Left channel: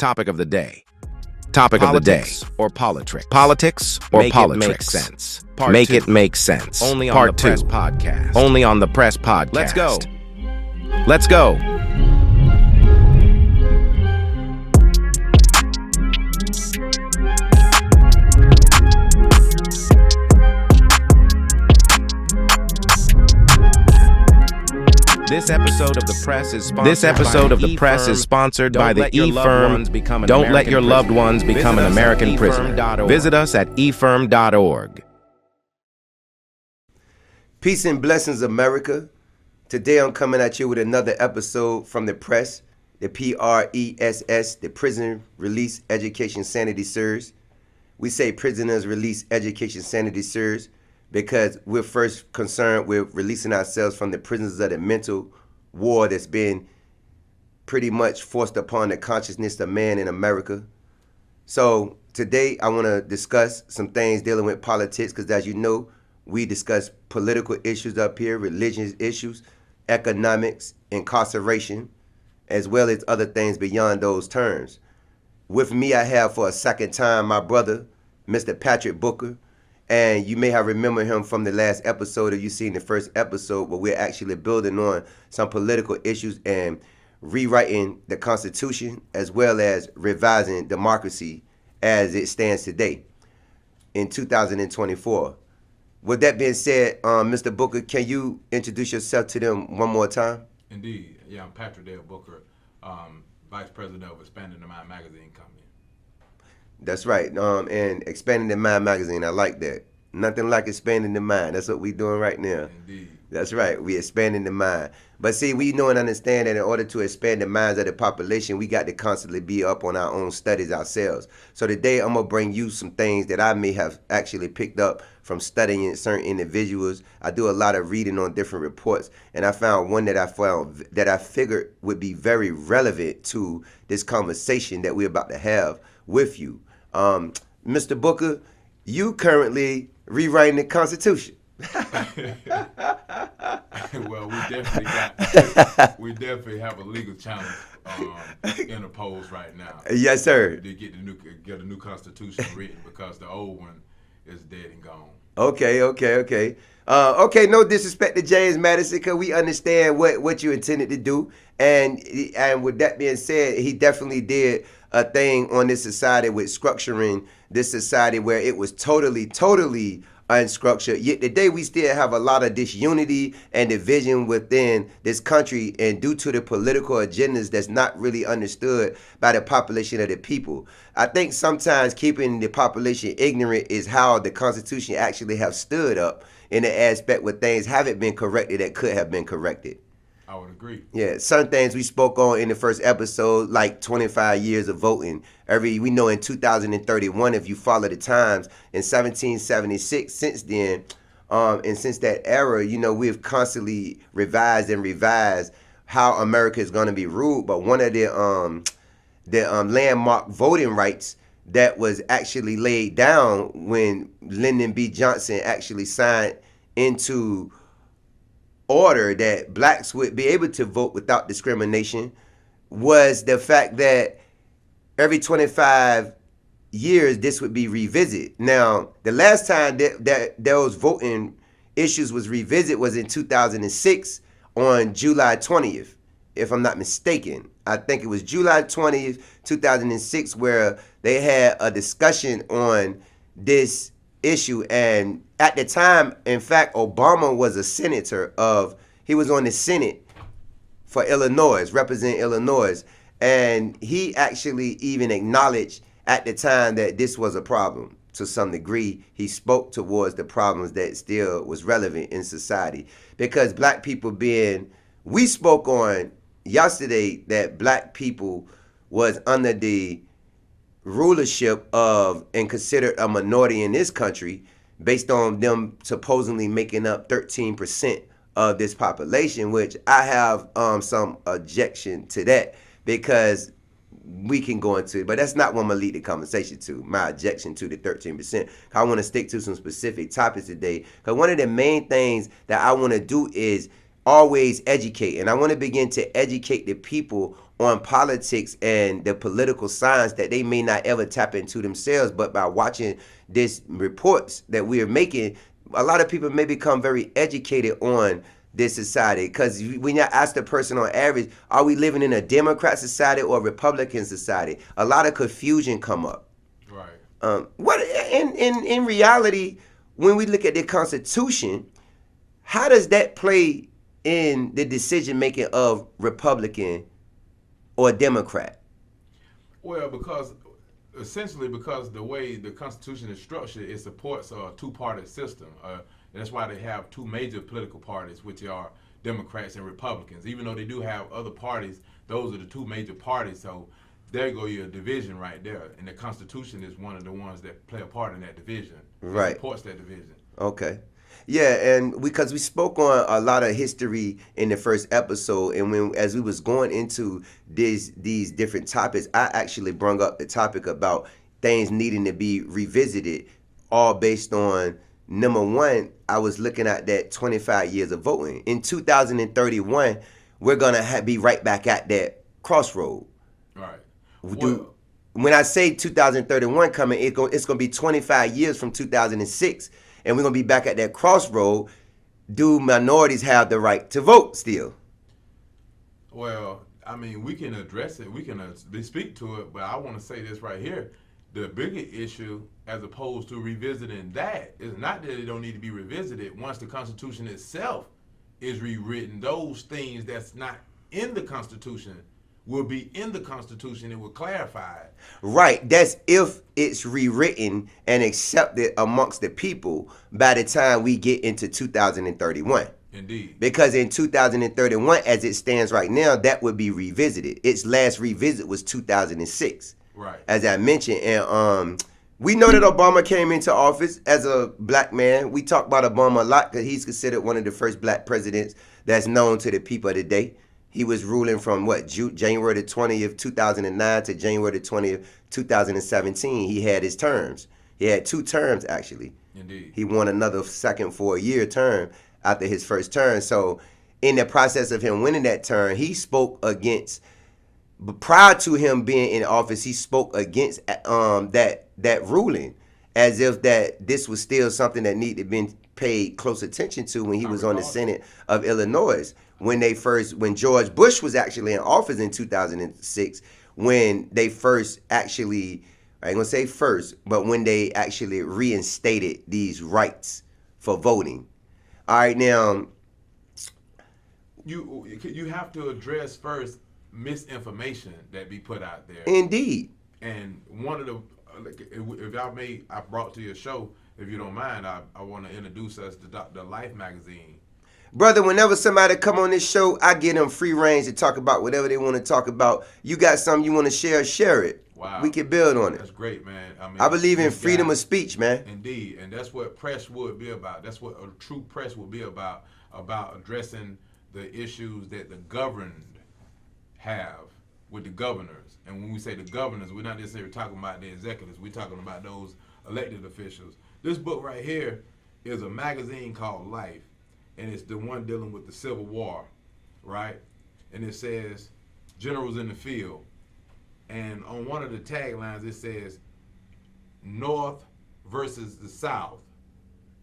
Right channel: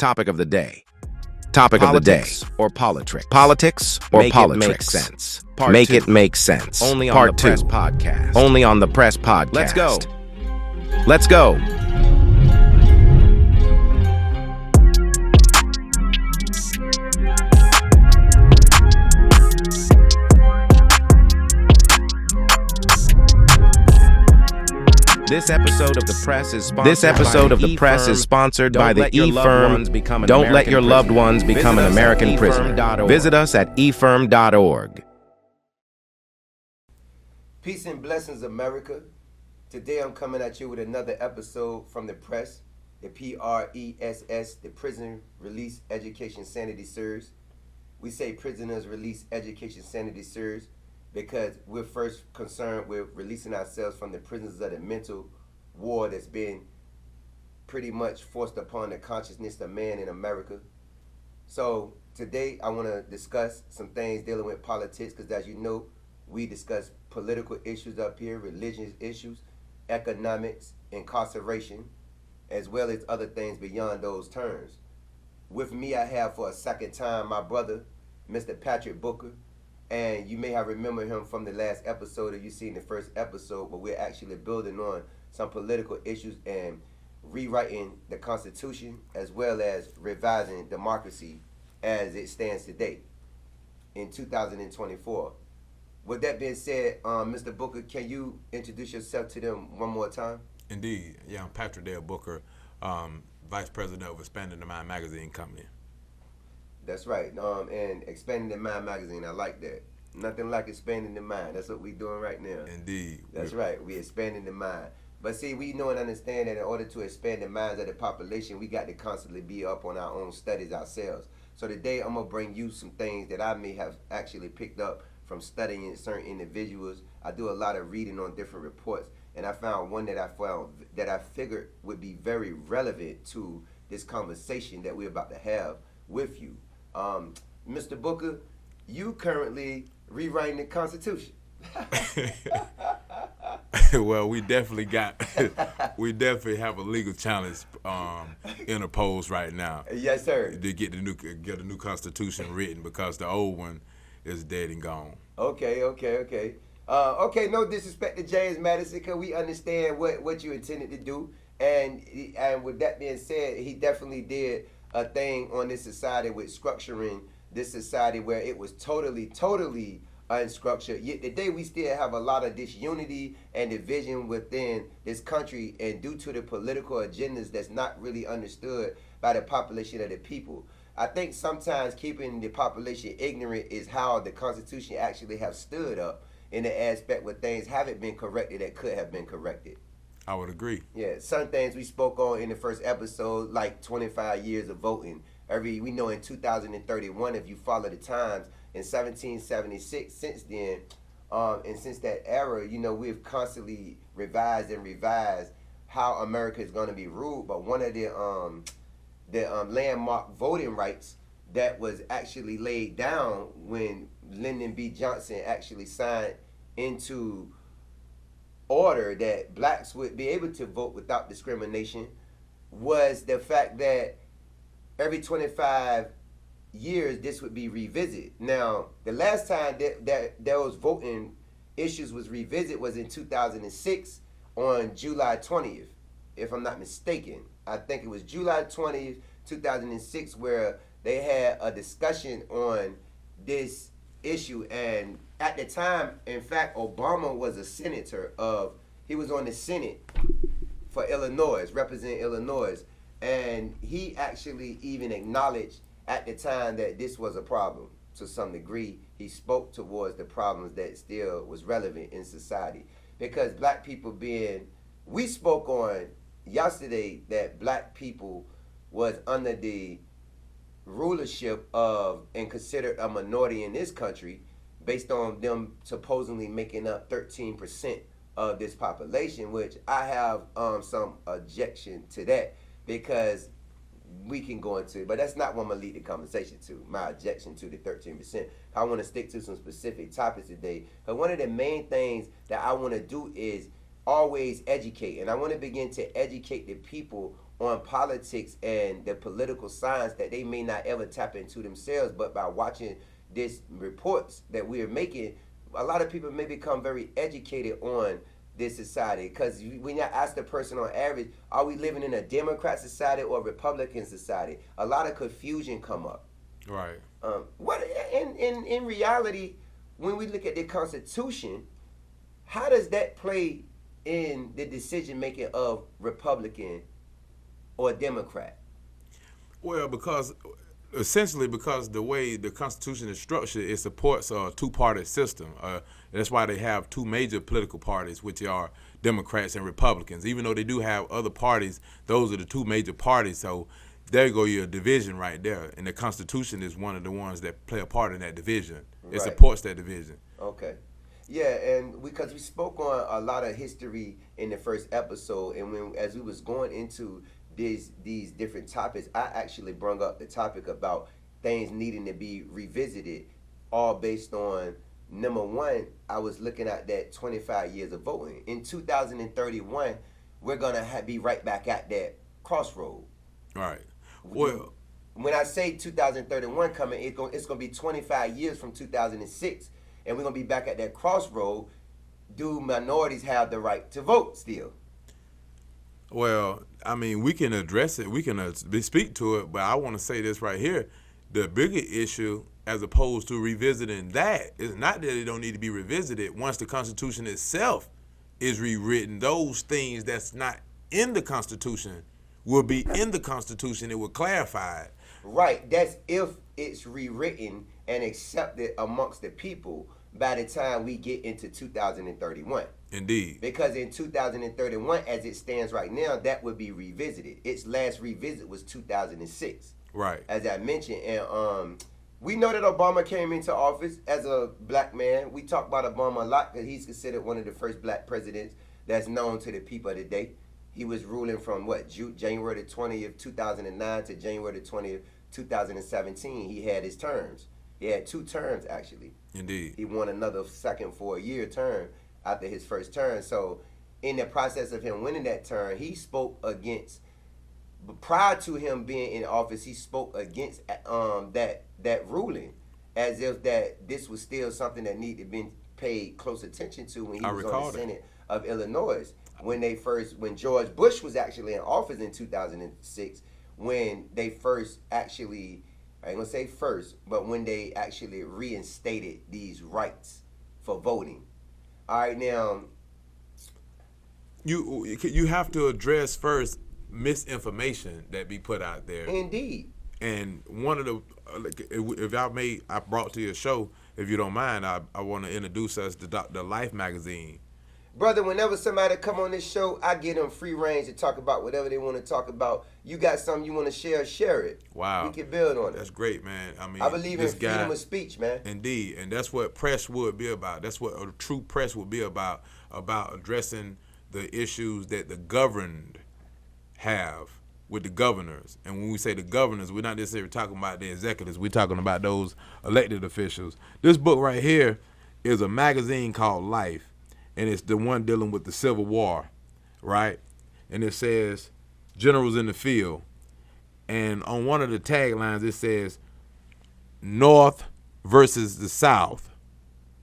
Topic of the day. Topic of the day. Or Poli-Tricks. Politics or Poli-Tricks. Sense. Make it make sense. Only on the P.R.E.S.S Podcast. Only on the P.R.E.S.S Podcast. Let's go. Let's go. This episode of the P.R.E.S.S is sponsored by the E-Firm. Don't let your loved ones become an American prisoner. Visit us at efirm.org. Peace and blessings, America. Today I'm coming at you with another episode from the P.R.E.S.S, the P.R.E.S.S, the Prison Release Education Sanity Series. We say Prisoners Release Education Sanity Series because we're first concerned with releasing ourselves from the prisons of the mental war that's been pretty much forced upon the consciousness of man in America. So today I want to discuss some things dealing with politics because, as you know, we discuss political issues up here, religious issues, economics, incarceration, as well as other things beyond those terms. With me, I have for a second time my brother, Mr. Patrick Booker. And you may have remembered him from the last episode, or you seen the first episode, where we're actually building on some political issues and rewriting the Constitution, as well as revising democracy as it stands today in 2024. With that being said, Mr. Booker, can you introduce yourself to them one more time? Indeed. Yeah, I'm Patrick Dale Booker, Vice President of Expanding the Mind Magazine Company. That's right. And Expanding the Mind Magazine, I like that. Nothing like expanding the mind. That's what we're doing right now. Indeed. That's right. We're expanding the mind. But see, we know and understand that in order to expand the minds of the population, we got to constantly be up on our own studies ourselves. So today I'm going to bring you some things that I may have actually picked up from studying certain individuals. I do a lot of reading on different reports, and I found one that I figured would be very relevant to this conversation that we're about to have with you. Mr. Booker, you currently rewriting the Constitution. Well, we definitely have a legal challenge interposed right now. Yes, sir. To get a new Constitution written because the old one is dead and gone. Okay. No disrespect to James Madison, because we understand what you intended to do, and with that being said, he definitely did a thing on this society with structuring this society where it was totally unstructured. Yet today we still have a lot of disunity and division within this country, and due to the political agendas that's not really understood by the population of the people. I think sometimes keeping the population ignorant is how the Constitution actually have stood up in the aspect where things haven't been corrected that could have been corrected. I would agree. Yeah, certain things we spoke on in the first episode, like 25 years of voting. We know in 2031, if you follow the times, in 1776, since then, and since that era, we've constantly revised how America is going to be ruled. But one of the landmark voting rights that was actually laid down when Lyndon B. Johnson actually signed into order that blacks would be able to vote without discrimination was the fact that every 25 years this would be revisited. Now, the last time that those voting issues was revisited was in 2006 on July 20th, if I'm not mistaken. I think it was July 20th, 2006, where they had a discussion on this issue. And at the time, in fact, Obama was a senator he was on the Senate for Illinois, representing Illinois. And he actually even acknowledged at the time that this was a problem to some degree. He spoke towards the problems that still was relevant in society. Because black people we spoke on yesterday that black people was under the rulership of and considered a minority in this country based on them supposedly making up 13% of this population, which I have some objection to that, because we can go into it, but that's not what I'm going to lead the conversation to, my objection to the 13%. I want to stick to some specific topics today, because one of the main things that I want to do is always educate, and I want to begin to educate the people on politics and the political science that they may not ever tap into themselves, but by watching these reports that we are making, a lot of people may become very educated on this society. Because when you ask the person on average, are we living in a Democrat society or a Republican society? A lot of confusion come up. Right. What in reality, when we look at the Constitution, how does that play in the decision making of Republican or Democrat? Well, because the way the Constitution is structured, it supports a two-party system. That's why they have two major political parties, which are Democrats and Republicans. Even though they do have other parties, those are the two major parties. So there you go, your division right there. And the Constitution is one of the ones that play a part in that division. It supports that division. Okay. Yeah, and because we spoke on a lot of history in the first episode, and as we was going into these different topics, I actually brought up the topic about things needing to be revisited, all based on, number one, I was looking at that 25 years of voting. In 2031, we're going to be right back at that crossroad. Right. When I say 2031 coming, it's going to be 25 years from 2006, and we're going to be back at that crossroad. Do minorities have the right to vote still? Well, I mean, we can address it. We can speak to it, but I want to say this right here. The bigger issue, as opposed to revisiting that, is not that it don't need to be revisited. Once the Constitution itself is rewritten, those things that's not in the Constitution will be in the Constitution. It will clarify it. Right. That's if it's rewritten and accepted amongst the people by the time we get into 2031. Indeed. Because in 2031, as it stands right now, that would be revisited. Its last revisit was 2006. Right. As I mentioned, and we know that Obama came into office as a black man. We talk about Obama a lot because he's considered one of the first black presidents that's known to the people today. He was ruling from January the 20th, 2009 to January the 20th, 2017. He had his terms. He had 2 terms, actually. Indeed. He won another second 4-year term after his first term. So in the process of him winning that term, he spoke against, but prior to him being in office, he spoke against that ruling, as if that this was still something that needed to be paid close attention to when he was on the Senate of Illinois. When George Bush was actually in office in 2006, when they first actually, I ain't gonna say first, but when they actually reinstated these rights for voting. All right, now you have to address first misinformation that be put out there. Indeed. And one of the, if I brought to your show, if you don't mind, I want to introduce us to the Life magazine. Brother, whenever somebody come on this show, I give them free range to talk about whatever they want to talk about. You got something you want to share it. Wow. We can build on it. That's great, man. I believe in freedom of speech, man. Indeed. And that's what press would be about. That's what a true press would be about addressing the issues that the governed have with the governors. And when we say the governors, we're not necessarily talking about the executives. We're talking about those elected officials. This book right here is a magazine called Life. And it's the one dealing with the Civil War, right? And it says, Generals in the Field. And on one of the taglines, it says, North versus the South,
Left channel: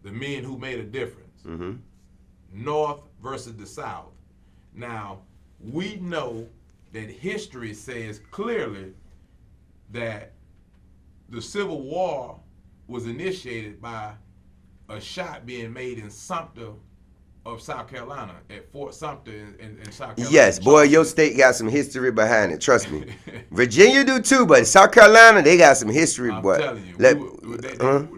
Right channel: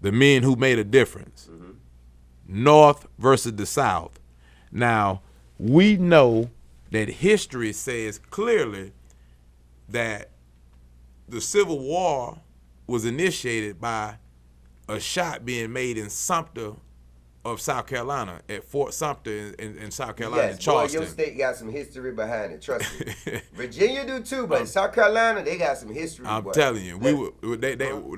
the men who made a difference. Mm-hmm. North versus the South. Now, we know that history says clearly that the Civil War was initiated by a shot being made in Sumter of South Carolina, at Fort Sumter in South Carolina. Yes, boy, your state got some history behind it. Trust me. Virginia do too, but South Carolina, they got some history. I'm telling you,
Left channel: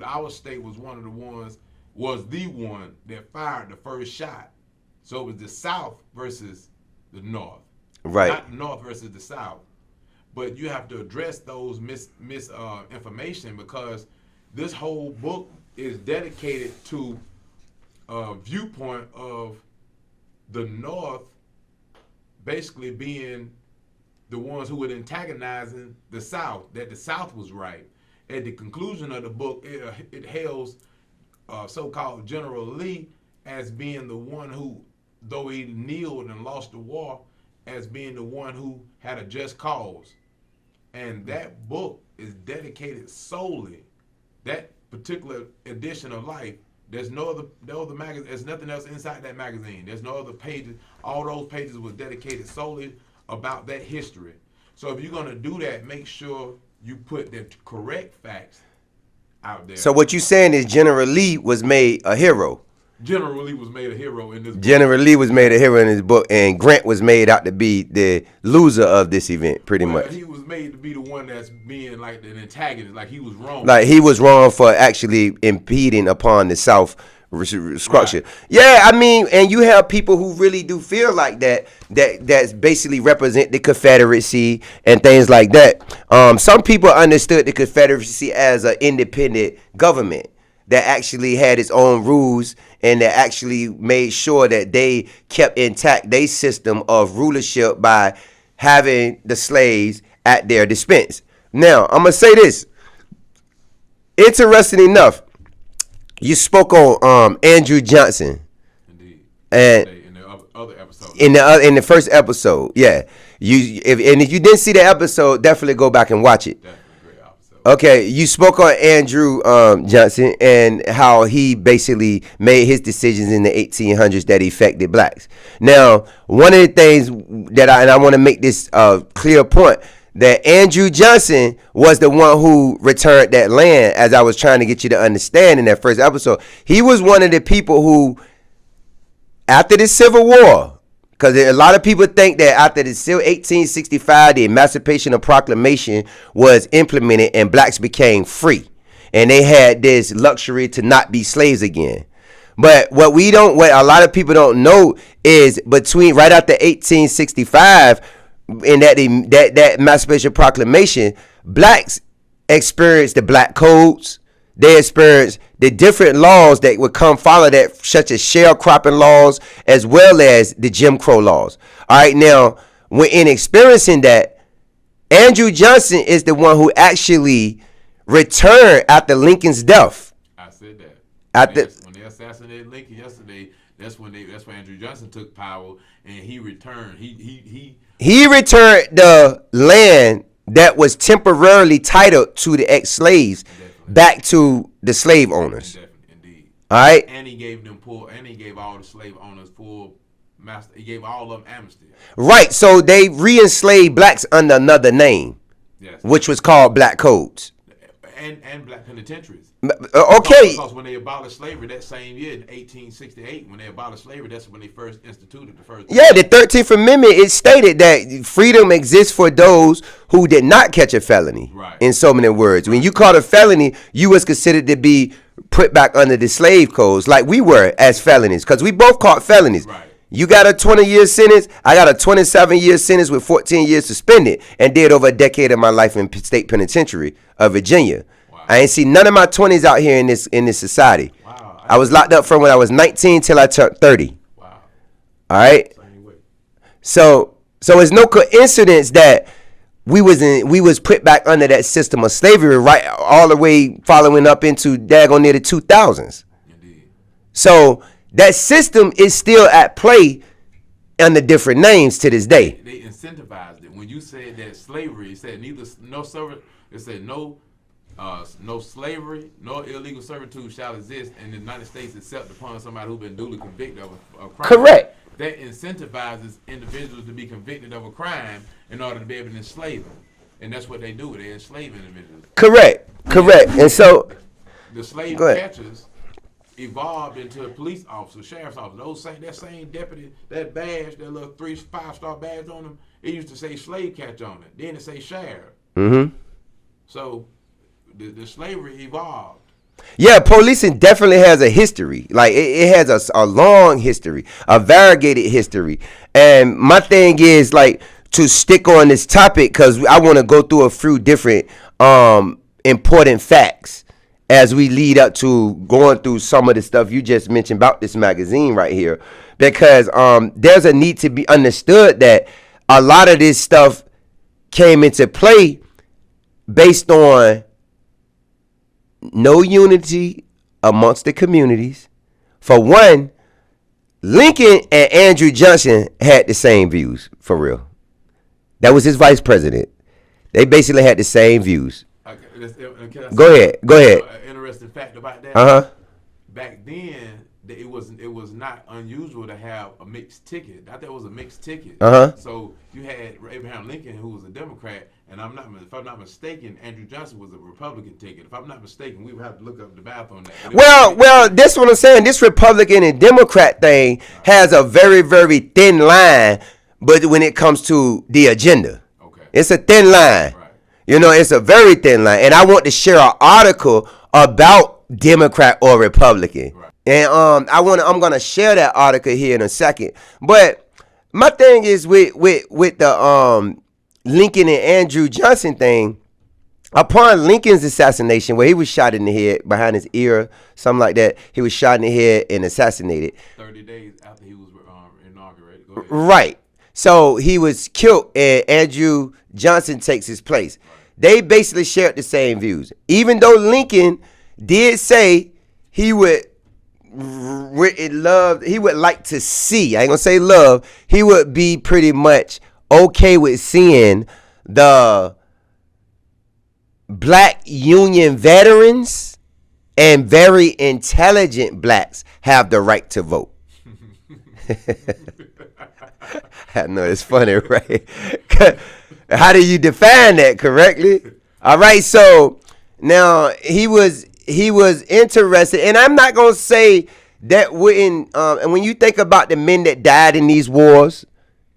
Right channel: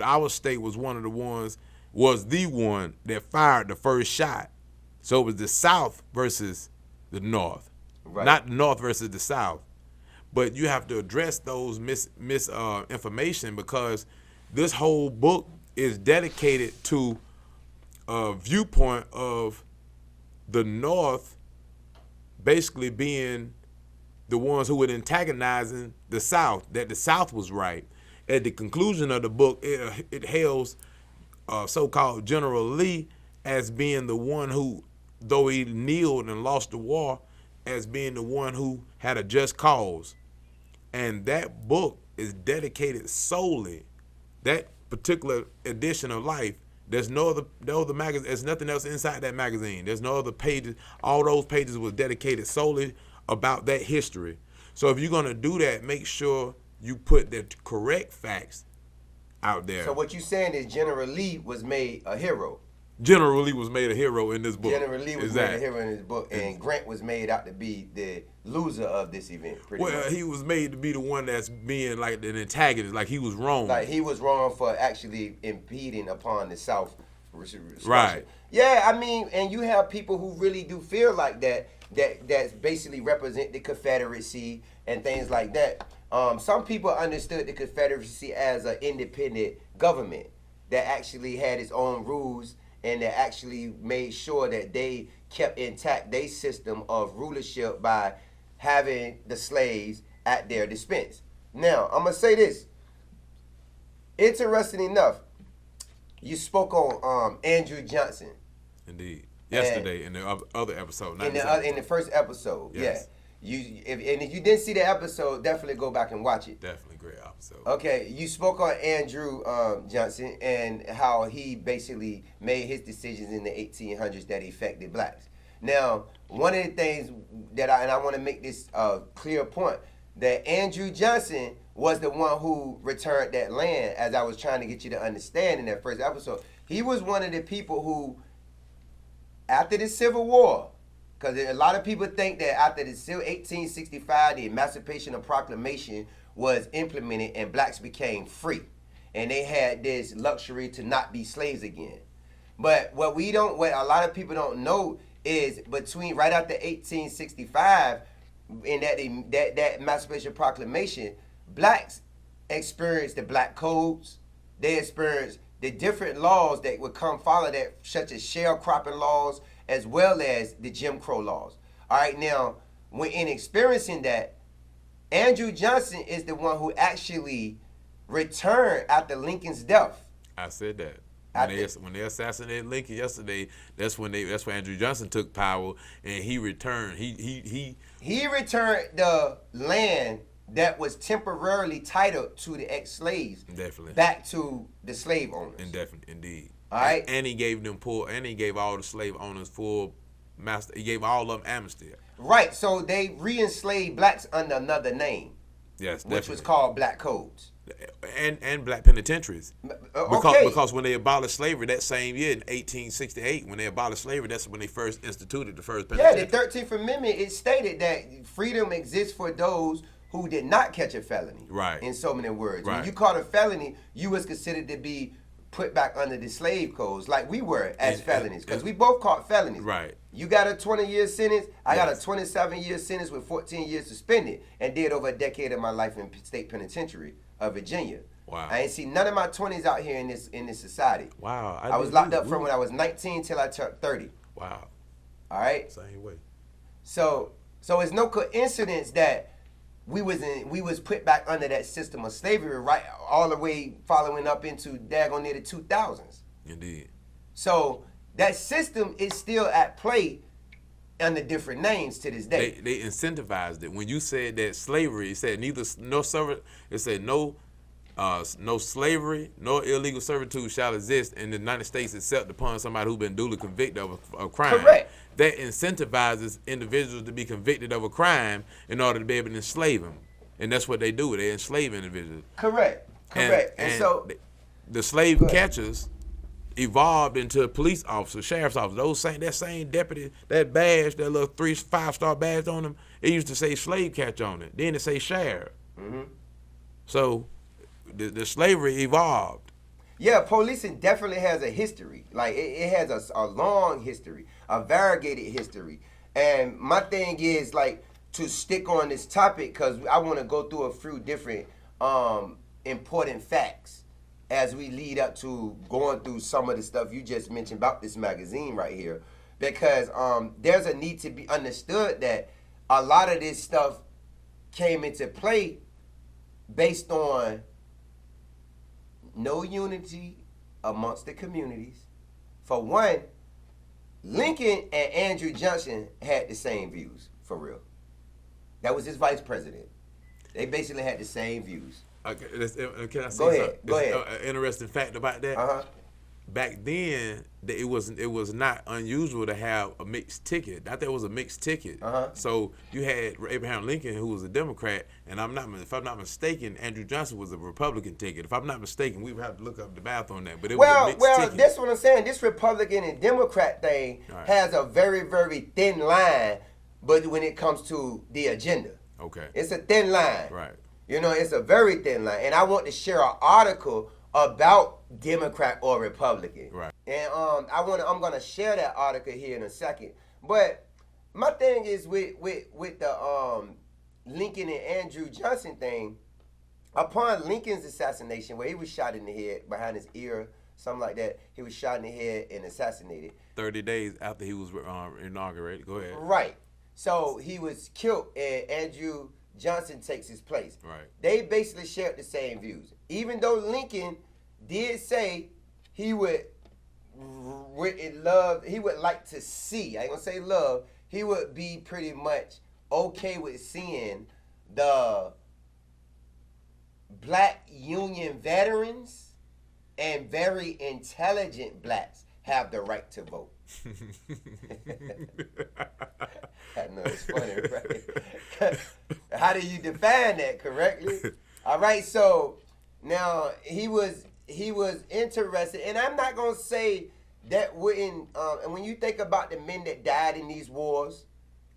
our state was the one that fired the first shot. So it was the South versus the North, right? Not the North versus the South. But you have to address those misinformation, because this whole book is dedicated to a viewpoint of the North basically being the ones who were antagonizing the South, that the South was right. At the conclusion of the book, it hails so-called General Lee as being the one who, though he kneeled and lost the war, as being the one who had a just cause. And that book is dedicated solely, that particular edition of Life, there's no other magazine, there's nothing else inside that magazine. There's no other pages. All those pages was dedicated solely about that history. So if you're going to do that, make sure you put the correct facts out there. So what you saying is General Lee was made a hero. General Lee was made a hero in this book. General Lee was made a hero in his book, and Grant was made out to be the loser of this event, pretty much. He was made to be the one that's being like an antagonist, like he was wrong. Like he was wrong for actually impeding upon the South structure. Right. Yeah, I mean, and you have people who really do feel like that's basically represent the Confederacy and things like that. Some people understood the Confederacy as an independent government that actually had its own rules and that actually made sure that they kept intact their system of rulership by having the slaves at their dispense. Now, I'm going to say this. Interesting enough, you spoke on Andrew Johnson. Indeed. And in the other episode. In the first episode, yeah. If you didn't see the episode, definitely go back and watch it. Definitely a great episode. Okay, you spoke on Andrew Johnson and how he basically made his decisions in the 1800s that affected blacks. Now, one of the things that I want to make this clear point, that Andrew Johnson was the one who returned that land, as I was trying to get you to understand in that first episode. He was one of the people who, after the Civil War, because a lot of people think that after the 1865, the Emancipation Proclamation was implemented and blacks became free. And they had this luxury to not be slaves again. But what a lot of people don't know is between right after 1865, in that Emancipation Proclamation, blacks experienced the black codes. They experienced the different laws that would come follow that, such as sharecropping laws, as well as the Jim Crow laws. All right, now, when in experiencing that, Andrew Johnson is the one who actually returned after Lincoln's death. I said that. When they assassinated Lincoln yesterday, that's when Andrew Johnson took power, and he returned. He returned the land that was temporarily titled to the ex-slaves back to the slave owners. Indeed. All right. And he gave all the slave owners full master. He gave all of them amnesty. Right. So they re-enslaved blacks under another name, yes, which was called black codes. And black penitentiaries. Okay. Because when they abolished slavery that same year in 1868, when they abolished slavery, that's when they first instituted the first. Yeah, the 13th Amendment, it stated that freedom exists for those who did not catch a felony. Right. In so many words. Right. When you caught a felony, you was considered to be put back under the slave codes like we were as felonies, because we both caught felonies. Right. You got a 20-year sentence. I got a 27-year sentence with 14 years suspended, and did over a decade of my life in state penitentiary of Virginia. Wow. I ain't seen none of my 20s out here in this society. Wow. I was locked up from when I was 19 till I turned 30. Wow. All right. Same way. So it's no coincidence that we was put back under that system of slavery, right, all the way following up into daggone near the 2000s. Indeed. So that system is still at play under different names to this day. They incentivized it. When you said that slavery, it said no slavery nor illegal servitude shall exist in the United States except upon somebody who's been duly convicted of a crime. Correct. That incentivizes individuals to be convicted of a crime in order to be able to enslave them. And that's what they do. They enslave individuals. Correct. And so the slave catchers evolved into police officers, sheriff's officers. That same deputy, that badge, that little 3-5-star badge on them, it used to say slave catcher on it. Then it say sheriff. Mm-hmm. So the slavery evolved. Yeah, policing definitely has a history. Like it has a long history, a variegated history. And my thing is like to stick on this topic because I want to go through a few different important facts as we lead up to going through some of the stuff you just mentioned about this magazine right here. Because there's a need to be understood that a lot of this stuff came into play based on no unity amongst the communities. For one, Lincoln and Andrew Johnson had the same views, for real. That was his vice president. They basically had the same views. Okay, can I Go ahead. An interesting fact about that. Uh-huh. Back then, it was not unusual to have a mixed ticket. I think it was a mixed ticket. Uh-huh. So you had Abraham Lincoln, who was a Democrat, and if I'm not mistaken, Andrew Johnson was a Republican ticket. If I'm not mistaken, we would have to look up the math on that. But well, this what I'm saying. This Republican and Democrat thing has a very, very thin line, but when it comes to the agenda, it's a thin line. Right. It's a very thin line. And I want to share an article about Democrat or Republican. Right. And I'm gonna share that article here in a second. But my thing is with the Lincoln and Andrew Johnson thing. Upon Lincoln's assassination, where he was shot in the head behind his ear, something like that, he was shot in the head and assassinated. 30 days after he was inaugurated. Go ahead. Right. So he was killed, and Andrew Johnson takes his place. Right. They basically shared the same views. Even though Lincoln did say he would like to see, I ain't gonna say love, he would be pretty much okay with seeing the black Union veterans and very intelligent blacks have the right to vote. I know it's funny, right? How do you define that correctly? All right, so now he was interested, and I'm not gonna say that wouldn't. And when you think about the men that died in these wars,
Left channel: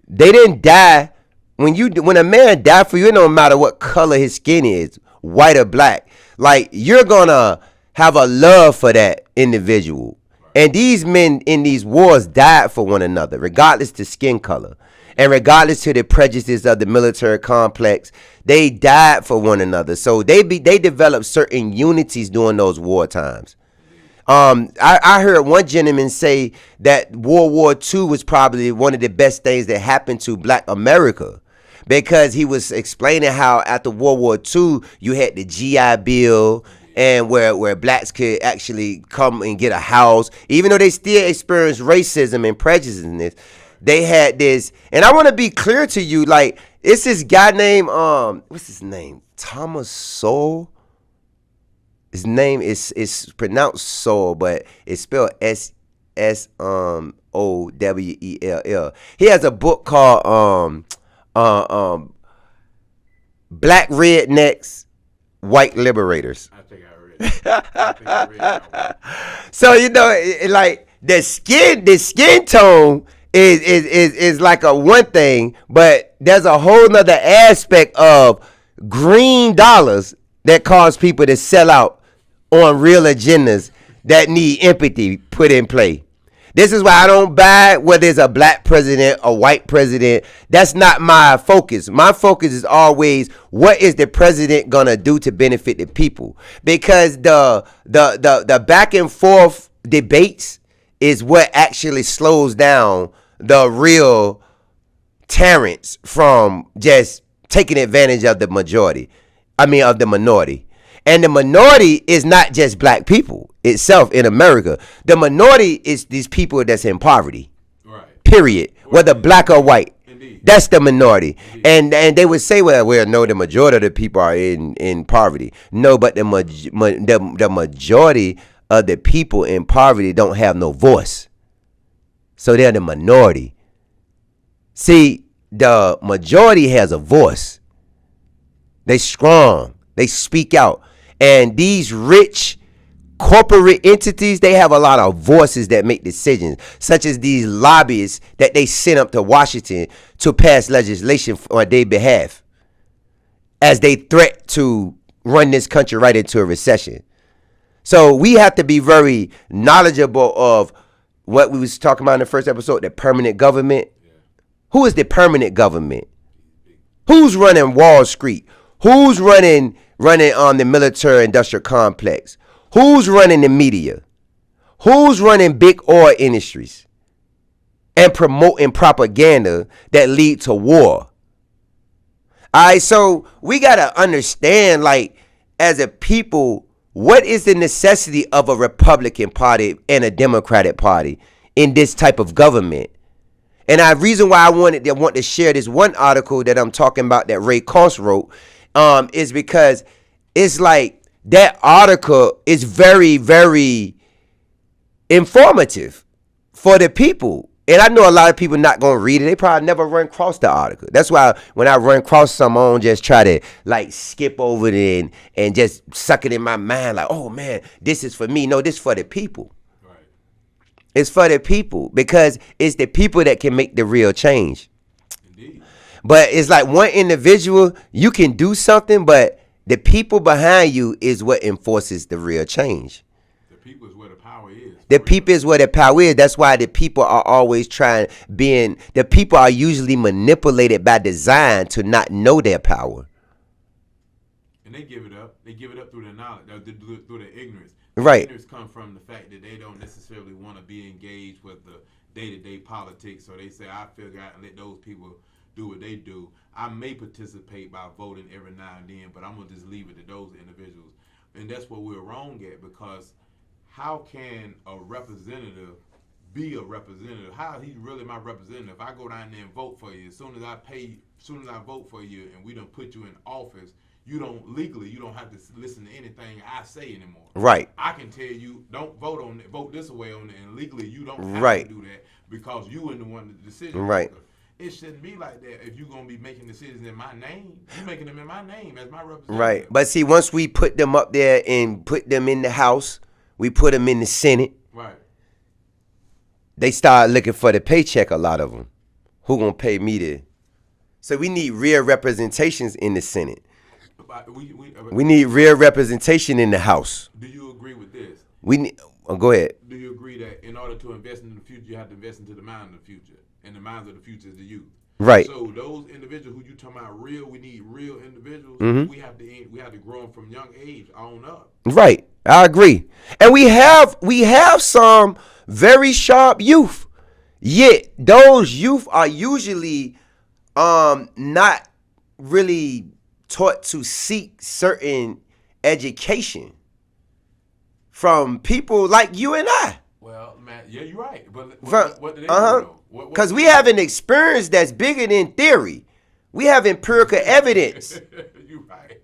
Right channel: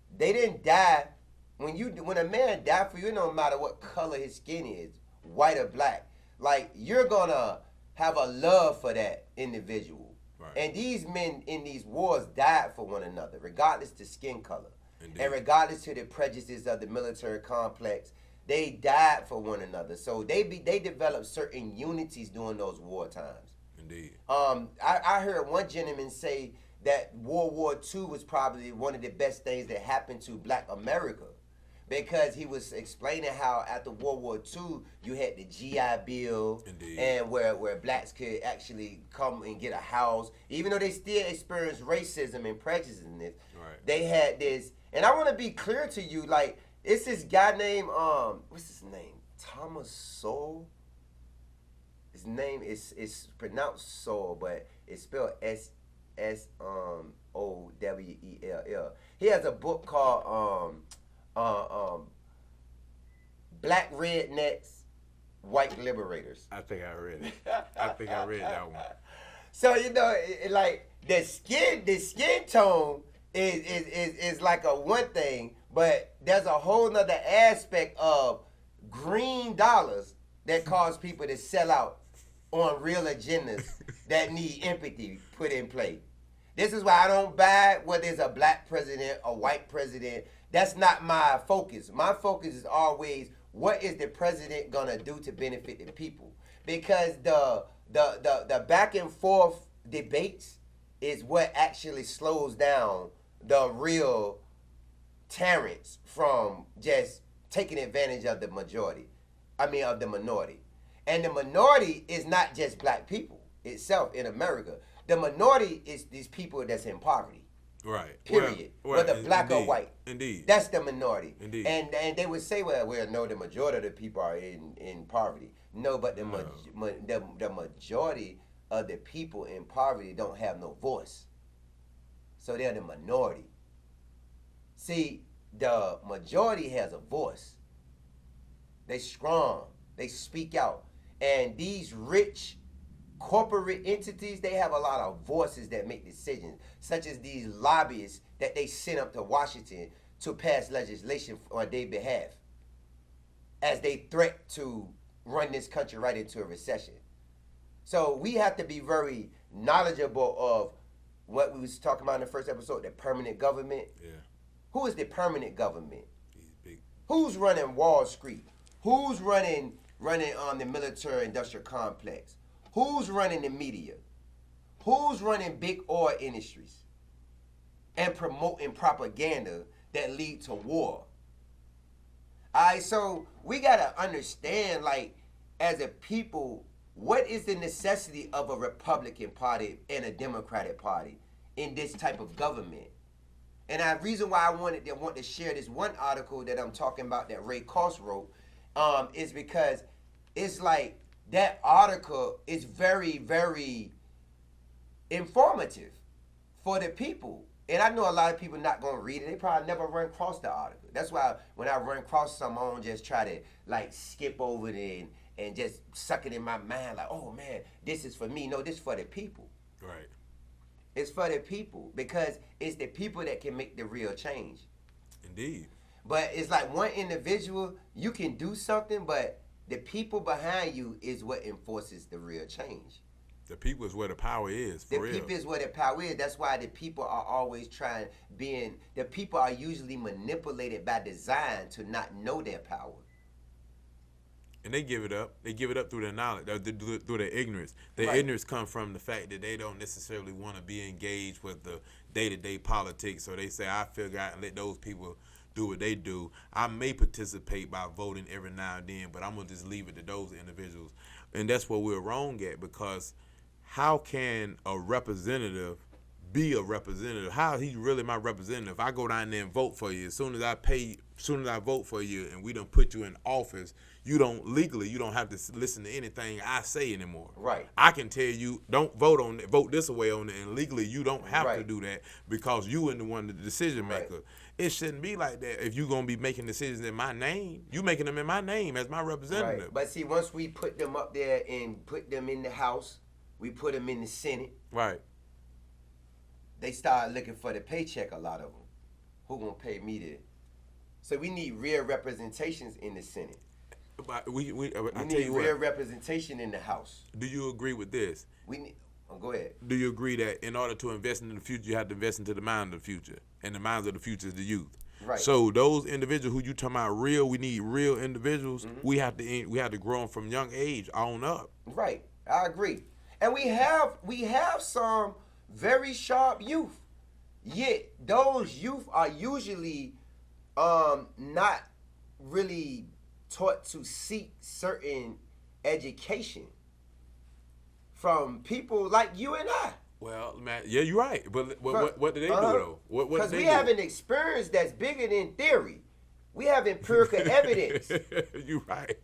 they didn't die. When a man died for you, it don't matter what color his skin is, white or black. Like, you're gonna have a love for that individual. Right. And these men in these wars died for one another, regardless to skin color. And regardless to the prejudices of the military complex, they died for one another. So they developed certain unities during those war times. I heard one gentleman say that World War II was probably one of the best things that happened to Black America, because he was explaining how after World War II you had the GI Bill, and where blacks could actually come and get a house, even though they still experienced racism and prejudice in this. They had this, and I want to be clear to you, like, it's this guy named what's his name? Thomas Sowell. His name is pronounced Sowell, but it's spelled Sowell. He has a book called Black Rednecks, White Liberators. I think I read that one. So like the skin tone is like a one thing, but there's a whole nother aspect of green dollars that cause people to sell out on real agendas that need empathy put in play. This is why I don't buy whether it's a black president, a white president. That's not my focus. My focus is always, what is the president gonna do to benefit the people? Because the back and forth debates is what actually slows down the real tyrants from just taking advantage of the minority. And the minority is not just black people itself in America. The minority is these people that's in poverty. Right. Period. Whether black or white. Indeed. That's the minority. Indeed. And they would say, well, no, the majority of the people are in poverty. No, but the majority of the people in poverty don't have no voice. So they're the minority. See, the majority has a voice. They strong. They speak out. And these rich corporate entities, they have a lot of voices that make decisions, such as these lobbyists that they send up to Washington to pass legislation on their behalf as they threat to run this country right into a recession. So we have to be very knowledgeable of what we was talking about in the first episode, the permanent government. Yeah. Who is the permanent government? Who's running Wall Street? Who's running on the military industrial complex? Who's running the media? Who's running big oil industries and promoting propaganda that lead to war? All right, so we got to understand, like, as a people, what is the necessity of a Republican Party and a Democratic Party in this type of government. And the reason why I want to share this one article that I'm talking about that Ray-Cross wrote is because it's like that article is very, very informative for the people. And I know a lot of people not going to read it. They probably never run across the article. That's why when I run across some, I don't just try to like skip over it and just suck it in my mind like, oh man, this is for me. No, this is for the people. Right. It's for the people because it's the people that can make the real change. Indeed. But it's like one individual, you can do something, but the people behind you is what enforces the real change. The people is where the power is. The people is where the power is. That's why the people are always the people are usually manipulated by design to not know their power. And they give it up. They give it up through their knowledge, through their ignorance. Their Right. ignorance comes from the fact that they don't necessarily want to be engaged with the day-to-day politics. So they say, I figure out and let those people do what they do. I may participate by voting every now and then, but I'm going to just leave it to those individuals. And that's what we're wrong at, because how can a representative be a representative? How is he really my representative? If I go down there and vote for you, as soon as I vote for you and we done put you in office, you don't have to listen to anything I say anymore. Right. I can tell you, don't vote on it, vote this way on it, and legally you don't have Right. to do that because you are the one the decision Right. maker. It shouldn't be like that. If you're going to be making decisions in my name, you're making them in my name as my representative. Right. But see, once we put them up there and put them in the House, we put them in the Senate, Right. they start looking for the paycheck, a lot of them. Who going to pay me to? So we need real representations in the Senate. But We need real representation in the House. Do you agree with this? We need. Oh, go ahead. Do you agree that in order to invest in the future, you have to invest into the mind of the future, and the minds of the future is the youth? Right. So those individuals who you talking about we need real individuals. Mm-hmm. We have to grow them from young age on up. Right. I agree. And we have some very sharp youth. Yet those youth are usually not really taught to seek certain education from people like you and I. Well, man, yeah, you're right. But what do they do though? Because we have an experience that's bigger than theory. We have empirical evidence. You're right.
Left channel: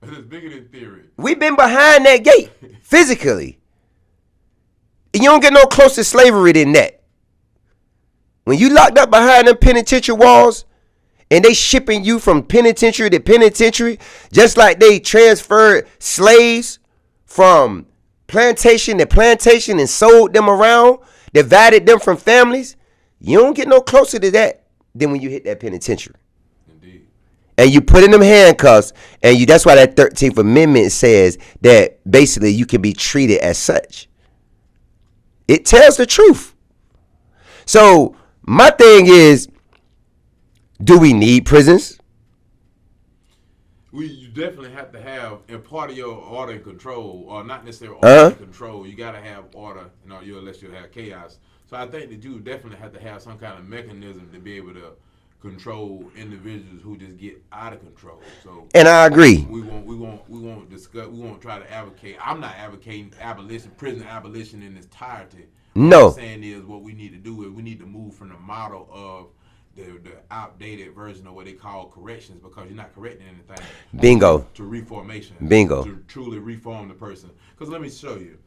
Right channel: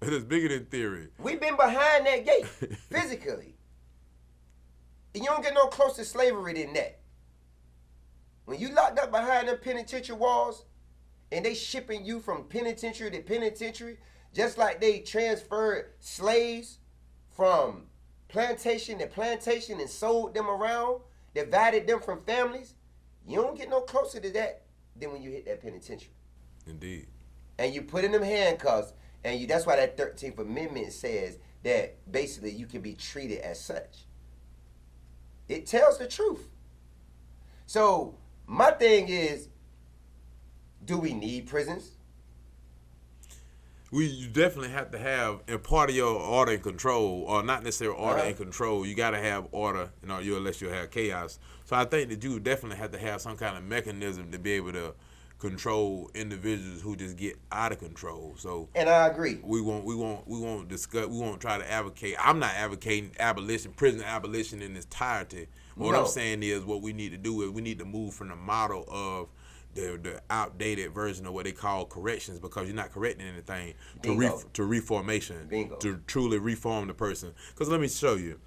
But it's bigger than theory. We've been behind that gate physically. And you don't get no closer to slavery than that. When you locked up behind them penitentiary walls and they shipping you from penitentiary to penitentiary, just like they transferred slaves from plantation to plantation and sold them around, divided them from families, you don't get no closer to that than when you hit that penitentiary. Indeed. And you put in them handcuffs, and that's why that 13th Amendment says that basically you can be treated as such. It tells the truth. So my thing is, do we need prisons? You definitely have to have, and part of your order and control, or not necessarily order and control, you got to have order, unless you have chaos. So I think that you definitely have to have some kind of mechanism to be able to control individuals who just get out of control. So, and I agree. We won't discuss. We won't try to advocate. I'm not advocating prison abolition in its entirety. What I'm saying is, what we need to do is we need to move from the model of the outdated version of what they call corrections, because you're not correcting anything. Bingo. To reformation. Bingo. To truly reform the person. Because let me show you.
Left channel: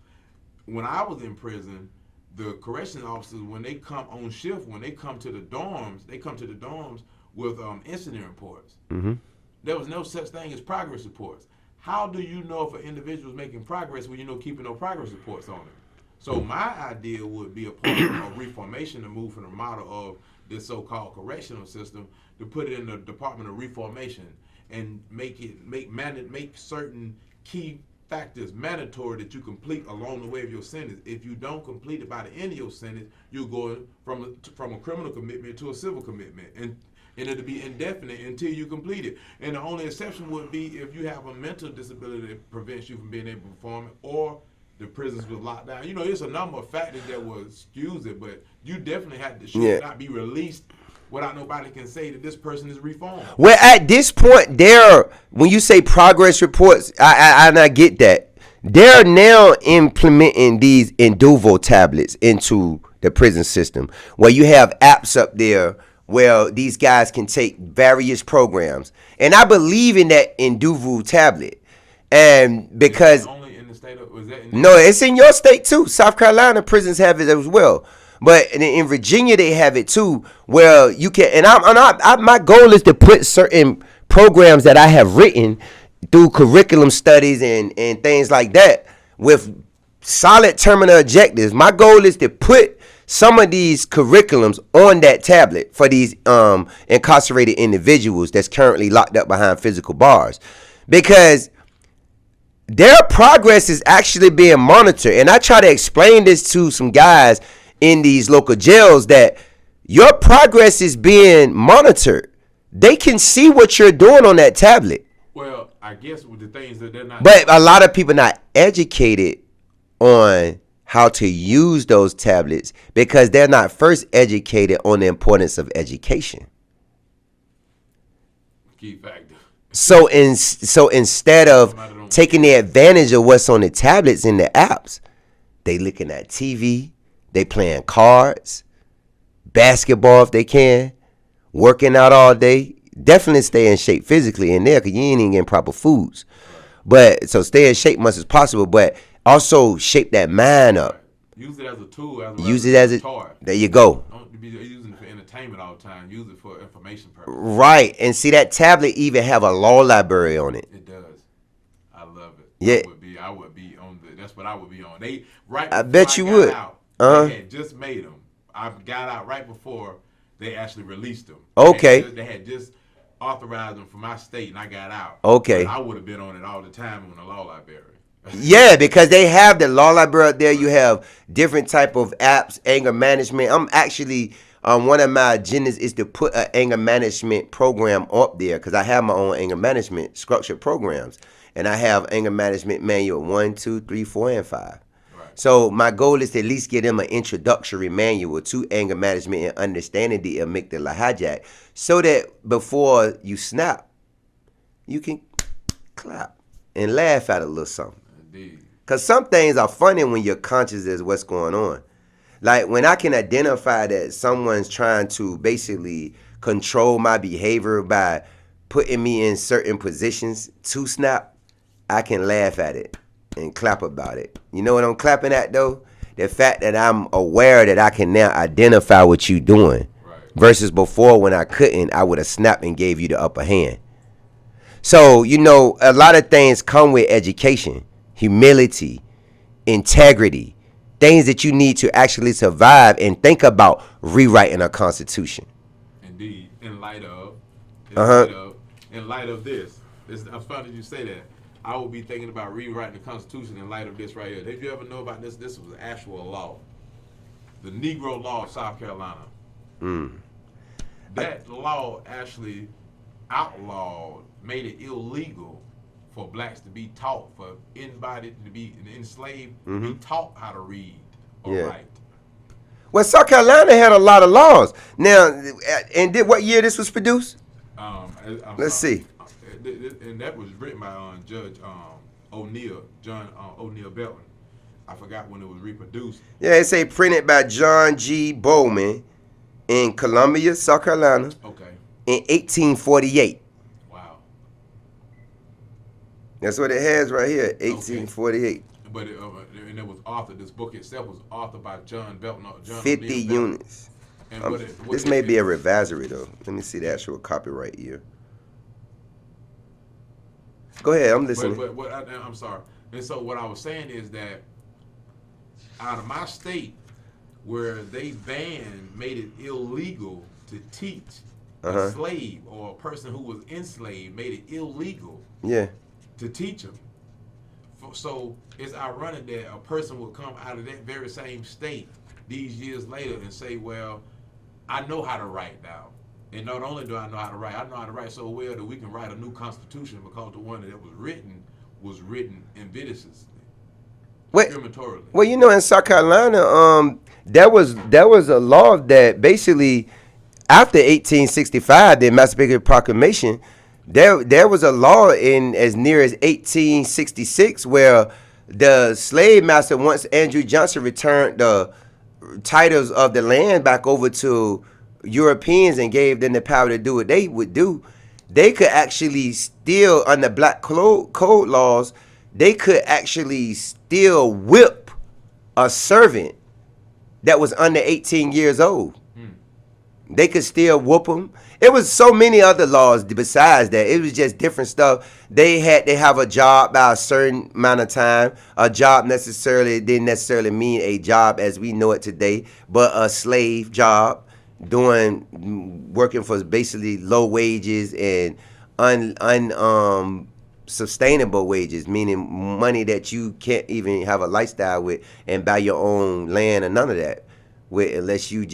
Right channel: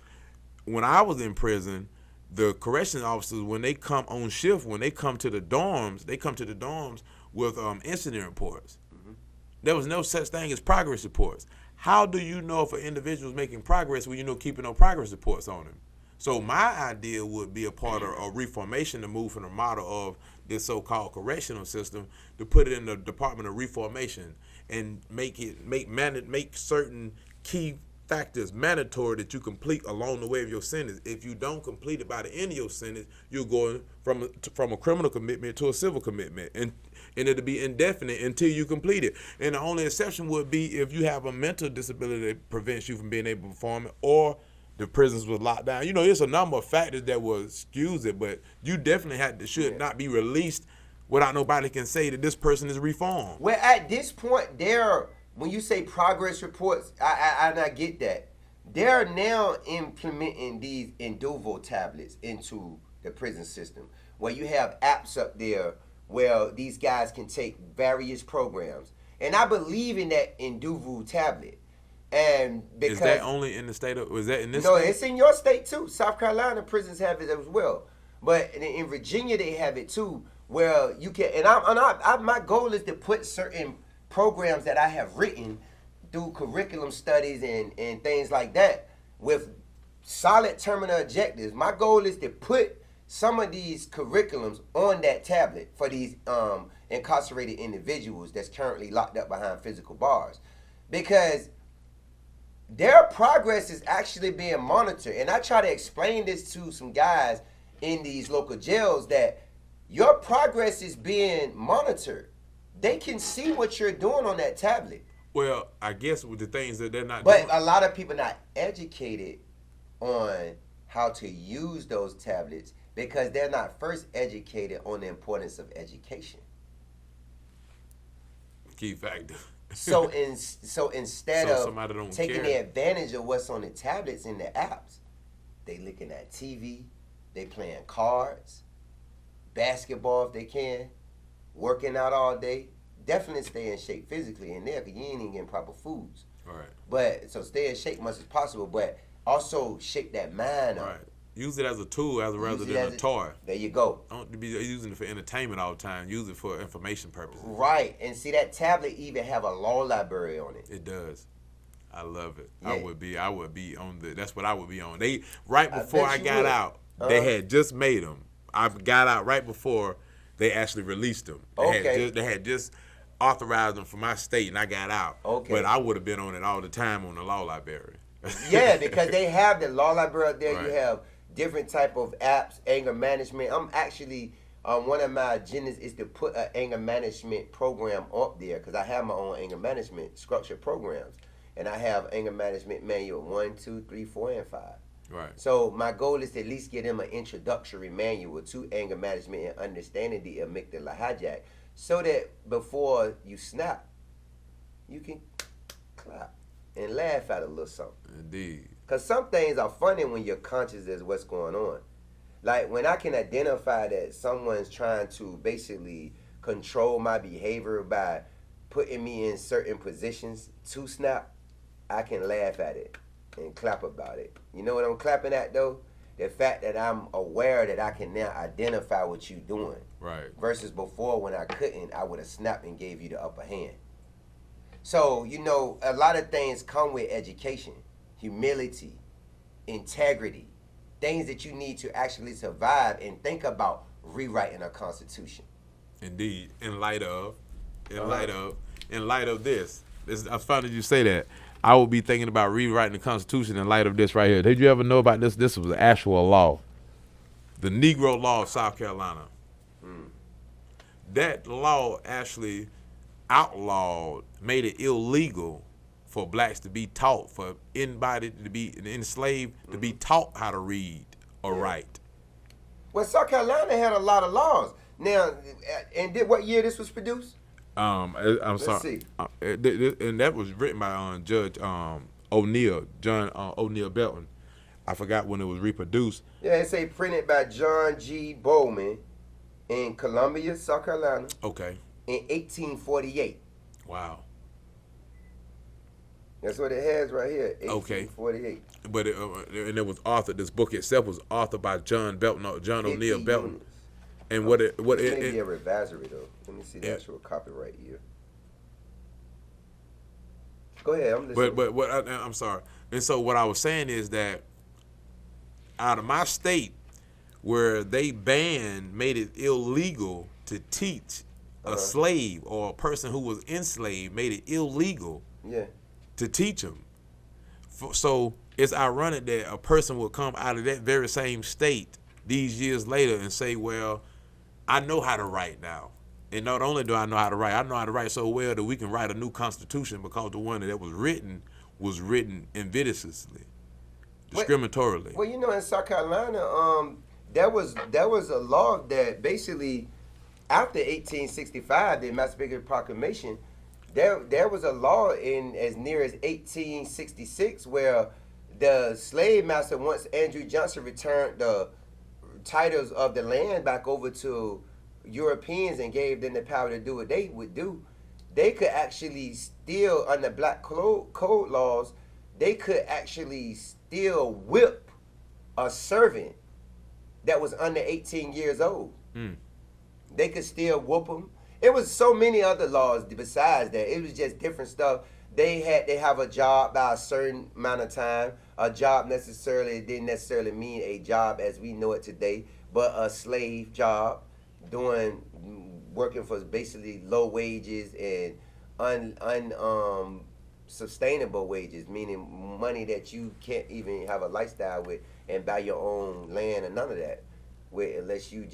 When I was in prison, the correction officers, when they come on shift, when they come to the dorms, with incident reports. Mm-hmm. There was no such thing as progress reports. How do you know if an individual is making progress when you know keeping no progress reports on him? So my idea would be a part of reformation to move from the model of this so-called correctional system to put it in the Department of Reformation and make certain key factors mandatory that you complete along the way of your sentence. If you don't complete it by the end of your sentence, you're going from a criminal commitment to a civil commitment, and it'll be indefinite until you complete it. And the only exception would be if you have a mental disability that prevents you from being able to perform it, or the prisons was locked down. There's a number of factors that will excuse it, but you definitely should not be released without nobody can say that this person is reformed. Well, at this point, when you say progress reports, I get that. They're now implementing these Induvo tablets into the prison system, where you have apps up there where these guys can take various programs. And I believe in that Induvu tablet. And because is that only in the state of, was that in no, it's in your state too. South Carolina prisons have it as well. But in Virginia, they have it too, where you can. And my goal is to put certain programs that I have written through curriculum studies and things like that with solid terminal objectives. My goal is to put some of these curriculums on that tablet for these incarcerated individuals that's currently locked up behind physical bars, because their progress is actually being monitored. And I try to explain this to some guys in these local jails, that your progress is being monitored. They can see what you're doing on that tablet. Well, I guess with the things that they're not. But a lot of people not educated on how to use those tablets because they're not first educated on the importance of education. Key factor. So instead of taking the advantage of what's on the tablets and the apps, they looking at TV, they playing cards, basketball if they can, working out all day. Definitely stay in shape physically in there, because you ain't even getting proper foods. Right. But so stay in shape much as possible, but also shape that mind up. Right. Use it as a tool, use it as a toy. There you go. Don't be using it for entertainment all the time. Use it for information purposes. Right, and see that tablet even have a law library on it. It does. I love it. Yeah. I would be on the. That's what I would be on. They right before I bet you got would. Out, they had just made them. I got out right before they actually released them. Okay. They had just authorized them for my state, and I got out. Okay. But I would have been on it all the time on the law library. Yeah, because they have the law library up there. Right. You have different type of apps, anger management. I'm actually one of my agendas is to put an anger management program up there, because I have my own anger management structured programs, and I have anger management manual 1, 2, 3, 4, and 5. Right. So my goal is to at least give them an introductory manual to anger management and understanding the amygdala hijack, so that before you snap, you can clap and laugh at a little something. Indeed. Because some things are funny when you're conscious as what's going on. Like when I can identify that someone's trying to basically control my behavior by putting me in certain positions to snap, I can laugh at it and clap about it. You know what I'm clapping at though? The fact that I'm aware that I can now identify what you're doing. Right. Versus before, when I couldn't, I would have snapped and gave you the upper hand. So, you know, a lot of things come with education, humility, integrity, things that you need to actually survive and think about rewriting a constitution. Indeed, in light of this, I was funny you say that. I would be thinking about rewriting the Constitution in light of this right here. Did you ever know about this? This was an actual law, the Negro Law of South Carolina. That law actually outlawed, made it illegal for blacks to be taught, for anybody to be enslaved, to be taught how to read or write. Well, South Carolina had a lot of laws. Now, and what year this was produced? Let's see. And that was written by Judge O'Neill, John O'Neill Belton. I forgot when it was reproduced. Yeah, it say printed by John G. Bowman in Columbia, South Carolina. Okay. In 1848. Wow. That's what it has right here, 1848. Okay. But and it was authored. This book itself was authored by John Belton, John 50 O'Neill Belton. units. And this may be a revisory though. Let me see the actual copyright year. Go ahead, I'm listening. I'm sorry. And so what I was saying is that out of my state, where they made it illegal to teach a slave or a person who was enslaved, made it illegal to teach them. So it's ironic that a person will come out of that very same state these years later and say, well, I know how to write now. And not only do I know how to write so well that we can write a new constitution, because the one that was written invidiously, discriminatorily. Well, you know, in South Carolina, there was a law that basically, after 1865, the Emancipation Proclamation, there was a law in as near as 1866 where the slave master, once Andrew Johnson returned the titles of the land back over to Europeans and gave them the power to do what they would do, they could actually still, under black code laws, they could actually still whip a servant that was under 18 years old. They could still whoop them. It was so many other laws besides that. It was just different stuff. They had to have a job by a certain amount of time. A job didn't necessarily mean a job as we know it today, but a slave job, working for basically low wages and sustainable wages, meaning money that you can't even have a lifestyle with and buy your own land or none of that with, unless you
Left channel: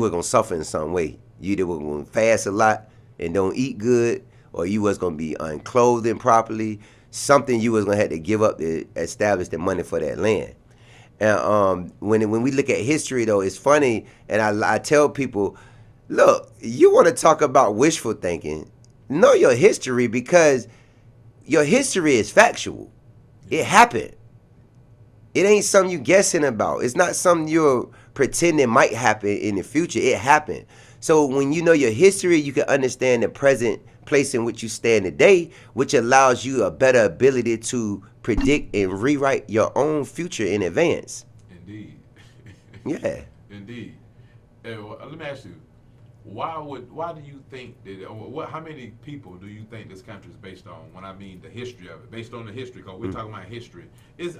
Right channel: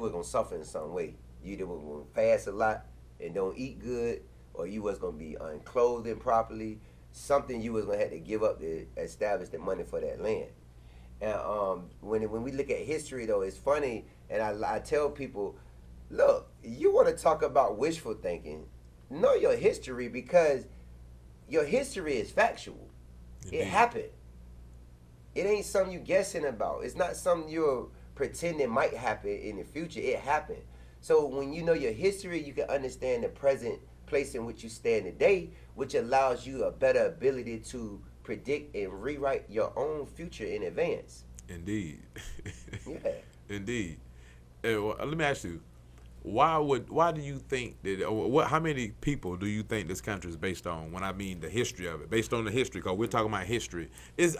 were gonna suffer in some way. You either were gonna fast a lot and don't eat good, or you was gonna be unclothed improperly. Something you was gonna have to give up to establish the money for that land. And when we look at history, though, it's funny, and I tell people, look, you want to talk about wishful thinking, know your history, because your history is factual. It happened. It ain't something you guessing about. It's not something you're pretending might happen in the future. It happened. So when you know your history, you can understand the present place in which you stand today, which allows you a better ability to predict and rewrite your own future in advance. Indeed. Yeah. Indeed. Let me ask you, why do you think that, how many people do you think this country is based on? When I mean the history of it, based on the history, because we're talking about history,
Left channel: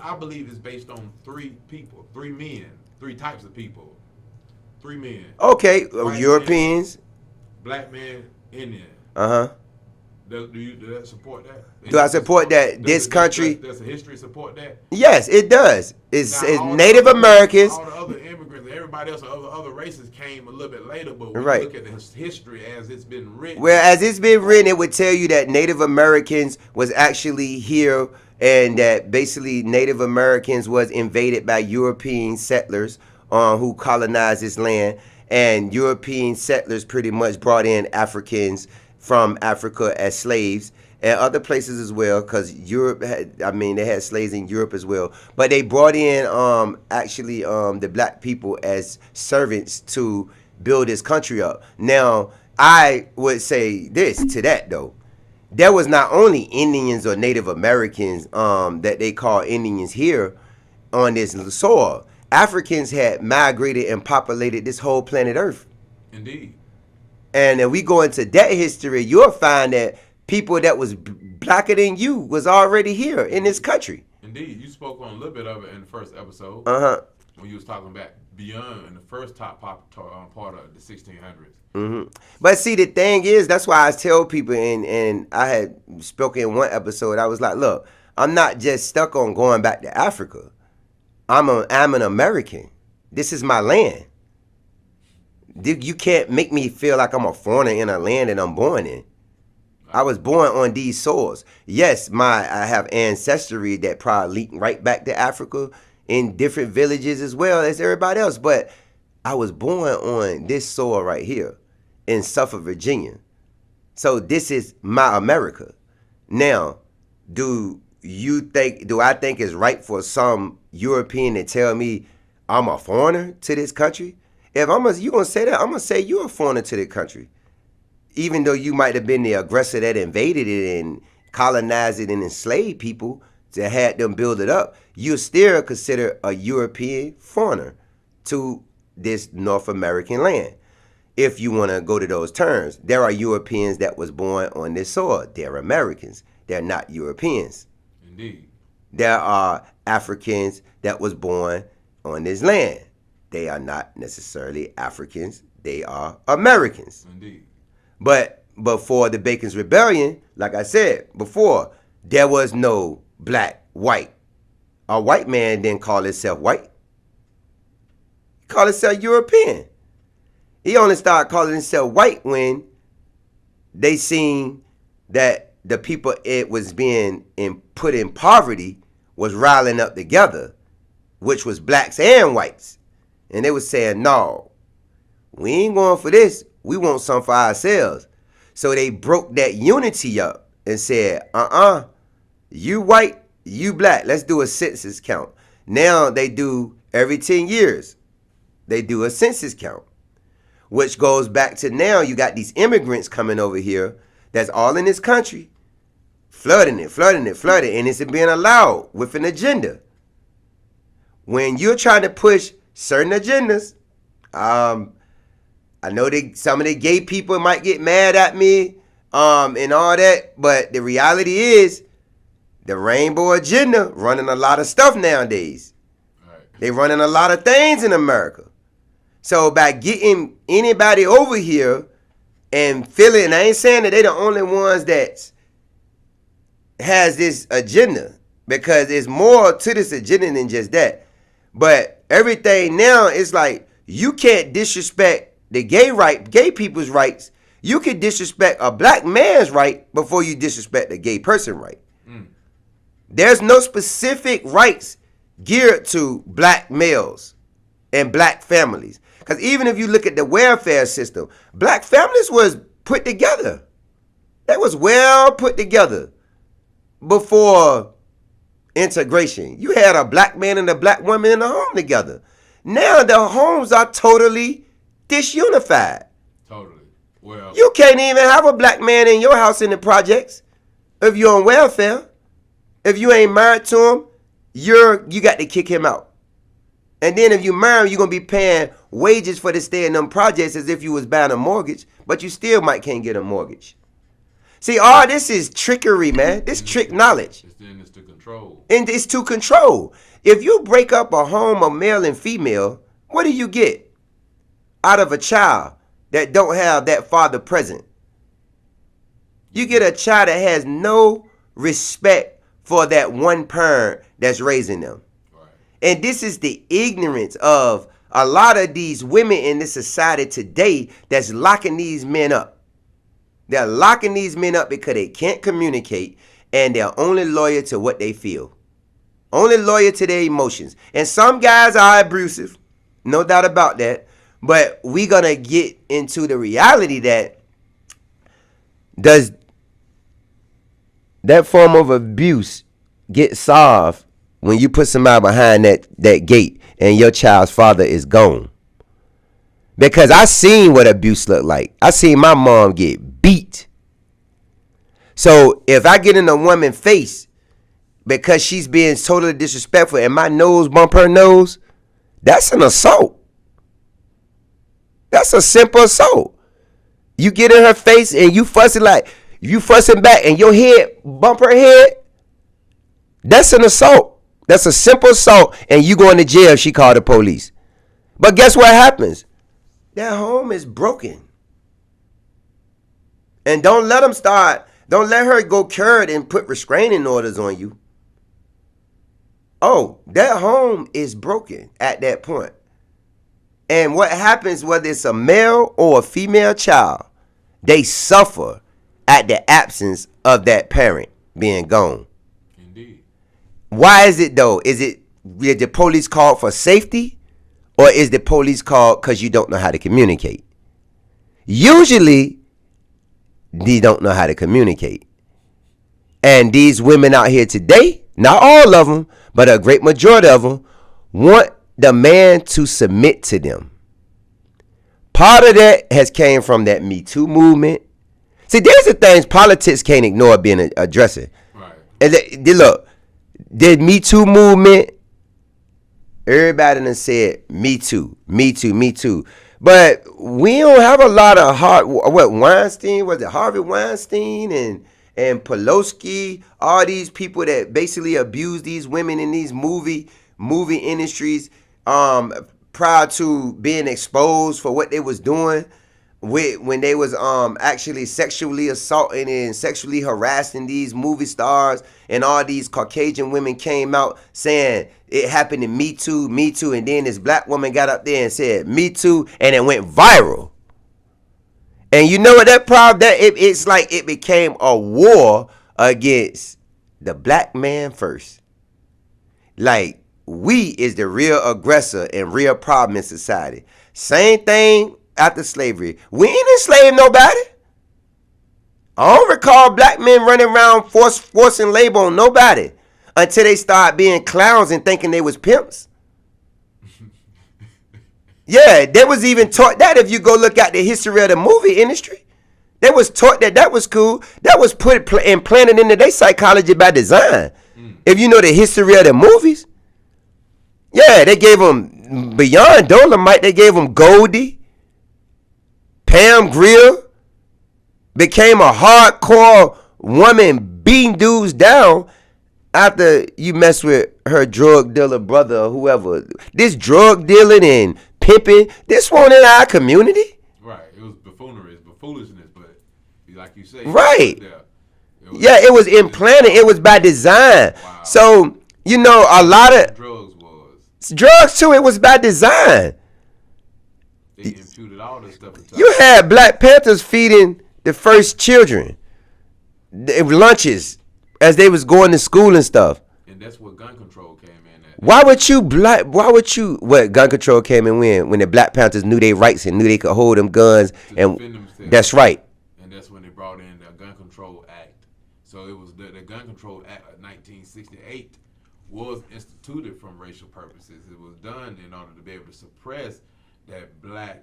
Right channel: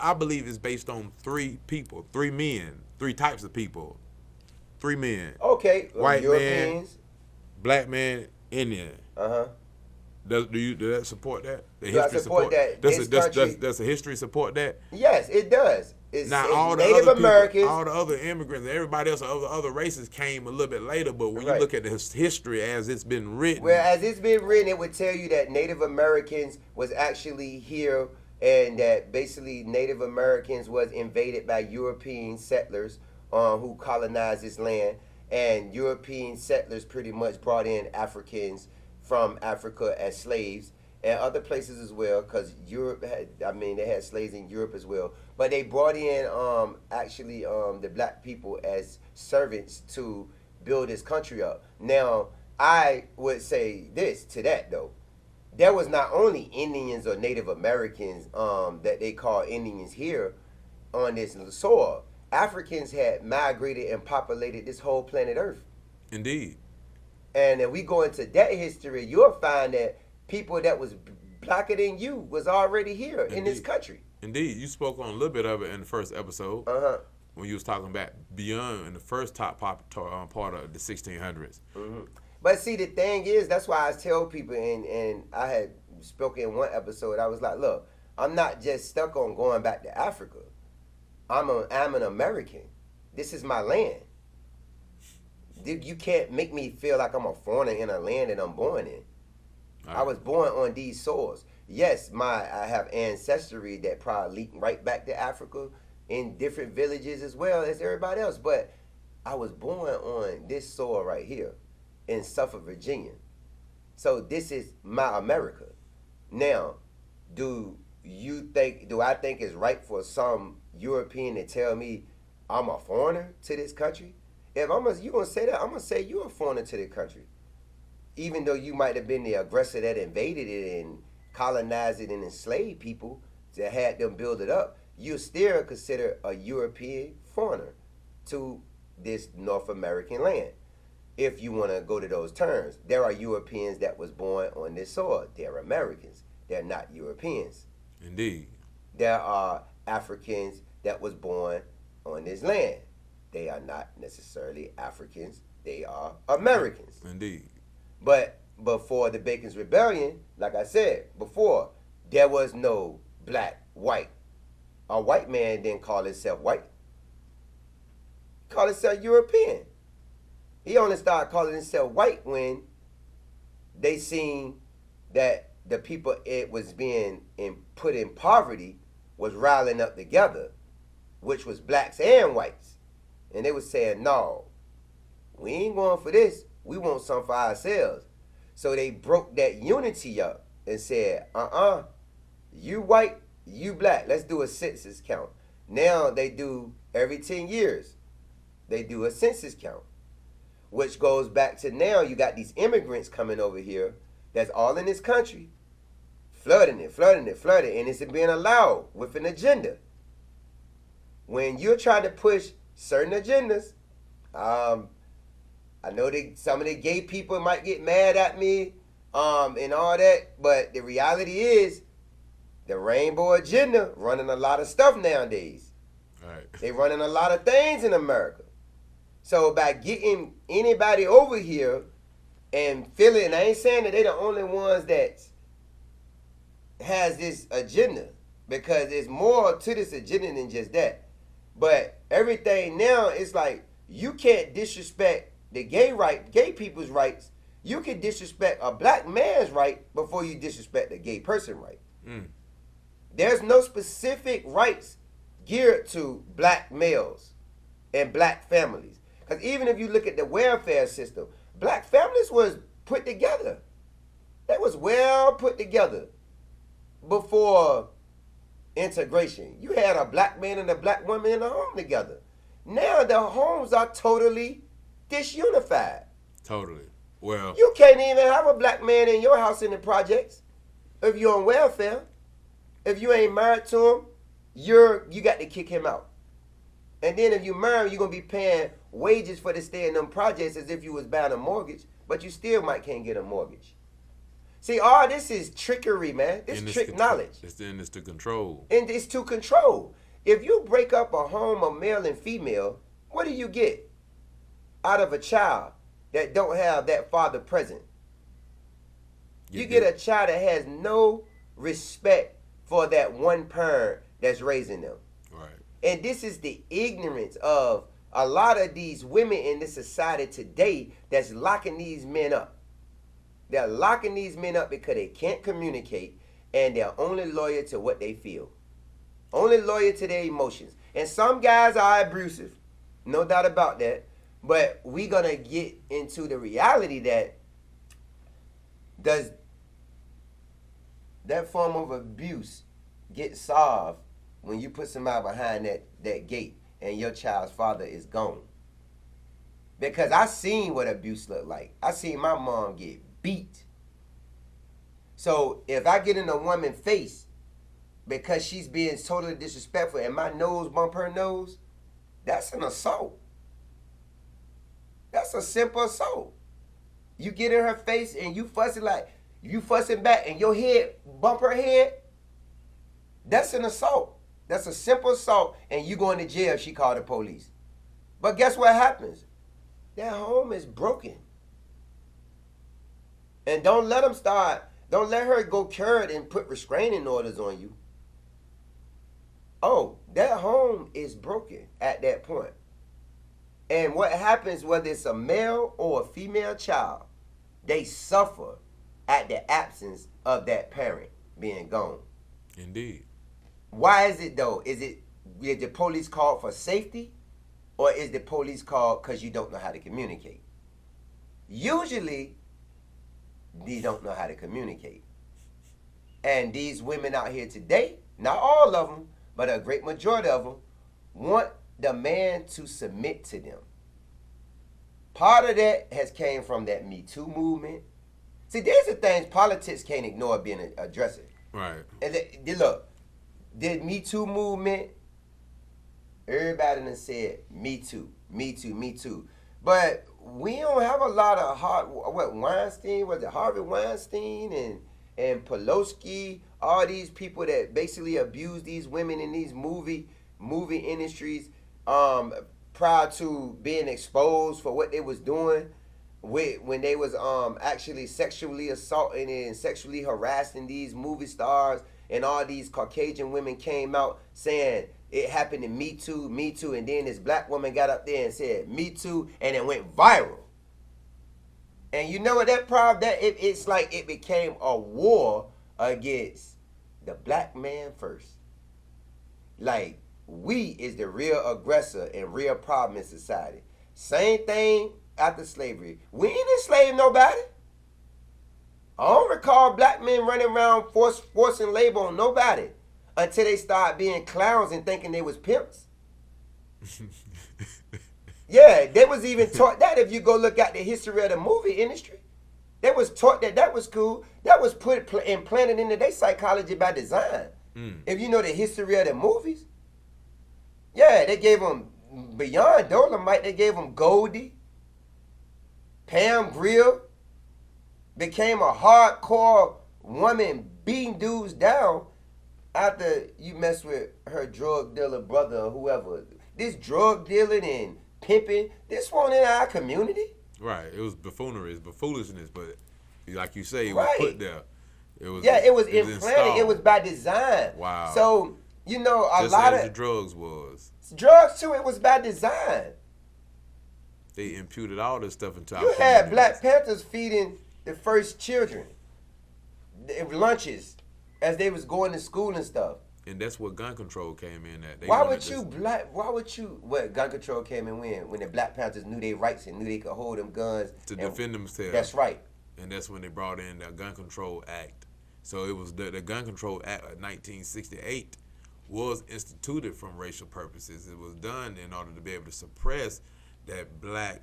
I believe it's based on three people, three men, three types of people, three men. Okay, White Europeans, man, black man, Indian. Do that support that? Do I support that? This country. Does the history support that? Yes, it does. It's Native Americans. All the other immigrants, everybody else of the other races came a little bit later, but when Right. you look at the history as it's been written. Well, as it's been written, it would tell you that Native Americans was actually here, and that basically Native Americans was invaded by European settlers who colonized this land, and European settlers pretty much brought in Africans from Africa as slaves, and other places as well, because Europe they had slaves in Europe as well. But they brought in the black people as servants to build this country up. Now, I would say this to that, though. There was not only Indians or Native Americans that they call Indians here on this soil. Africans had migrated and populated this whole planet Earth. Indeed. And if we go into that history, you'll find that people that was blacker than you was already here in this country. Indeed. You spoke on a little bit of it in the first episode. When you was talking about beyond in the first top part of the 1600s. But see, the thing is, that's why I tell people, and I had spoken in one episode, I was like, look, I'm not just stuck on going back to Africa. I'm an American. This is my land. You can't make me feel like I'm a foreigner in a land that I'm born in. I was born on these soils. Yes, I have ancestry that probably leaked right back to Africa in different villages as well as everybody else. But I was born on this soil right here in Suffolk, Virginia. So this is my America. Now, do I think it's right for some European to tell me I'm a foreigner to this country? If you gonna say that, I'm gonna say you're a foreigner to the country. Even though you might have been the aggressor that invaded it and colonized it and enslaved people to have them build it up, you're still considered a European foreigner to this North American land. If you want to go to those terms, there are Europeans that was born on this soil. They're Americans. They're not Europeans. Indeed. There are Africans that was born on this land. They are not necessarily Africans. They are Americans. Indeed. But before the Bacon's Rebellion, like I said before, there was no black, white. A white man didn't call himself white. He called himself European. He only started calling himself white when they seen that the people it was being put in poverty was riling up together, which was blacks and whites. And they was saying, no, we ain't going for this. We want some for ourselves. So they broke that unity up and said, you white, you black. Let's do a census count. Now they do every 10 years. they do a census count, which goes back to now you got these immigrants coming over here that's all in this country, flooding it, and it's being allowed with an agenda. When you're trying to push certain agendas, I know some of the gay people might get mad at me and all that, but the reality is the rainbow agenda running a lot of stuff nowadays. Right. They running a lot of things in America. So by getting anybody over here and feeling, I ain't saying that they the only ones that has this agenda, because there's more to this agenda than just that. But everything now is like, you can't disrespect the gay people's rights. You can disrespect a black man's right before you disrespect a gay person right. There's no specific rights geared to black males and black families. Because even if you look at the welfare system, black families was put together. They was well put together before integration. You had a black man and a black woman in a home together. Now the homes are totally disunified. Totally. Well, you can't even have a black man in your house in the projects if you're on welfare. If you ain't married to him, you got to kick him out. And then if you marry him, you're going to be paying wages for to stay in them projects as if you was buying a mortgage, but you still can't get a mortgage. See, all this is trickery, man. This trick knowledge. It's to control. And it's to control. If you break up a home of male and female, what do you get out of a child that don't have that father present? You get a child that has no respect for that one parent that's raising them. Right. And this is the ignorance of a lot of these women in this society today that's locking these men up. They're locking these men up because they can't communicate, and they're only loyal to what they feel. Only loyal to their emotions. And some guys are abusive, no doubt about that. But we're going to get into the reality that does that form of abuse get solved when you put somebody behind that gate and your child's father is gone? Because I seen what abuse looked like. I seen my mom get beat. So if I get in a woman's face because she's being totally disrespectful and my nose bump her nose, that's an assault. That's a simple assault. You get in her face and you fussing back and your head bump her head, that's an assault. That's a simple assault, and you going to jail if she called the police. But guess what happens? That home is broken. And don't let her go curd and put restraining orders on you. Oh, that home is broken at that point. And what happens, whether it's a male or a female child, they suffer at the absence of that parent being gone. Indeed. Why is it though? Is the police called for safety, or is the police called because you don't know how to communicate? Usually, they don't know how to communicate. And these women out here today, not all of them, but a great majority of them, want the man to submit to them. Part of that has came from that Me Too movement. See, there's the things politics can't ignore being addressing. Right. And look, the Me Too movement, everybody done said Me Too, Me Too, Me Too. But we don't have a lot of Weinstein, was it Harvey Weinstein and Pelosi, all these people that basically abuse these women in these movie industries prior to being exposed for what they was doing when they was actually sexually assaulting and sexually harassing these movie stars, and all these Caucasian women came out saying it happened to Me Too, Me Too, and then this black woman got up there and said Me Too, and it went viral. And you know what that problem, it's like it became a war against the black man first. Like, we is the real aggressor and real problem in society. Same thing after slavery. We ain't enslaved nobody. I don't recall black men running around forcing labor on nobody until they start being clowns and thinking they was pimps. Yeah, they was even taught that if you go look at the history of the movie industry. They was taught that was cool. That was implanted into their psychology by design. If you know the history of the movies. Yeah, they gave them, beyond Dolomite, they gave them Goldie. Pam Grier became a hardcore woman beating dudes down after you mess with her drug dealer brother or whoever. This drug dealing and pimping, this one in our community. Right. It was buffoonery, it's foolishness, but like you say, right. It was implanted. It was by design. Wow. So, you know, a lot of drugs too, it was by design. They imputed all this stuff into you had Black Panthers feeding the first children lunches as they was going to school and stuff. And that's what gun control came in at. Why would gun control came in when the Black Panthers knew their rights and knew they could hold them guns and defend themselves. That's right. And that's when they brought in the Gun Control Act. So it was the Gun Control Act of 1968 was instituted from racial purposes. It was done in order to be able to suppress that black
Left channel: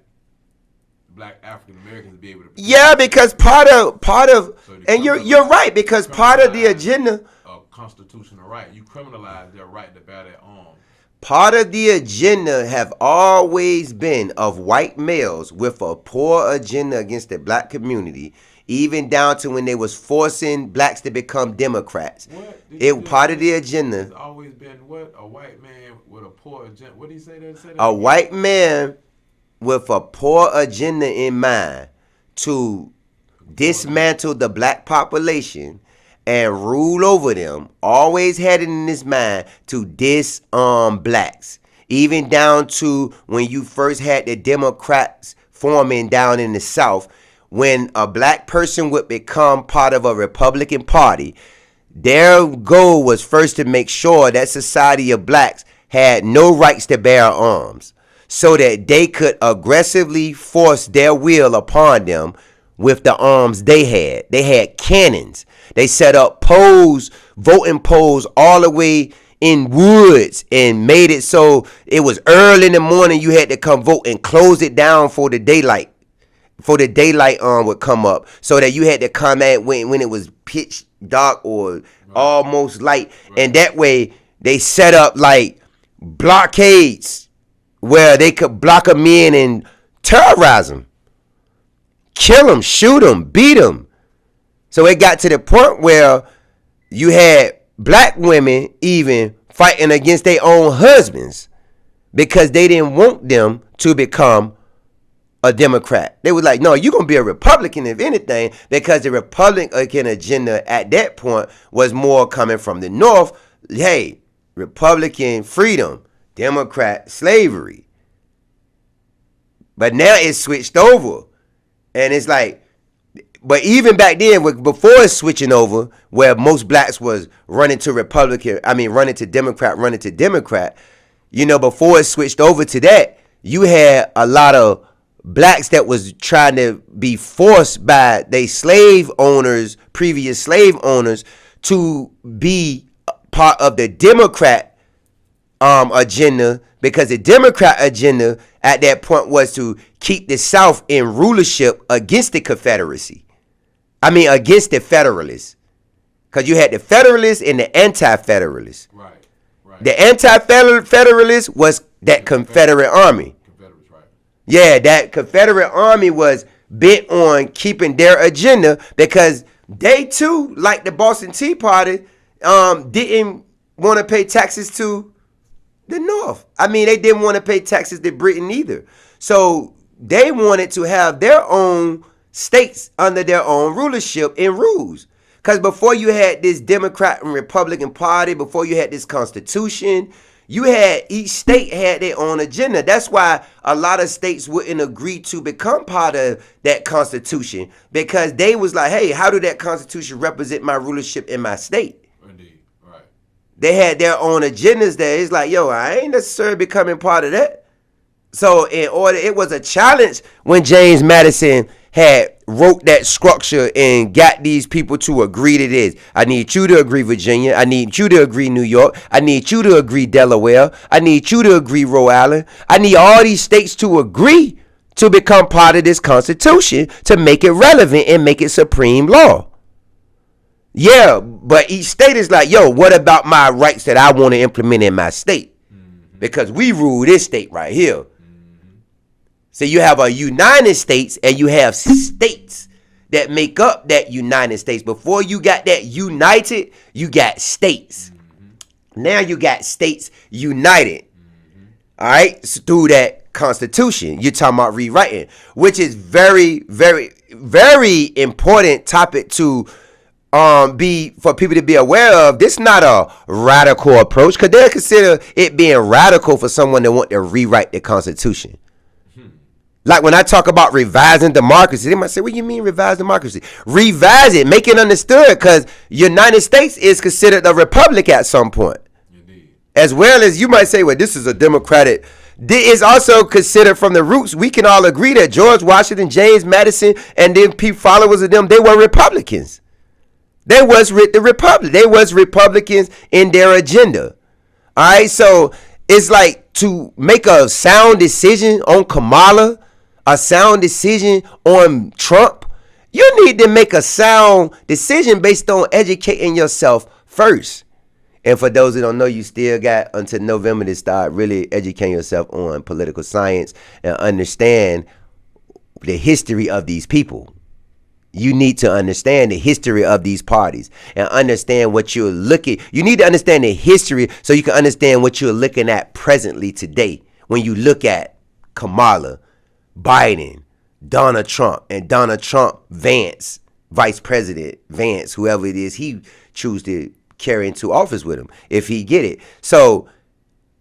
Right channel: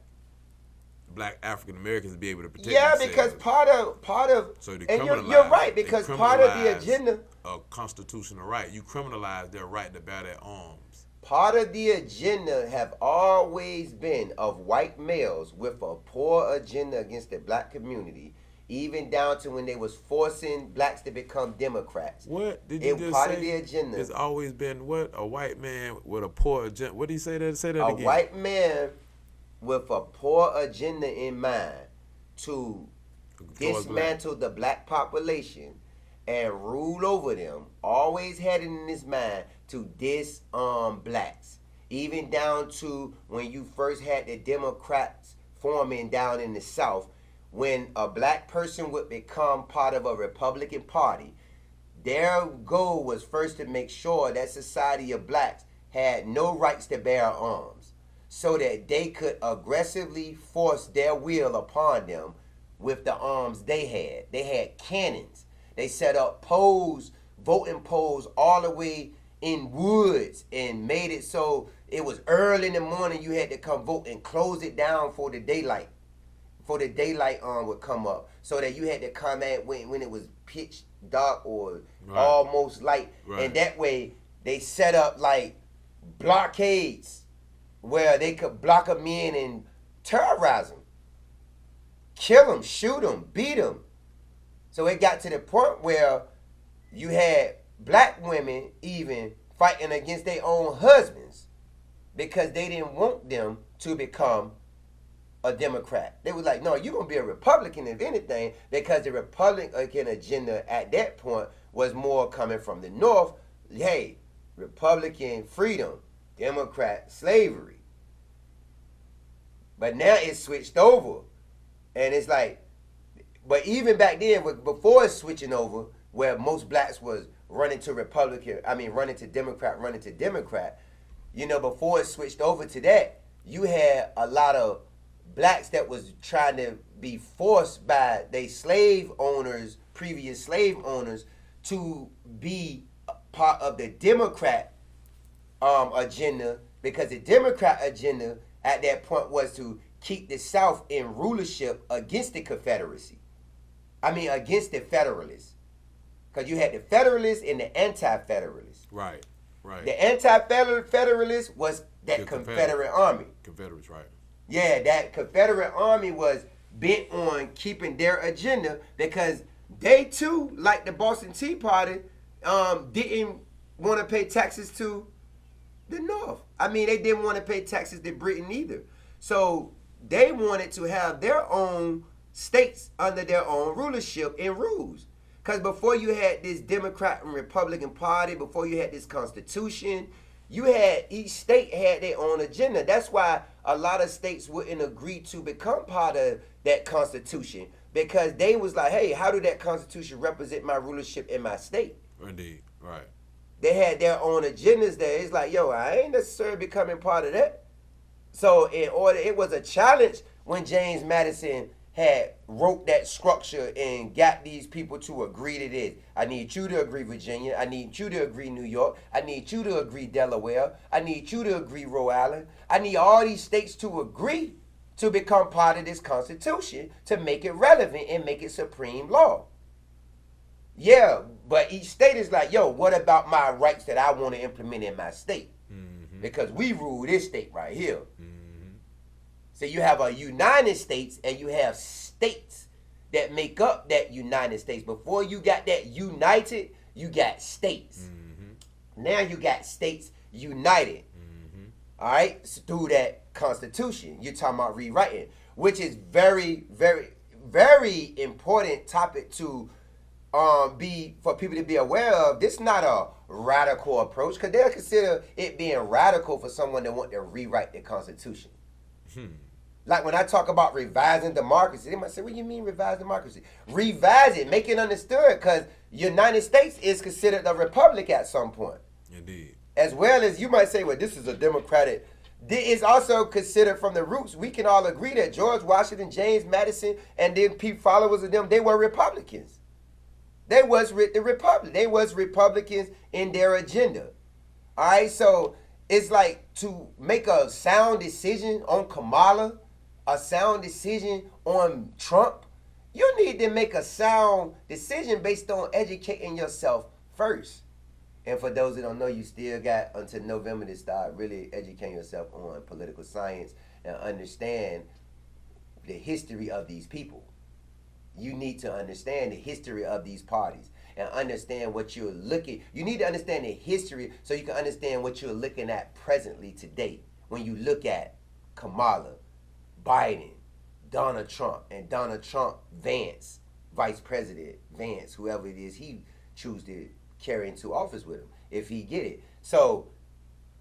African Americans be able to because part of and you're right, because part of the agenda of constitutional right, you criminalize their right to bear their arms. Part of the agenda have always been of white males with a poor agenda against the black community, even down to when they was forcing blacks to become Democrats. Part of the agenda. It's always been what? A white man with a poor agenda. What did he say that? A white man with a poor agenda in mind to dismantle the black population and rule over them, always had it in his mind to disarm blacks. Even down to when you first had the Democrats forming down in the South, when a black person would become part of a Republican Party, their goal was first to make sure that society of blacks had no rights to bear arms, so that they could aggressively force their will upon them with the arms they had. They had cannons. They set up voting polls all the way in woods and made it so it was early in the morning you had to come vote and close it down for the daylight. Would come up, so that you had to come at when it was pitch dark or almost light. Right. And that way they set up like blockades where they could block them in and terrorize them, kill them, shoot them, beat them. So it got to the point where you had black women even fighting against their own husbands because they didn't want them to become a Democrat. They were like, no, you're going to be a Republican if anything, because the Republican agenda at that point was more coming from the North. Hey, Republican freedom, Democrat slavery. But now it's switched over. And it's like, but even back then, before it's switching over, where most blacks was running to Democrat, you know, before it switched over to that, you had a lot of blacks that was trying to be forced by their previous slave owners, to be part of the Democrat agenda, because the Democrat agenda at that point was to keep the South in rulership against the Confederacy. Against the Federalists. Because you had the Federalists and the Anti-Federalists. Right. The Anti-Federalists was that Confederate Army. Confederates, right. Yeah, that Confederate Army was bent on keeping their agenda, because they too, like the Boston Tea Party, didn't want to pay taxes to the North. They didn't want to pay taxes to Britain either. So they wanted to have their own states under their own rulership and rules. Because before you had this Democrat and Republican Party, before you had this Constitution, each state had their own agenda. That's why a lot of states wouldn't agree to become part of that Constitution, because they was like, hey, how do that Constitution represent my rulership in my state? Indeed, right. They had their own agendas there. It's like, yo, I ain't necessarily becoming part of that. So it was a challenge when James Madison had wrote that structure and got these people to agree to this. I need you to agree Virginia. I need you to agree New York. I need you to agree Delaware. I need you to agree Rhode Island. I need all these states to agree to become part of this Constitution to make it relevant and make it supreme law. Yeah, but each state is like, yo, what about my rights that I want to implement in my state? Because we rule this state right here. So you have a United States and you have states that make up that United States. Before you got that united, you got states. Now you got states united. All right, so through that Constitution, you're talking about rewriting, which is very, very, very important topic to be for people to be aware of. This is not a radical approach, because they'll consider it being radical for someone that want to rewrite the Constitution. Like when I talk about revising democracy, they might say, what do you mean revise democracy? Revise it, make it understood, because United States is considered a republic at some point. Indeed. As well as you might say, well, this is a democratic. It's also considered from the roots. We can all agree that George Washington, James Madison, and then followers of them, they were Republicans. They was the Republic. They was Republicans in their agenda. All right, so it's like to make a sound decision on Kamala, a sound decision on Trump, you need to make a sound decision based on educating yourself first. And for those who don't know, you still got until November to start really educating yourself on political science and understand the history of these people. You need to understand the history of these parties and understand what you're looking. You need to understand the history so you can understand what you're looking at presently today when you look at Kamala, Biden, Donald Trump, and Donald Trump, Vance, Vice President Vance, whoever it is he choose to carry into office with him, if he get it. So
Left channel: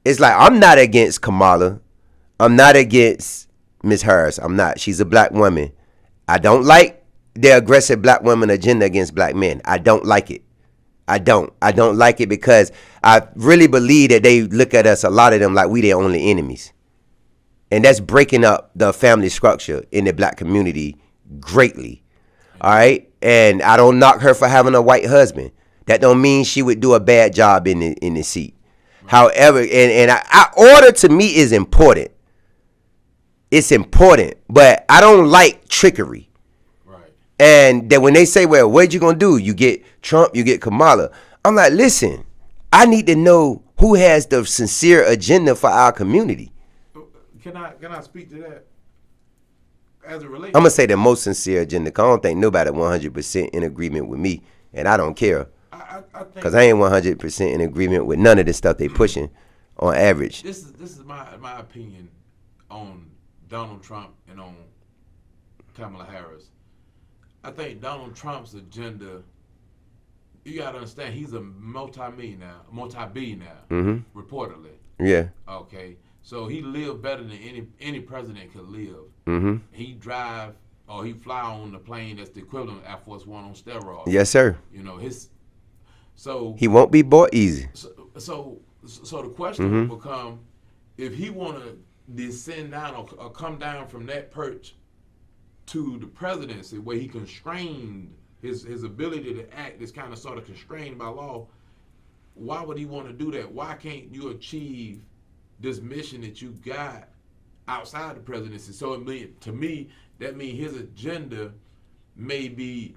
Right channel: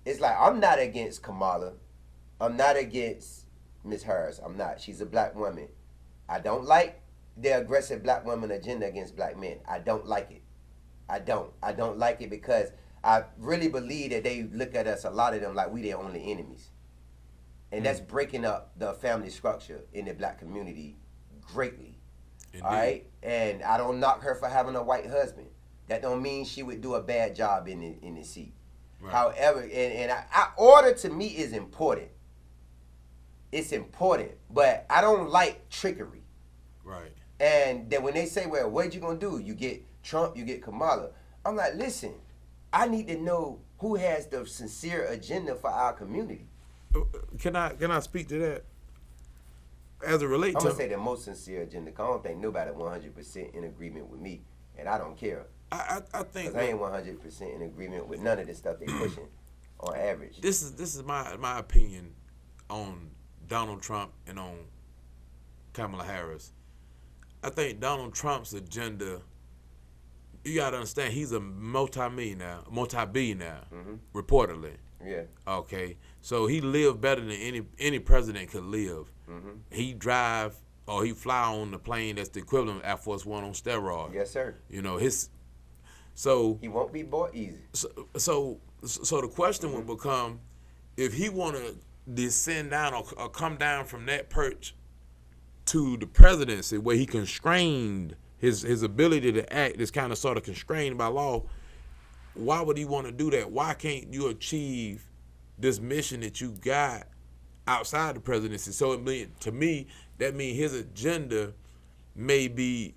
it's like, I'm not against Kamala. I'm not against Ms. Harris. I'm not. She's a black woman. I don't like the aggressive black woman agenda against black men. I don't like it. I don't like it because I really believe that they look at us, a lot of them, like we their only enemies. And that's breaking up the family structure in the black community greatly. All right? And I don't knock her for having a white husband. That don't mean she would do a bad job in the seat. Right. However, and order to me is important. It's important, but I don't like trickery. Right. And that when they say, well, what you going to do? You get Trump, you get Kamala. I'm like, listen, I need to know who has the sincere agenda for our community. Can I speak to that? As it relates, I'm going to say the most sincere agenda, because I don't think nobody 100% in agreement with me, and I don't care. I think because I ain't 100% in agreement with none of the stuff they pushing on average. This is my opinion on Donald Trump and on Kamala Harris. I think Donald Trump's agenda, you got to understand, he's a multi-billionaire, reportedly. Yeah. Okay. So he lived better than any president could live. Mm-hmm. He drive or he fly on the plane that's the equivalent of Air Force One on steroids. Yes, sir. You know, so he won't be bought easy. So the question would become, if he want to descend down or come down from that perch to the presidency, where he constrained his ability to act is kind of sort of constrained by law, why would he want to do that? Why can't you achieve this mission that you got outside the presidency? So to me, that means his agenda may be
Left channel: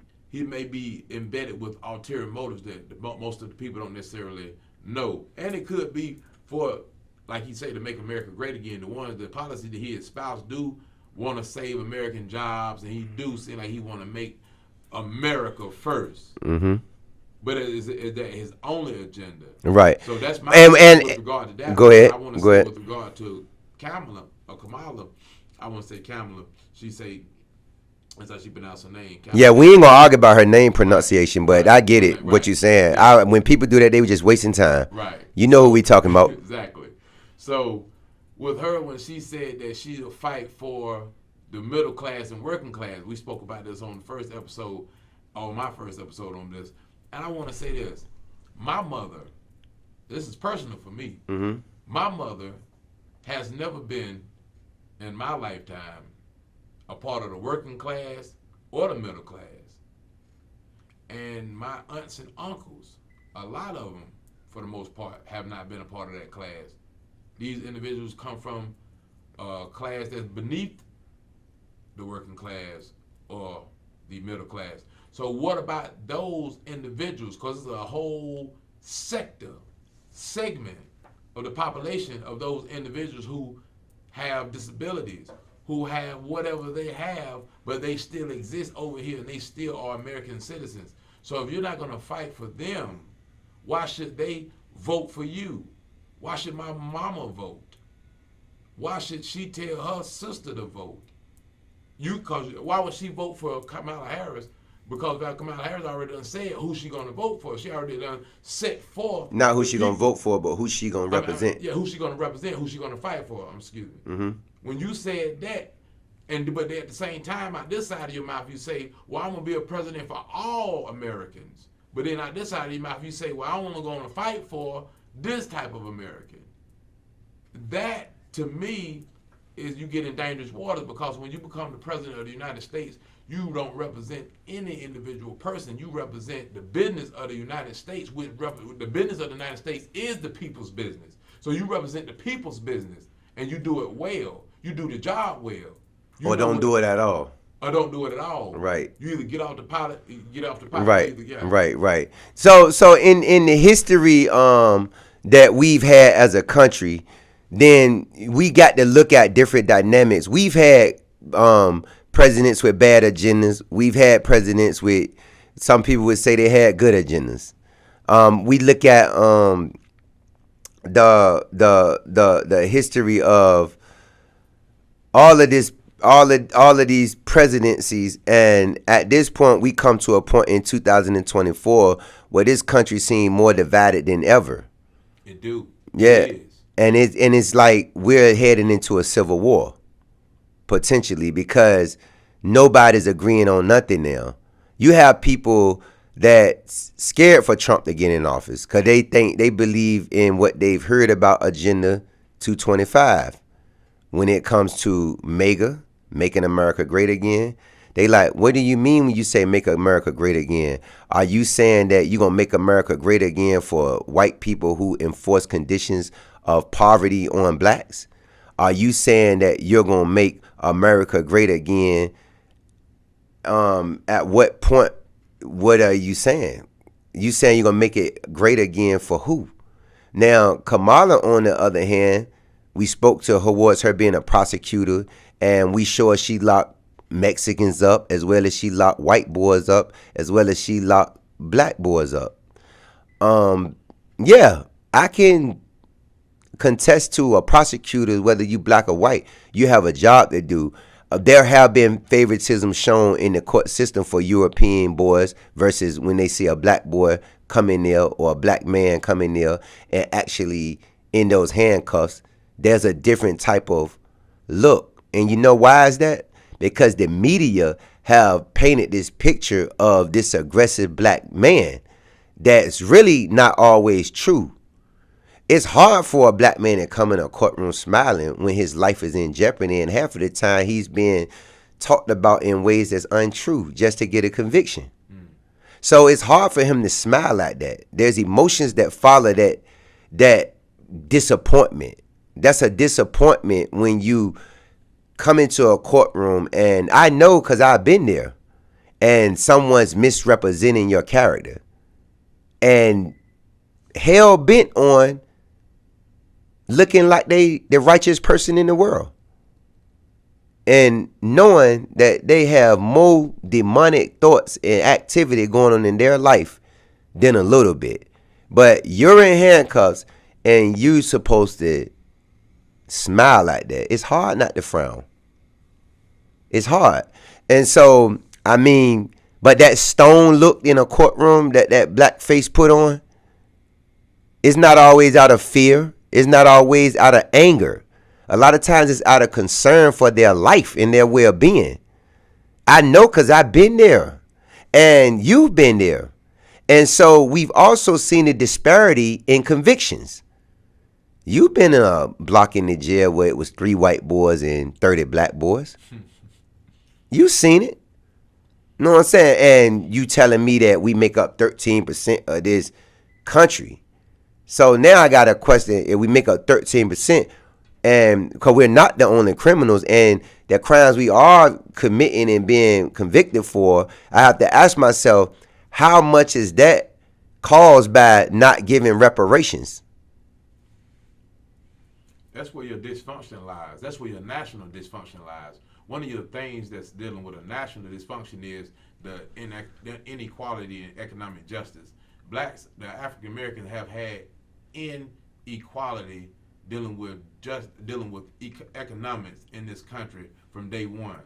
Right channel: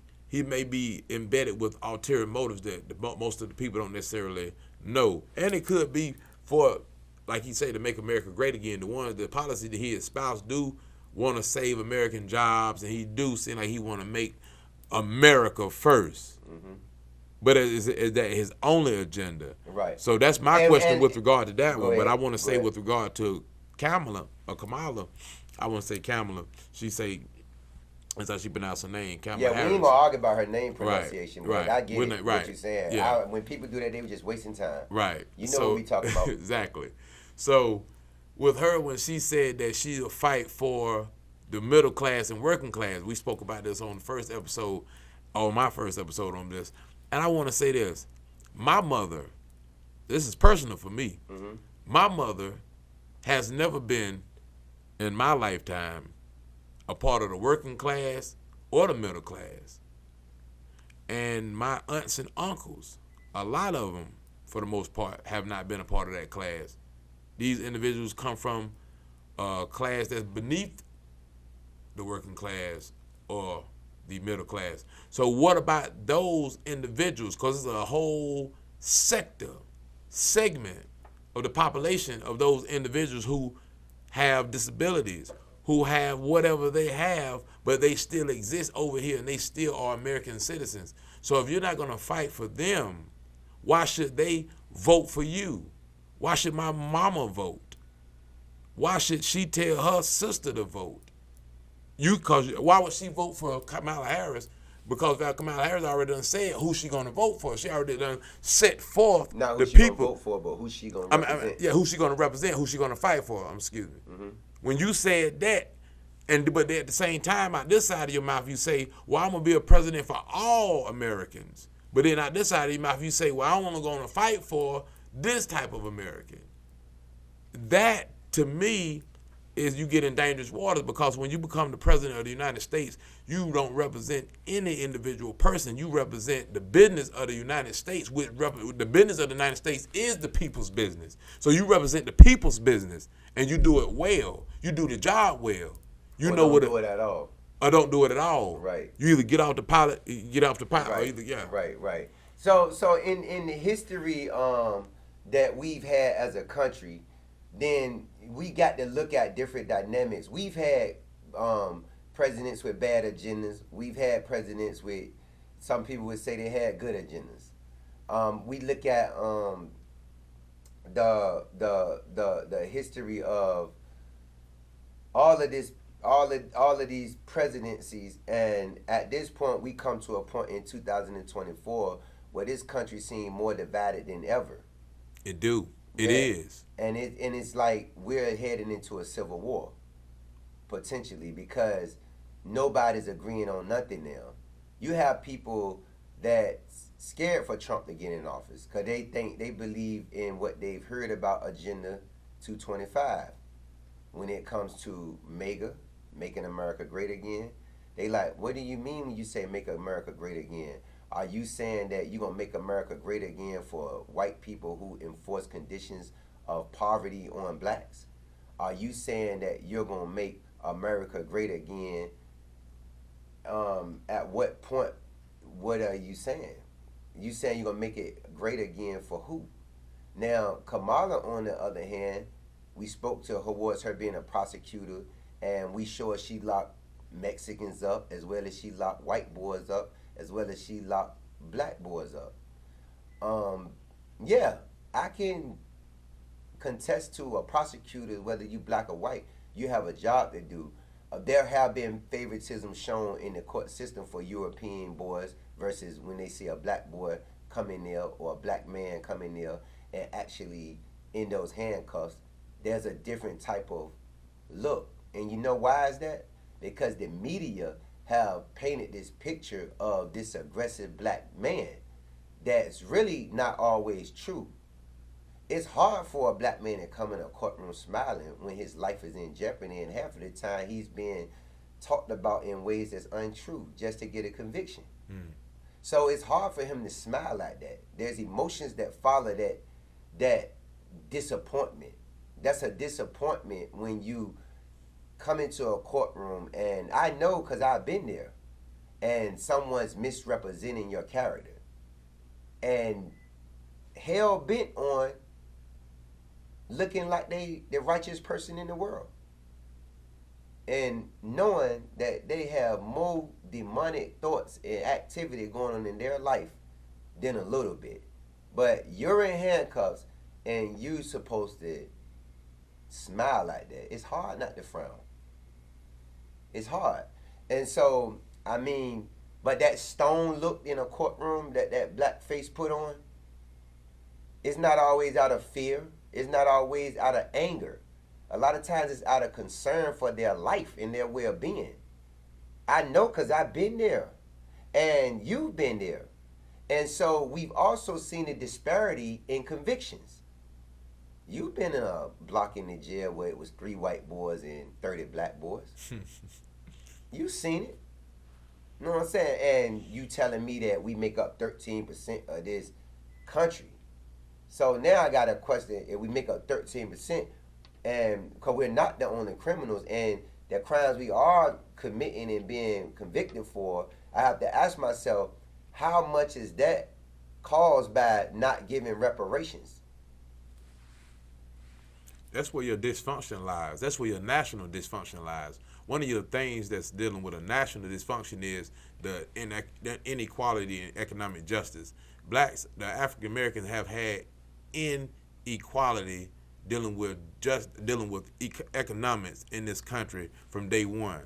embedded with ulterior motives that most of the people don't necessarily know. And it could be for, like he say, to make America great again. The policy that he espoused do want to save American jobs, and he do seem like he want to make America first. Mm-hmm. But is that his only agenda? Right. So that's my with regard to that. Go ahead. I want to say with regard to Kamala, I want to say Kamala. She say, that's how she pronounce her name. Kamala. Yeah, we ain't gonna argue about her name pronunciation, but I get it, what you're saying. Yeah. When people do that, they were just wasting time. Right. You know what we talking about. Exactly. So with her, when she said that she'll fight for the middle class and working class, we spoke about this on my first episode on this. And I want to say this. My mother, this is personal for me. Mm-hmm. My mother has never been, in my lifetime, a part of the working class or the middle class. And my aunts and uncles, a lot of them, for the most part, have not been a part of that class. These individuals come from a class that's beneath the working class or the middle class. So what about those individuals? Because it's a whole segment of the population of those individuals who have disabilities, who have whatever they have, but they still exist over here and they still are American citizens. So if you're not going to fight for them, why should they vote for you? Why should my mama vote? Why should she tell her sister to vote? Why would she vote for Kamala Harris? Because Kamala Harris already done said who she gonna vote for. She already done set forth. Not who she gonna vote for, but who she gonna represent. Who she gonna represent, who she gonna fight for. Excuse me. Mm-hmm. When you said that, but at the same time, out this side of your mouth, you say, well, I'm gonna be a president for all Americans. But then out this side of your mouth, you say, well, I'm only gonna fight for this type of American. That, to me, is you get in dangerous waters, because when you become the president of the United States, you don't represent any individual person. You represent the business of the United States. The business of the United States is the people's business. So you represent the people's business, and you do it well. You do the job well. Or don't do it at all. Or don't do it at all. Right. You either get off the pilot. Right. Either, Right. So in the history that we've had as a country, then we got to look at different dynamics. We've had presidents with bad agendas. We've had presidents with, some people would say they had good agendas. We look at the history of all of these presidencies, and at this point we come to a point in 2024 where this country seems more divided than ever. It do. Yeah. It is. And it's like we're heading into a civil war, potentially, because nobody's agreeing on nothing now. You have people that's scared for Trump to get in office because they believe in what they've heard about Agenda 225 when it comes to MAGA, making America great again. They like, what do you mean when you say make America great again? Are you saying that you're going to make America great again for white people who enforce conditions of poverty on blacks? Are you saying that you're going to make America great again? At what point, what are you saying? You saying you're going to make it great again for who? Now, Kamala, on the other hand, we spoke to her towards her being a prosecutor, and we saw she locked Mexicans up as well as she locked white boys up as well as she locked black boys up. Yeah, I can contest to a prosecutor, whether you black or white, you have a job to do. There have been favoritism shown in the court system for European boys versus when they see a black boy come in there or a black man come in there and actually in those handcuffs, there's a different type of look. And you know why is that? Because the media have painted this picture of this aggressive black man that's really not always true. It's hard for a black man to come in a courtroom smiling when his life is in jeopardy, and half of the time he's being talked about in ways that's untrue just to get a conviction. So it's hard for him to smile like that. There's emotions that follow that disappointment. That's a disappointment when you come into a courtroom, and I know because I've been there, and someone's misrepresenting your character and hell bent on looking like they the righteous person in the world, and knowing that they have more demonic thoughts and activity going on in their life than a little bit. But you're in handcuffs and you supposed to smile like that. It's hard not to frown. It's hard. And so, I mean, but that stone look in a courtroom that black face put on, it's not always out of fear. It's not always out of anger. A lot of times it's out of concern for their life and their well-being. I know because I've been there and you've been there. And so we've also seen a disparity in convictions. You've been in a block in the jail where it was 3 white boys and 30 black boys. You seen it. You know what I'm saying? And you telling me that we make up 13% of this country. So now I got a question. If we make up 13%, and because we're not the only criminals, and the crimes we are committing and being convicted for, I have to ask myself, how much is that caused by not giving reparations? That's where your dysfunction lies. That's where your national dysfunction lies. One of your things that's dealing with a national dysfunction is the inequality in economic justice. Blacks, the African Americans, have had inequality dealing with economics in this country from day one.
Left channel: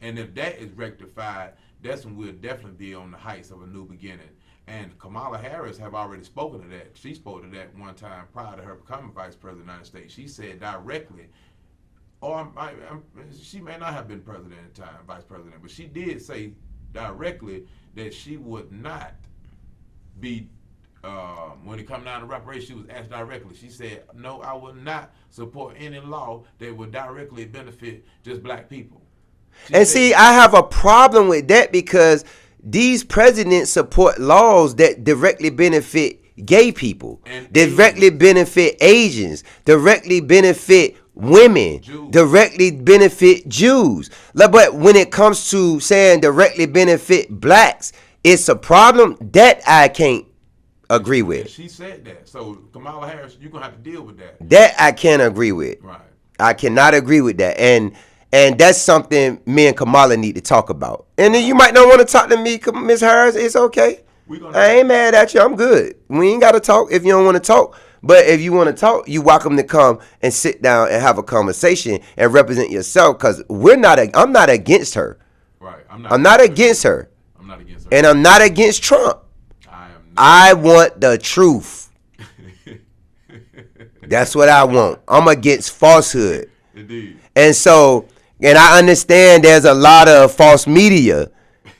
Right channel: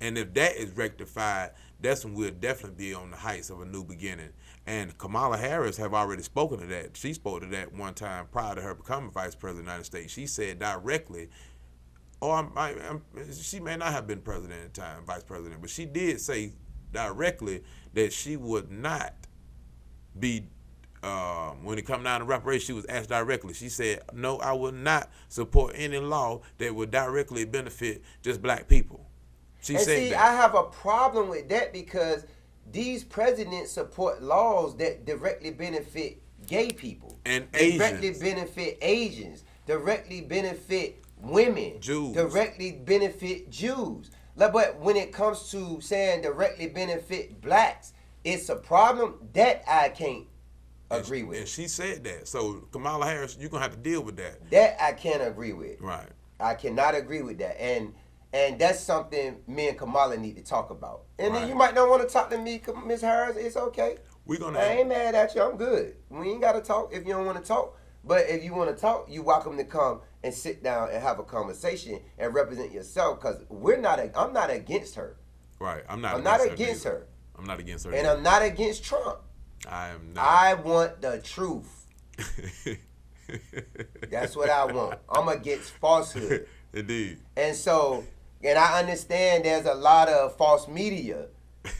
And if that is rectified, that's when we'll definitely be on the heights of a new beginning. And Kamala Harris have already spoken to that. She spoke to that one time prior to her becoming vice president of the United States. She said directly, she may not have been president at the time, vice president, but she did say directly that she would not be, when it come down to reparations, she was asked directly. She said, no, I will not support any law that would directly benefit just black people. See, I have a problem with that because these presidents support laws that directly benefit gay people, and directly benefit Asians, directly benefit women, Jews. Directly benefit Jews. But when it comes to saying directly benefit blacks, it's a problem that I can't agree with. And she said that. So Kamala Harris, you're going to have to deal with that. That I can't agree with. Right. I cannot agree with that. And that's something me and Kamala need to talk about. And then you might not want to talk to me, Ms. Harris. It's okay. I ain't mad at you. I'm good. We ain't got to talk if you don't want to talk. But if you want to talk, you're welcome to come and sit down and have a conversation and represent yourself, because I'm not against her. Right. I'm not against her. I'm not against her. And I'm not against Trump. I want the truth. That's what I want. I'm against falsehood. Indeed. And so, and I understand there's a lot of false media.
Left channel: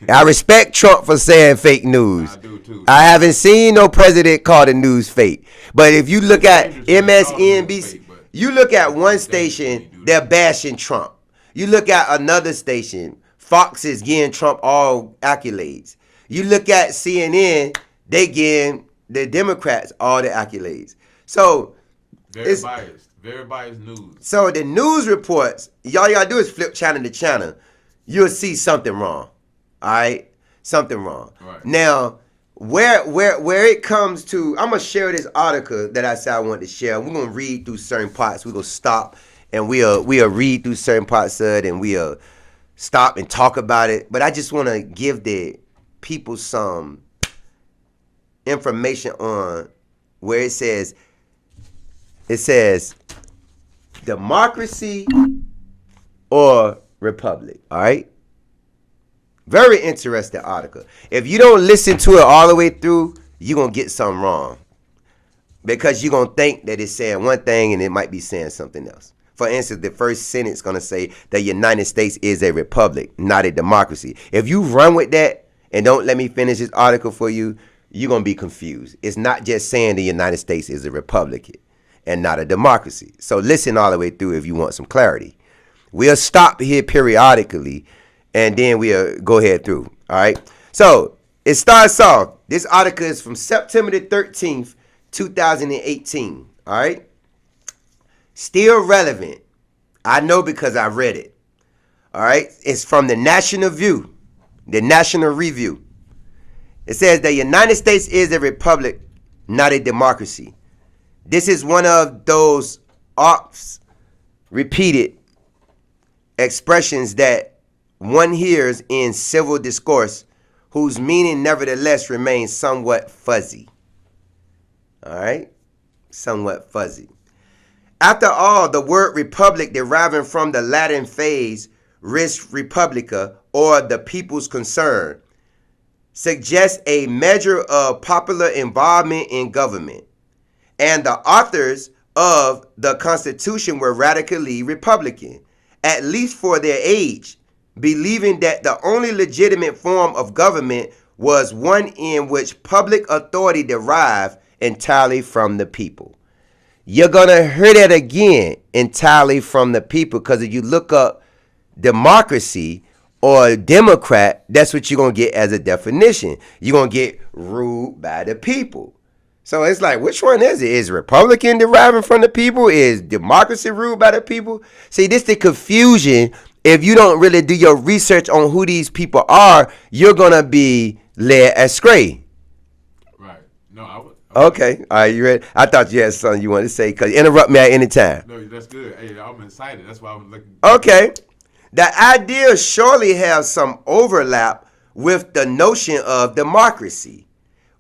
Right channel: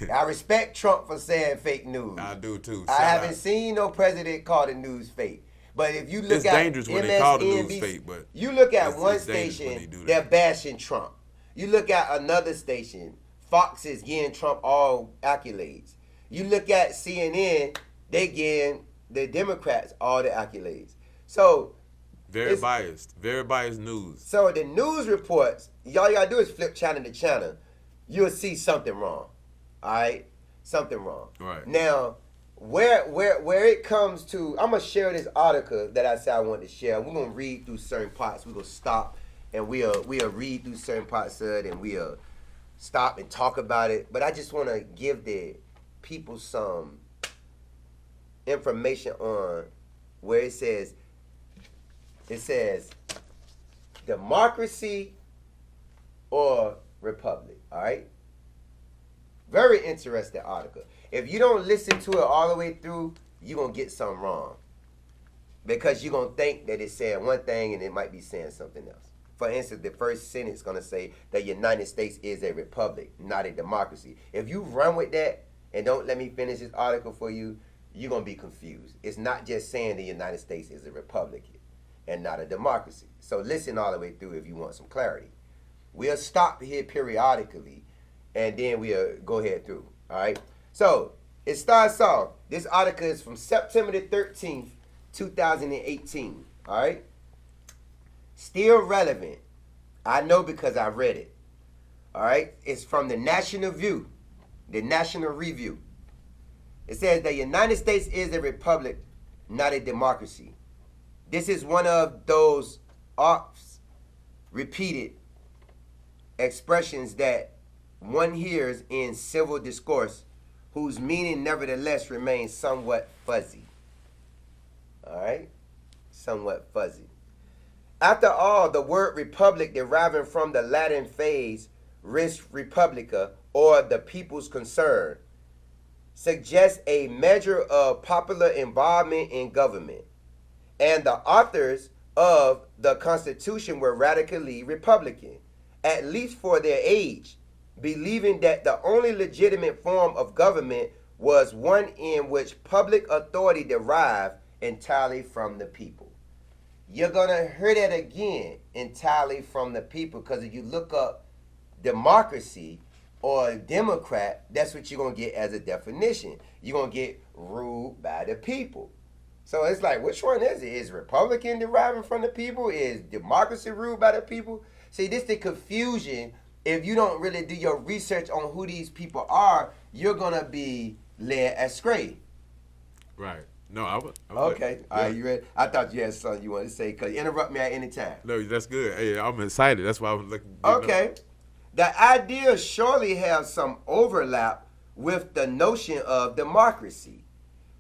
I respect Trump for saying fake news. I do too. I haven't seen no president call the news fake. But if you look at MSNBC, you look at one station, they're bashing Trump. You look at another station, Fox is giving Trump all accolades. You look at CNN, they giving the Democrats all the accolades. So very biased news. So the news reports, y'all gotta do is flip channel to channel. You'll see something wrong. All right? Something wrong. Right. Now, where it comes to, I'm gonna share this article that I said I wanted to share. We're gonna read through certain parts. We're gonna stop and we'll read through certain parts of it, and we'll stop and talk about it. But I just wanna give the people some information on where it says democracy or republic. All right? Very interesting article. If you don't listen to it all the way through, you're going to get something wrong. Because you're going to think that it's saying one thing and it might be saying something else. For instance, the first sentence is going to say the United States is a republic, not a democracy. If you run with that and don't let me finish this article for you, you're going to be confused. It's not just saying the United States is a republic and not a democracy. So listen all the way through if you want some clarity. We'll stop here periodically, and then we'll go ahead through, all right? So it starts off, this article is from September the 13th, 2018, all right? Still relevant. I know because I read it, all right? It's from the National Review. It says the United States is a republic, not a democracy. This is one of those oft repeated expressions that one hears in civil discourse whose meaning nevertheless remains somewhat fuzzy. All right? Somewhat fuzzy. After all, the word republic, deriving from the Latin phrase res publica, or the people's concern, suggests a measure of popular involvement in government. And the authors of the Constitution were radically Republican, at least for their age, believing that the only legitimate form of government was one in which public authority derived entirely from the people. You're going to hear that again, entirely from the people, because if you look up democracy or Democrat, that's what you're going to get as a definition. You're going to get ruled by the people. So it's like, which one is it? Is Republican deriving from the people? Is democracy ruled by the people? See, this is the confusion. If you don't really do your research on who these people are, you're going to be led astray. Right. No, I would. Okay. All right, you ready? I thought you had something you wanted to say, because interrupt me at any time. No, that's good. Hey, I'm excited. That's why I was looking. Okay. The idea surely has some overlap with the notion of democracy,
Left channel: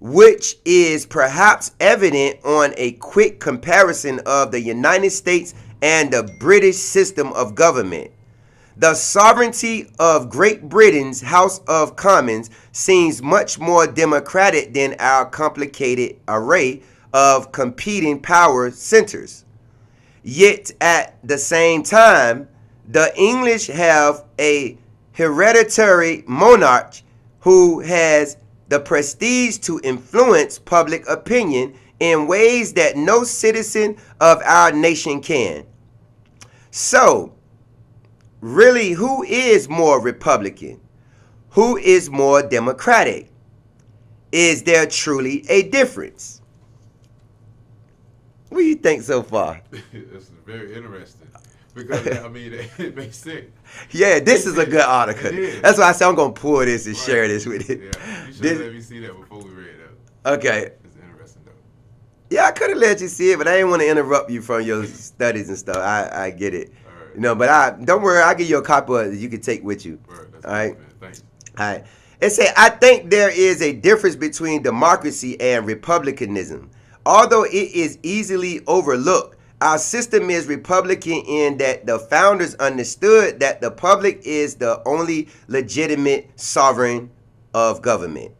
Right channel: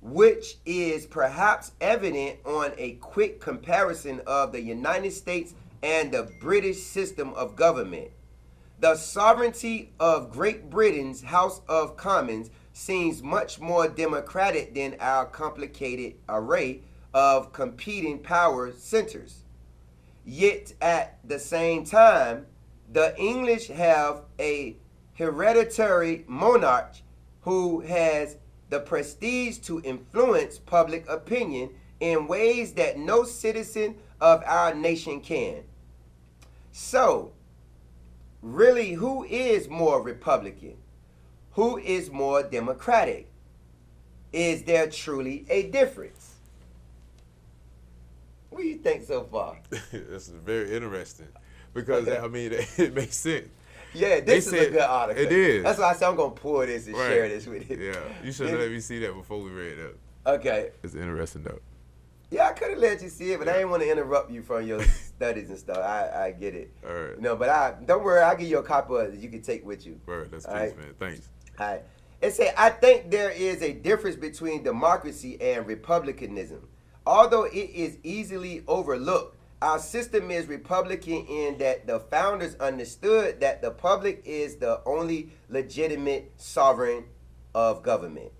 which is perhaps evident on a quick comparison of the United States and the British system of government. The sovereignty of Great Britain's House of Commons seems much more democratic than our complicated array of competing power centers. Yet at the same time, the English have a hereditary monarch who has the prestige to influence public opinion in ways that no citizen of our nation can. So, really, who is more Republican? Who is more Democratic? Is there truly a difference? What do you think so far? This is very interesting because, I mean, it makes sense. Yeah, this is a good article. It is. That's why I said I'm going to pull this and share this with you. Yeah, you should have let me see that before we read it. Okay. It's interesting, though. Yeah, I could have let you see it, but I didn't want to interrupt you from your studies and stuff. I get it. All right. You know, but don't worry, I'll give you a copy of it you can take with you. All right, that's all good, right? man. Thanks. All right. It said, I think there is a difference between democracy and republicanism. Although it is easily overlooked, our system is Republican in that the founders understood that the public is the only legitimate sovereign of government.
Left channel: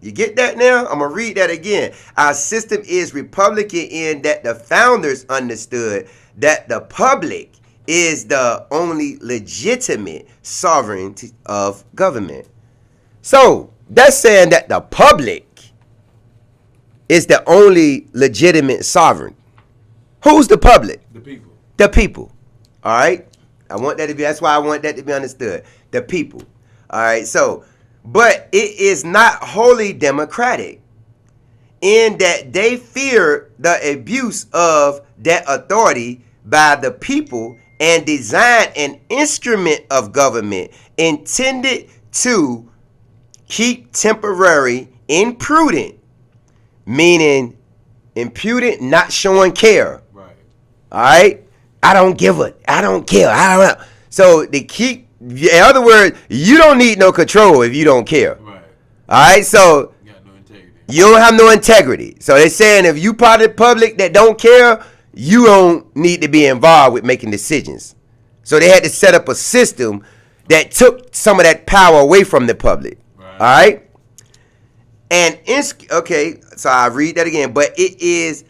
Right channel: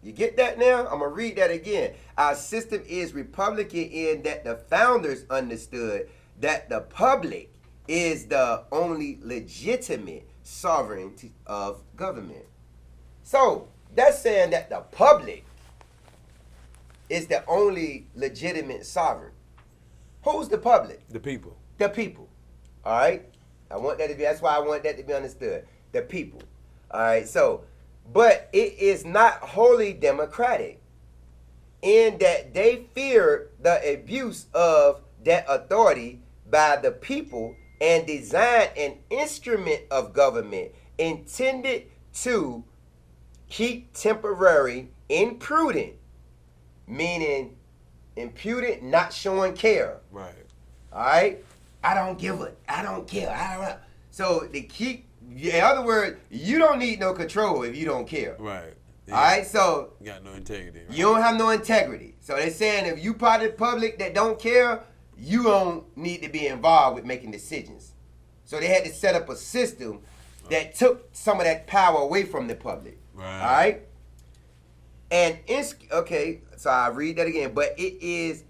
You get that now? I'm going to read that again. Our system is Republican in that the founders understood that the public is the only legitimate sovereignty of government. So that's saying that the public is the only legitimate sovereign. Who's the public? The people. The people. All right? I want that to be, that's why I want that to be understood. The people. All right? So, but it is not wholly democratic in that they fear the abuse of that authority by the people and design an instrument of government intended to keep temporary imprudent, meaning impudent, not showing care. Right. All right? I don't give a, I don't care. I don't know. So they keep, in other words, you don't need no control if you don't care. Right. All right? So You got no integrity. you don't have no integrity. So they're saying if you part of the public that don't care, you don't need to be involved with making decisions. So they had to set up a system that took some of that power away from the public. Right. All right? And, okay, so I read that again. But it is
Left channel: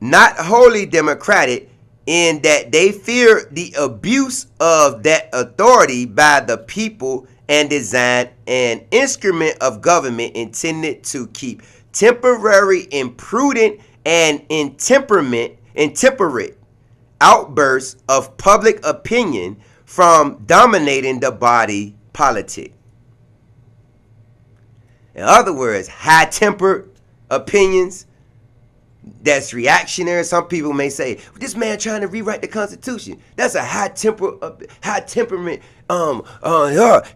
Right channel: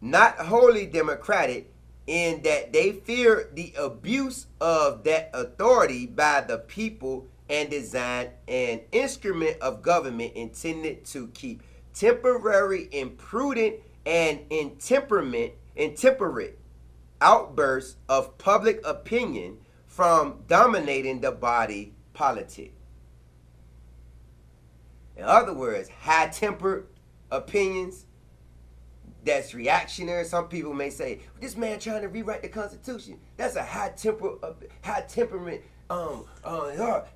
not wholly democratic in that they fear the abuse of that authority by the people and design an instrument of government intended to keep temporary imprudent and intemperate outbursts of public opinion from dominating the body politic. In other words, high-tempered opinions that's reactionary. Some people may say, this man trying to rewrite the Constitution. That's a high-temperament,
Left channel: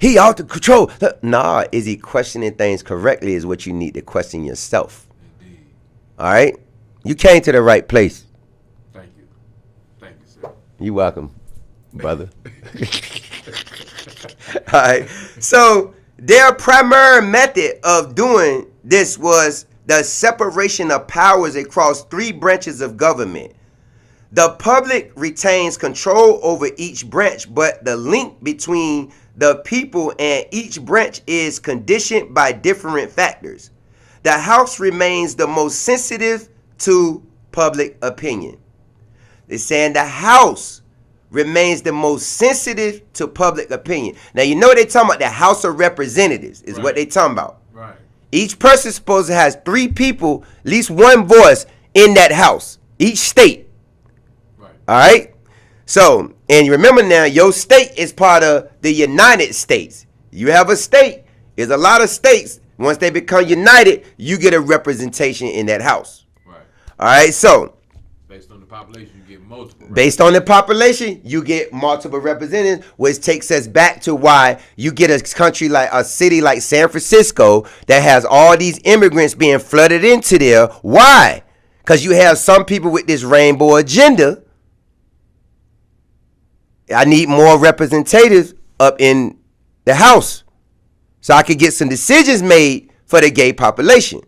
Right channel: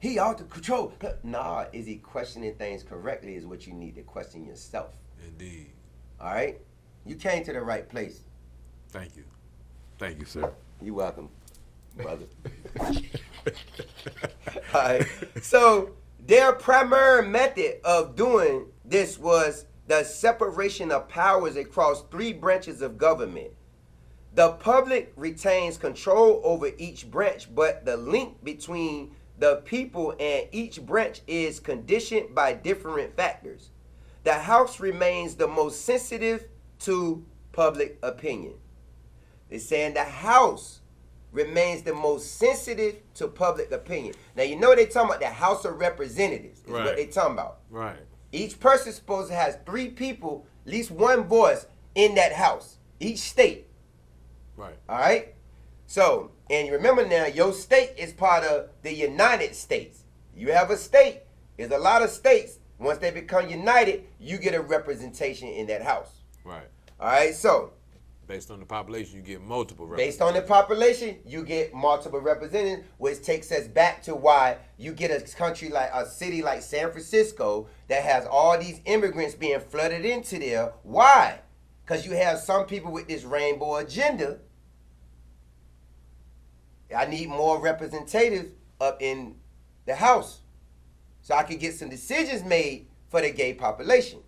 he out to control. Nah, is he questioning things correctly is what you need to question yourself. Indeed. All right? You came to the right place. Thank you. Thank you, sir. You're welcome, brother. All right. So their primary method of doing this was the separation of powers across three branches of government. The public retains control over each branch, but the link between the people and each branch is conditioned by different factors. The House remains the most sensitive to public opinion. They're saying the House remains the most sensitive to public opinion. Now, you know they're talking about the House of Representatives is what they're talking about. Right. Each person supposed to has 3 people, at least 1 voice in that house, each state. Right. All right? So, And remember now, your state is part of the United States. You have a state. There's a lot of states. Once they become united, you get a representation in that house. Right. All right, so. Based on the population, you get multiple. Based on the population, you get multiple representatives, which takes us back to why you get a country like a city like San Francisco that has all these immigrants being flooded into there. Why? Because you have some people with this rainbow agenda. I need more representatives up in the house so I could get some decisions made for the gay population.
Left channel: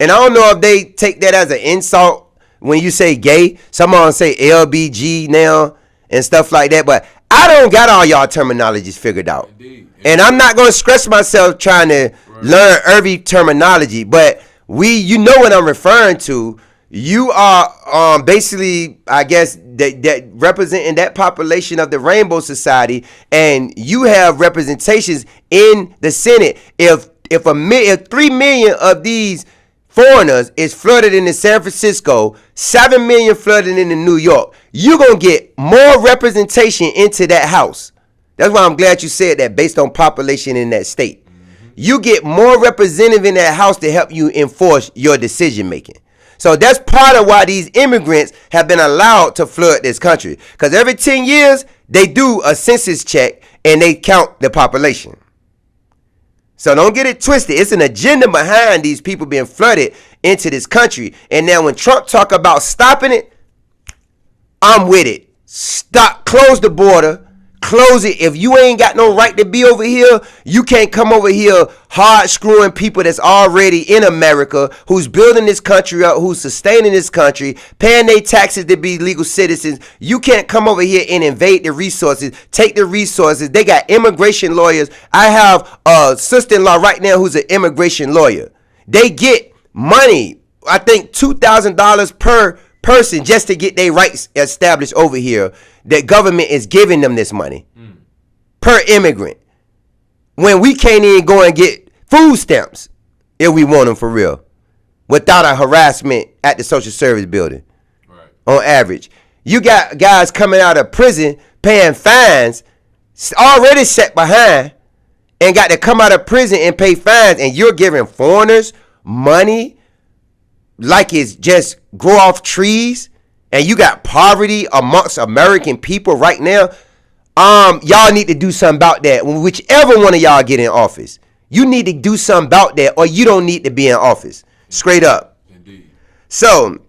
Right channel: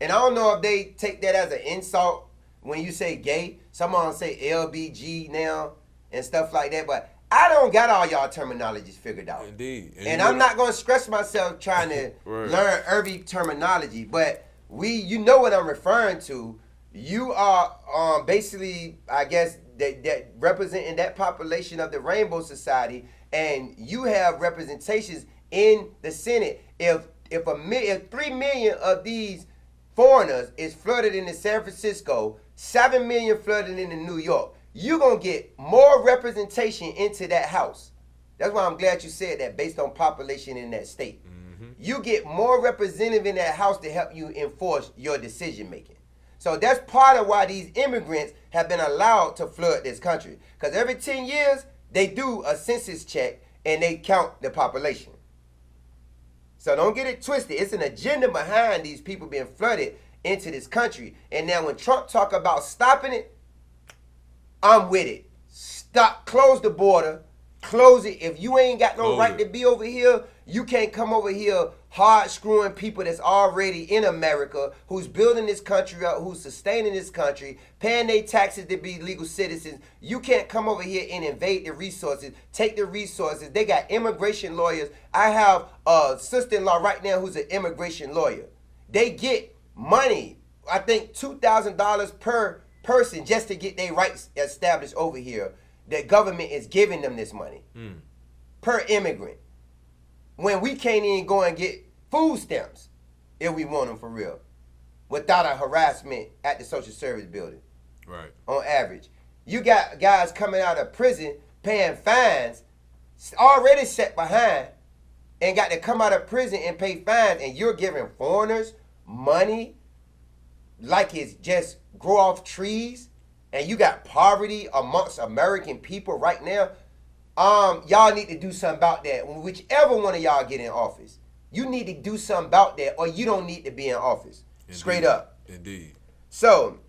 And I don't know if they take that as an insult when you say gay. Some of them say LBG now and stuff like that, but I don't got all y'all terminologies figured out. Indeed. And I'm not going to stress myself trying to learn every terminology, but you know what I'm referring to. You are basically, I guess, that representing that population of the Rainbow Society, and you have representations in the Senate. If 3 million of these foreigners is flooded into San Francisco, 7 million flooded into New York, you're going to get more representation into that house. That's why I'm glad you said that, based on population in that state. Mm-hmm. You get more representative in that house to help you enforce your decision making. So that's part of why these immigrants have been allowed to flood this country. Because every 10 years, they do a census check and they count the population. So don't get it twisted. It's an agenda behind these people being flooded into this country. And now when Trump talk about stopping it, I'm with it. Stop, close the border, close it. If you ain't got no right to be over here, you can't come over here hard screwing people that's already in America, who's building this country up, who's sustaining this country, paying their taxes to be legal citizens. You can't come over here and invade the resources, take the resources. They got immigration lawyers. I have a sister-in-law right now who's an immigration lawyer. They get money, I think $2,000 per person just to get their rights established over here. The government is giving them this money per immigrant, when we can't even go and get food stamps if we want them for real, without a harassment at the social service building. Right. On average, you got guys coming out of prison paying fines, already set behind, and got to come out of prison and pay fines, and you're giving foreigners money like it's just grow off trees. And you got poverty amongst American people right now. Y'all need to do something about that. Whichever one of y'all get in office, you need to do something about that, or you don't need to be in office. Indeed. Straight up. Indeed. So,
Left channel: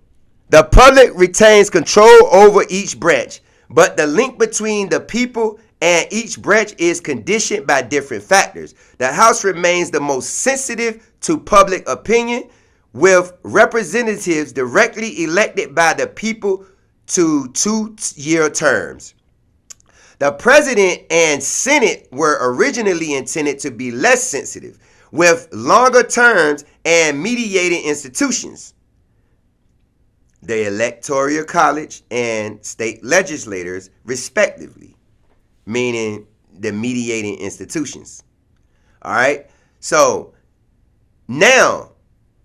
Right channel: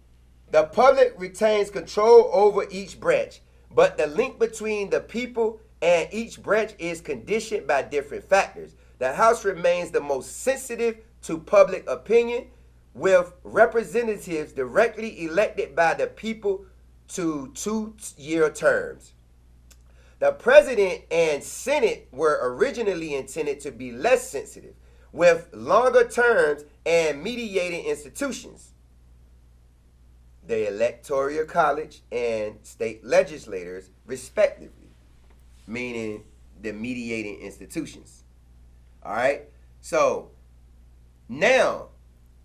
the public retains control over each branch, but the link between the people and each branch is conditioned by different factors. The House remains the most sensitive to public opinion, with representatives directly elected by the people to 2-year terms. The President and Senate were originally intended to be less sensitive, with longer terms and mediating institutions. The Electoral College and state legislators, respectively, meaning the mediating institutions. All right? So, now,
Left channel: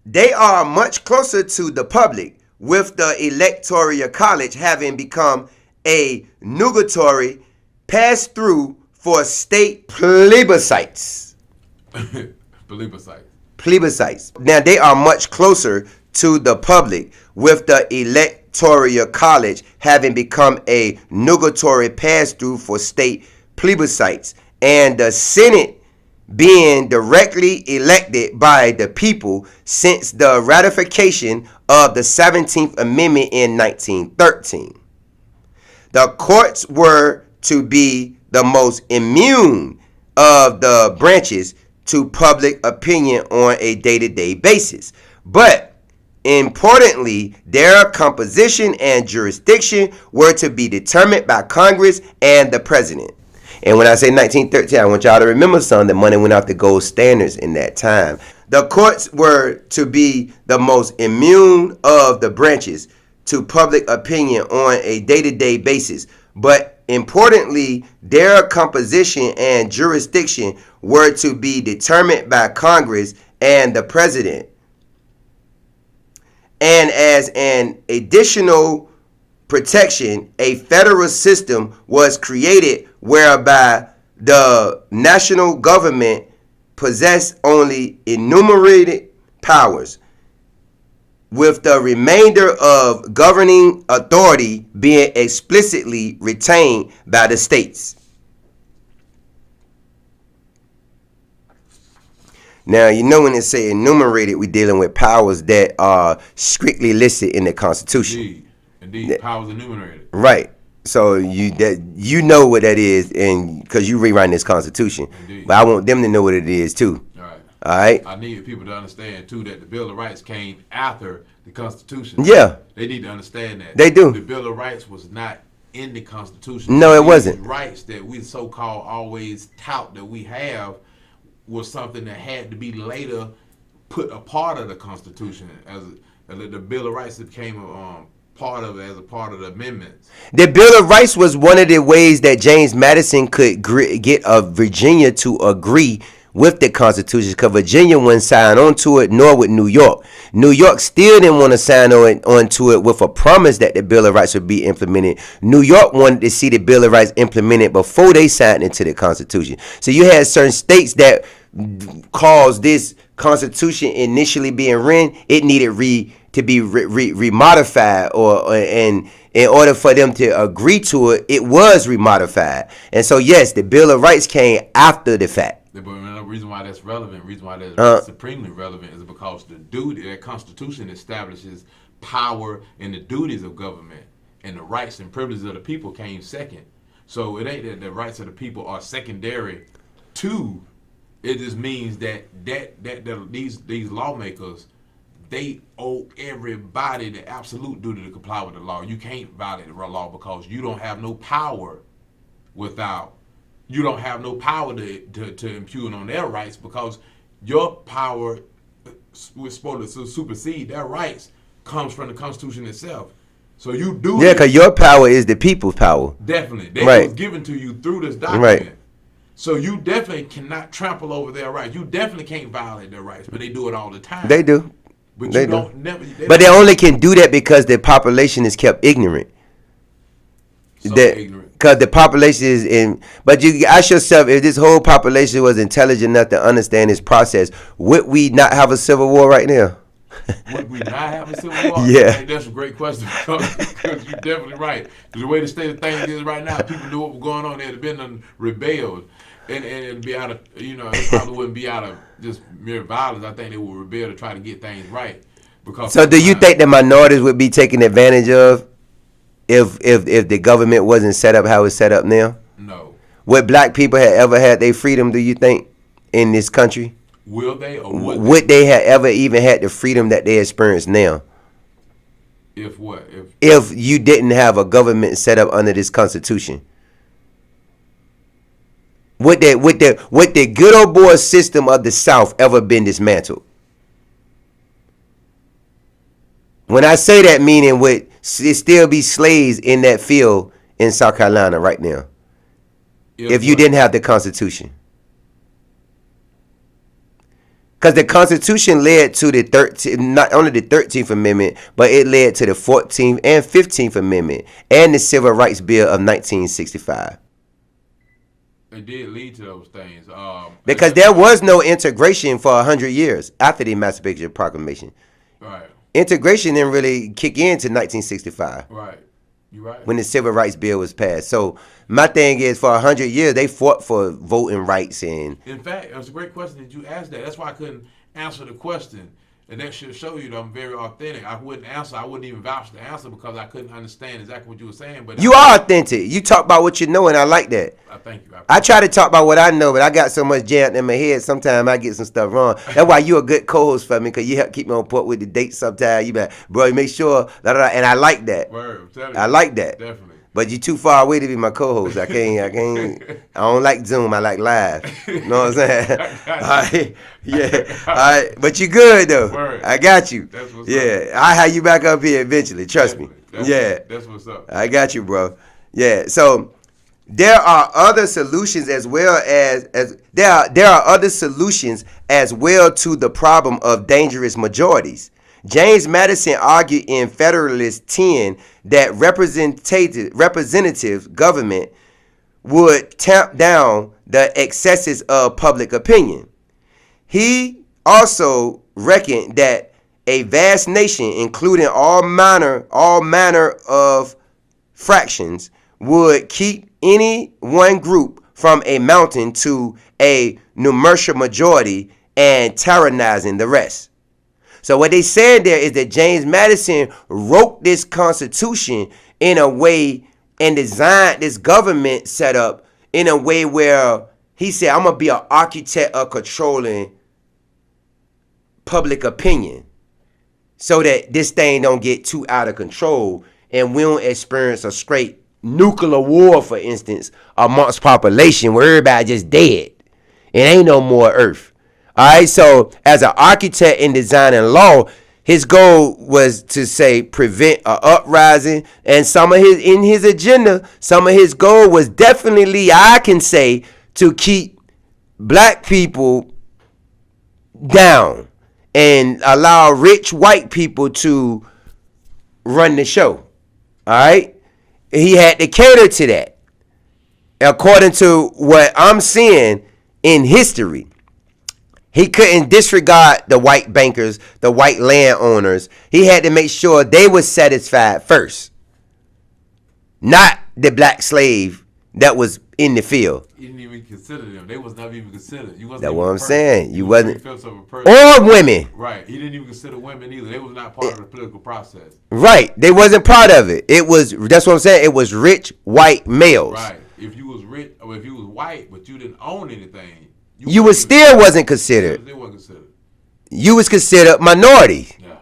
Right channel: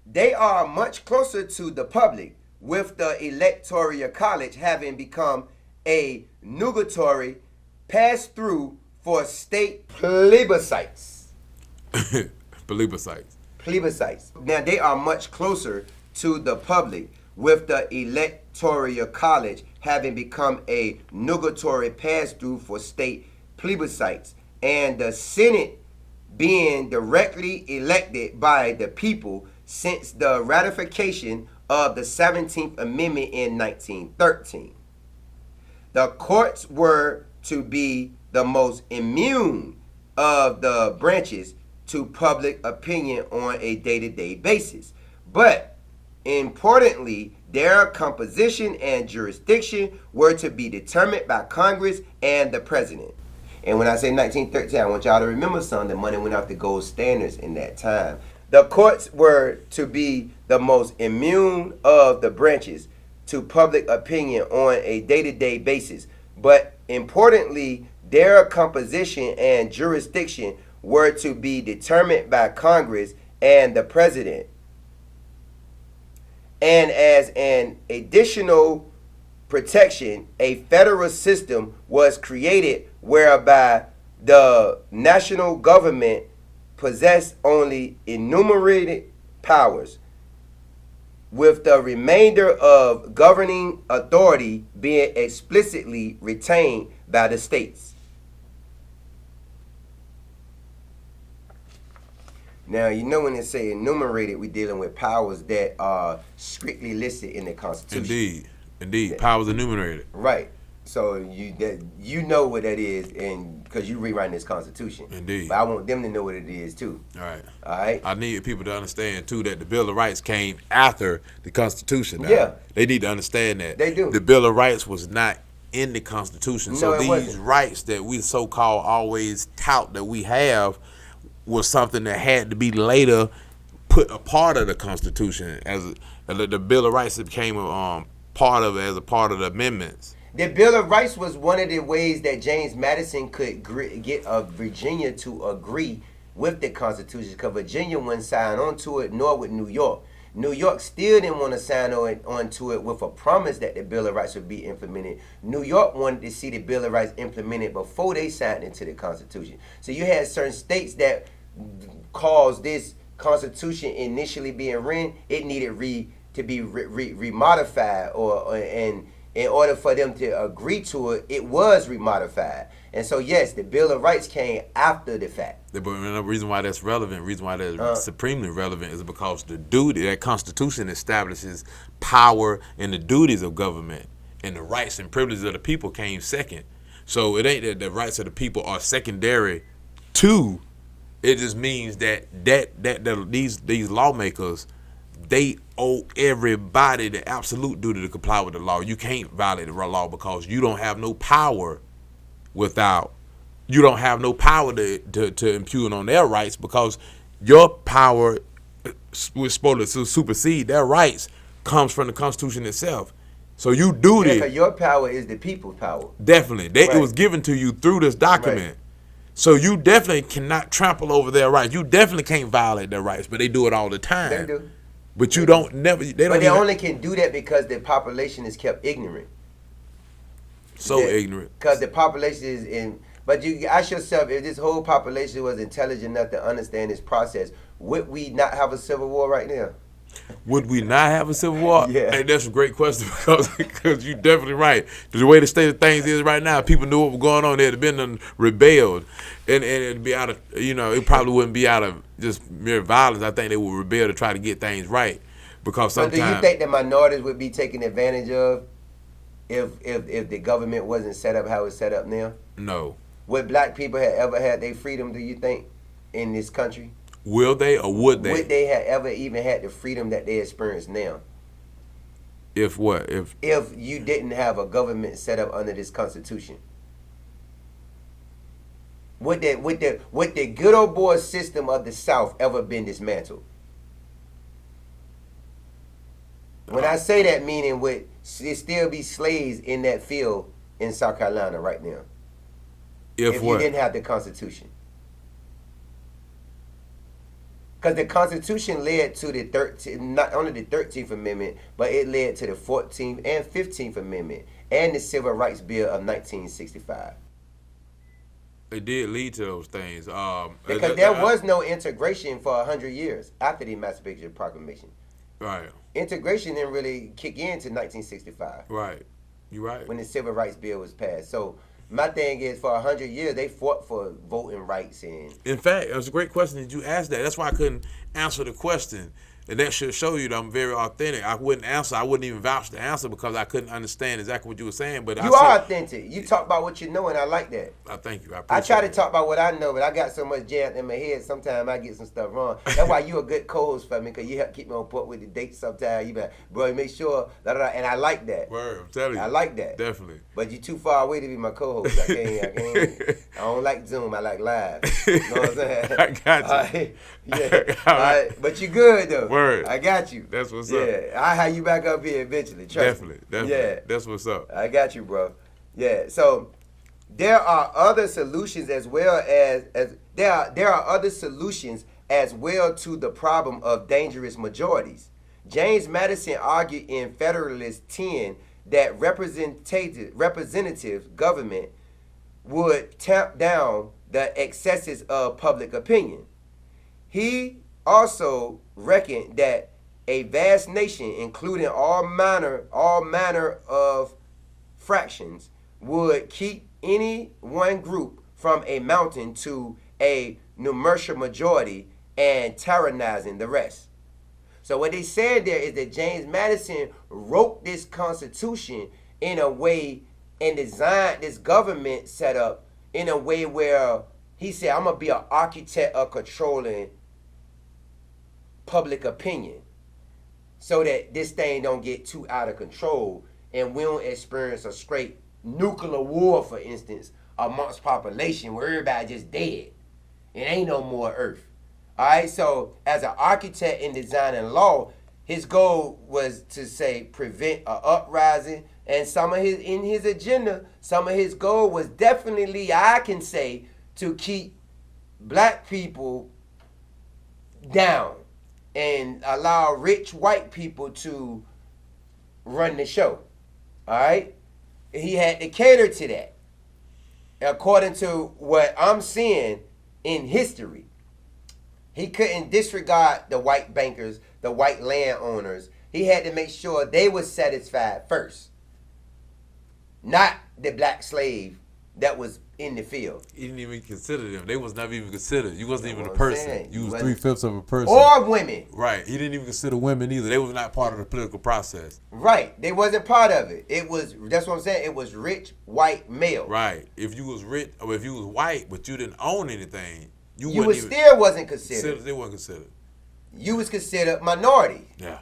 they are much closer to the public, with the Electoral College having become a nugatory pass-through for state plebiscites. Plebiscites. Now, they are much closer to the public, with the Electoral College having become a nugatory pass-through for state plebiscites, and the Senate being directly elected by the people since the ratification of the 17th Amendment in 1913. The courts were to be the most immune of the branches to public opinion on a day-to-day basis. But importantly, their composition and jurisdiction were to be determined by Congress and the President. And when I say 1913, I want y'all to remember something. The money went off the gold standards in that time. The courts were to be the most immune of the branches to public opinion on a day-to-day basis. But importantly, their composition and jurisdiction were to be determined by Congress and the President. And as an additional protection, a federal system was created whereby the national government possessed only enumerated powers, with the remainder of governing authority being explicitly retained by the states. Now, you know when they say enumerated, we're dealing with powers that are strictly listed in the Constitution. Indeed. Powers enumerated. Right. So you know what that is, and because you rewriting this Constitution. Indeed. But I want them to know what it is too. All right. I need people to understand too that the Bill of Rights came after the Constitution. Yeah. They need to understand that. They do. The Bill of Rights was not in the Constitution. No, so it wasn't. Rights that we so-called always tout that we have was something that had to be later put a part of the Constitution as the Bill of Rights became part of it as a part of the amendments. The Bill of Rights was one of the ways that James Madison could get Virginia to agree with the Constitution, because Virginia wouldn't sign onto it, nor would New York. New York still didn't want to sign onto it with a promise that the Bill of Rights would be implemented. New York wanted to see the Bill of Rights implemented before they signed into the Constitution. So you had certain states that caused this Constitution initially being written, it needed to be remodified, and in order for them to agree to it, it was remodified. And so yes, the Bill of Rights came after the fact. But the reason why that's relevant, reason why that's supremely relevant, is because the duty that Constitution establishes power and the duties of government, and the rights and privileges of the people came second. So it ain't that the rights of the people are secondary to. It just means that these lawmakers, they owe everybody the absolute duty to comply with the law. You can't violate the law because you don't have no power you don't have no power to impugn on their rights, because your power was supposed to supersede their rights comes from the Constitution itself. So you do Yeah, because your power is the people's power. Definitely. It was given to you through this document. Right. So you definitely cannot trample over their rights. You definitely can't violate their rights, but they do it all the time. They do. But you don't never. But they only can do that because the population is kept ignorant. So ignorant. Because the population is in. But you ask yourself, if this whole population was intelligent enough to understand this process, would we not have a civil war right now? Would we not have a civil war? Yeah. Hey, that's a great question, because you're definitely right. The way the state of things is right now, people knew what was going on. They'd have been rebelled. And it'd be out of, it probably wouldn't be out of just mere violence. I think they would rebel to try to get things right. Because so do you think the minorities would be taken advantage of if the government wasn't set up how it's set up now? No. Would black people have ever had their freedom, do you think, in this country? Will they or would they? Would they have ever even had the freedom that they experience now? If what? If you didn't have a government set up under this Constitution? Would the good old boy system of the South ever been dismantled? When I say that, meaning would it still be slaves in that field in South Carolina right now? If you didn't have the Constitution. Because the Constitution led to the 13th, not only the 13th Amendment, but it led to the 14th and 15th Amendment and the Civil Rights Bill of 1965. It did lead to those things. Because there was no integration for 100 years after the Emancipation Proclamation. Right. Integration didn't really kick in to 1965. Right. You're right. When the Civil Rights Bill was passed. So my thing is, for 100 years, they fought for voting rights. And in fact, it was a great question that you asked that. That's why I couldn't answer the question. And that should show you that I'm very authentic. I wouldn't even vouch the answer because I couldn't understand exactly what you were saying. But you are authentic. You talk about what you know, and I like that. I thank you. I try to talk about what I know, but I got so much jammed in my head, sometimes I get some stuff wrong. That's why you a good co-host for me, because you help keep me on point with the dates sometimes. You be like, bro, you make sure, and I like that. Word, I'm telling you. I like that. Definitely. But you too far away to be my co-host. I don't like Zoom. I like live. You know what I'm saying? I got you. All right. Yeah. All right. But you good though. Word. I got you. That's what's up. Yeah. I have you back up here eventually. Trust me. That's what's up. I got you, bro. Yeah. So there are other solutions as well as there are other solutions as well to the problem of dangerous majorities. James Madison argued in Federalist 10 that representative government would tamp down the excesses of public opinion. He also reckoned that a vast nation, including all manner of fractions, would keep any one group from a mountain to a numerical majority and tyrannizing the rest. So what they said there is that James Madison wrote this Constitution in a way and designed this government setup in a way where he said, I'm going to be an architect of controlling public opinion so that this thing don't get too out of control and we don't experience a straight nuclear war, for instance, amongst population where everybody just dead. It ain't no more earth. All right, so as an architect in design and law, his goal was to say prevent an uprising, and some of his agenda, some of his goal was definitely, I can say, to keep black people down and allow rich white people to run the show. All right, he had to cater to that, according to what I'm seeing in history. He couldn't disregard the white bankers, the white landowners. He had to make sure they were satisfied first, not the black slave that was in the field. He didn't even consider them. They was never even considered. You wasn't That's even what a I'm person. saying. You wasn't. 3/5 of a person. Or women. Right. He didn't even consider women either. They was not part of the political process. Right. They wasn't part of it. That's what I'm saying. It was rich white males. Right. If you was rich, or if you was white, but you didn't own anything, you wasn't considered. They weren't considered. You was considered minority. Yeah.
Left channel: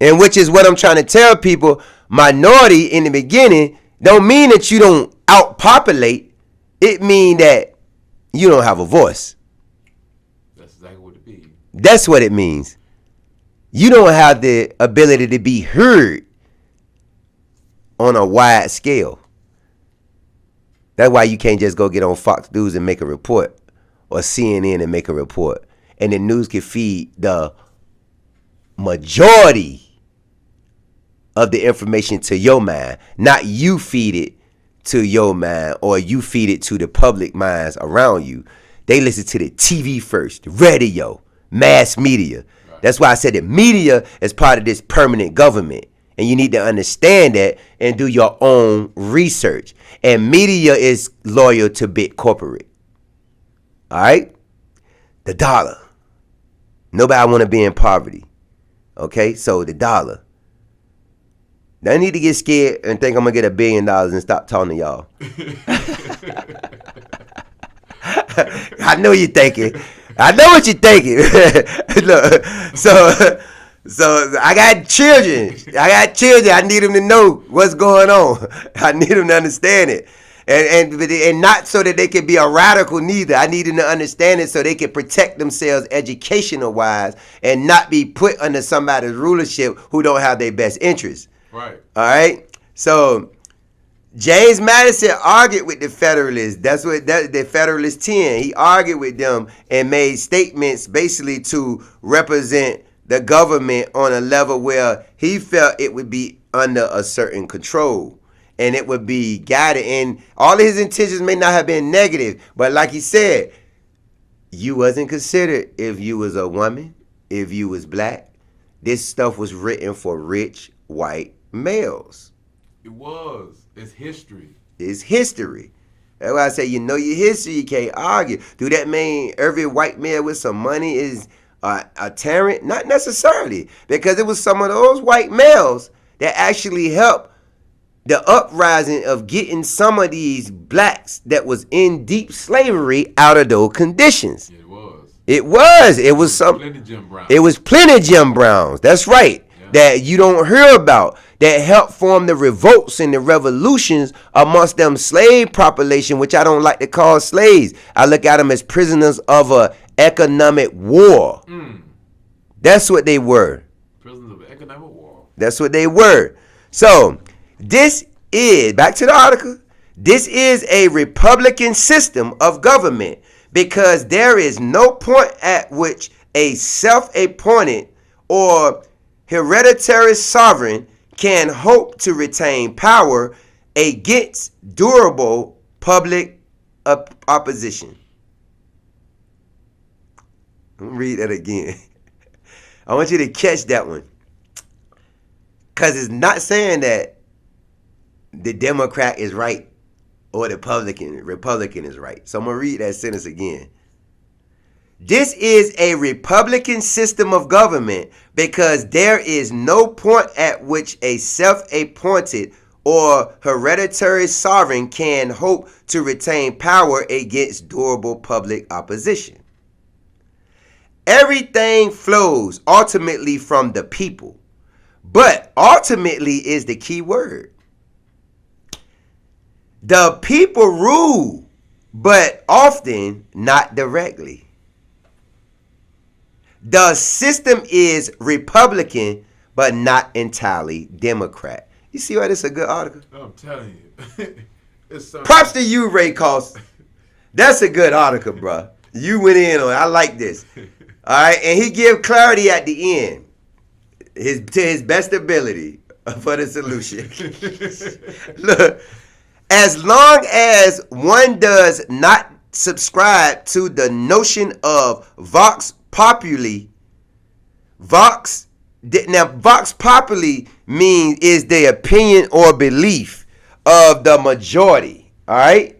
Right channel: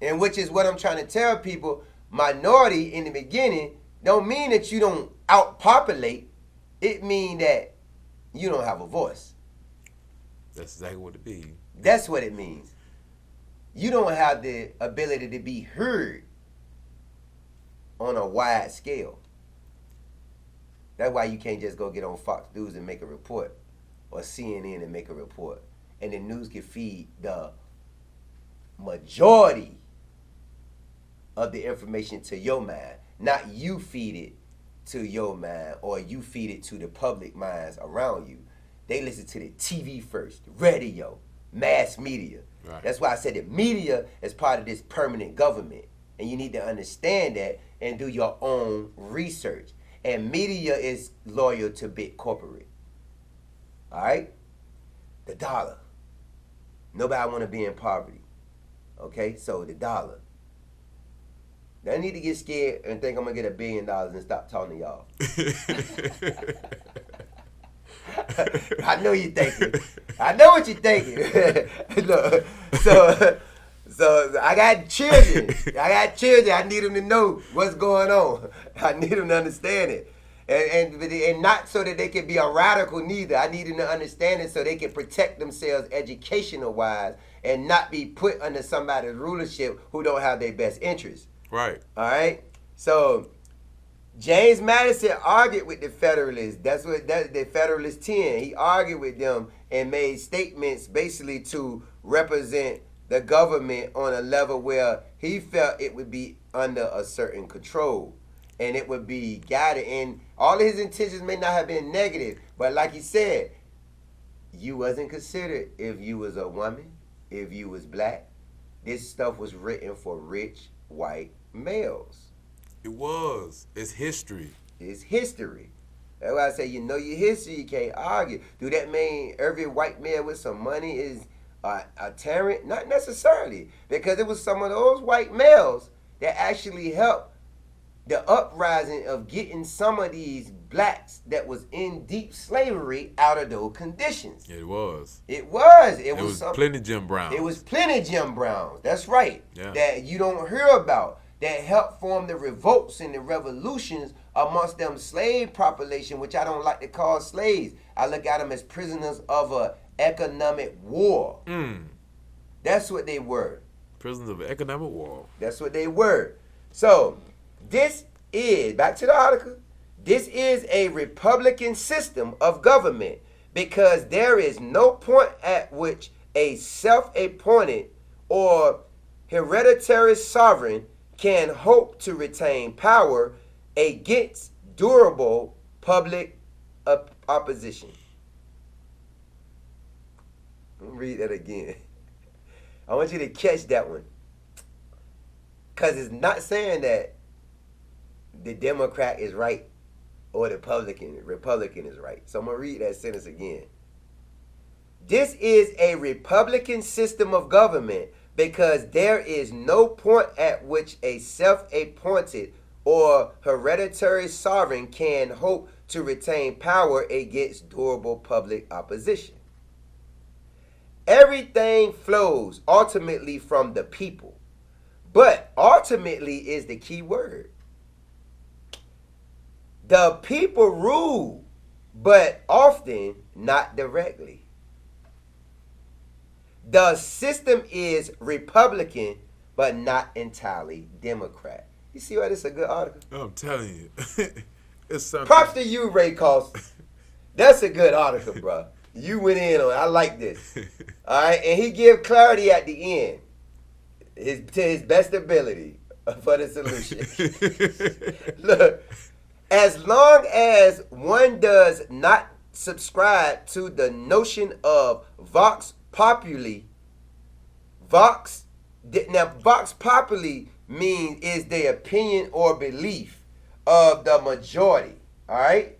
And which is what I'm trying to tell people. Minority in the beginning don't mean that you don't outpopulate. It mean that you don't have a voice. That's exactly what it means. That's what it means. You don't have the ability to be heard on a wide scale. That's why you can't just go get on Fox News and make a report, or CNN and make a report, and the news can feed the majority of the information to your mind, not you feed it to your mind or you feed it to the public minds around you. They listen to the TV first, radio, mass media. Right. That's why I said that media is part of this permanent government, and you need to understand that and do your own research. And media is loyal to big corporate. All right? The dollar. Nobody want to be in poverty. Okay? So the dollar. Now I need to get scared and think I'm going to get $1 billion and stop talking to y'all. I know you're thinking. I know what you're thinking. Look, so I got children. I need them to know what's going on. I need them to understand it. And not so that they can be a radical neither. I need them to understand it so they can protect themselves educational wise and not be put under somebody's rulership who don't have their best interests. Right. All right. So James Madison argued with the Federalists. That's what the Federalist 10. He argued with them and made statements basically to represent the government on a level where he felt it would be under a certain control and it would be guided. And all of his intentions may not have been negative, but like he said, you wasn't considered if you was a woman, if you was black. This stuff was written for rich white males. It was. It's history. It's history. That's why I say, you know your history, you can't argue. Do that mean every white male with some money is a tyrant? Not necessarily, because it was some of those white males that actually helped the uprising of getting some of these blacks that was in deep slavery out of those conditions. It was. It was some. Plenty Jim Browns. It was plenty Jim Browns. That's right. Yeah. That you don't hear about. That helped form the revolts and the revolutions amongst them slave population, which I don't like to call slaves. I look at them as prisoners of a economic war. That's what they were. Prisoners of economic war. That's what they were. So this is, back to the article, this is a Republican system of government because there is no point at which a self-appointed or hereditary sovereign can hope to retain power against durable public opposition. Let me read that again. I want you to catch that one. Because it's not saying that the Democrat is right or the Republican is right. So I'm going to read that sentence again. This is a Republican system of government because there is no point at which a self-appointed or hereditary sovereign can hope to retain power against durable public opposition. Everything flows ultimately from the people, but ultimately is the key word. The people rule, but often not directly. The system is Republican, but not entirely Democrat. You see why this is a good article? I'm telling you. It's so Props to you, Ray Cost. That's a good article, bro. You went in on it. I like this. All right, and he give clarity at the end, to his best ability for the solution. Look, as long as one does not subscribe to the notion of vox populi, vox populi means is the opinion or belief of the majority. All right,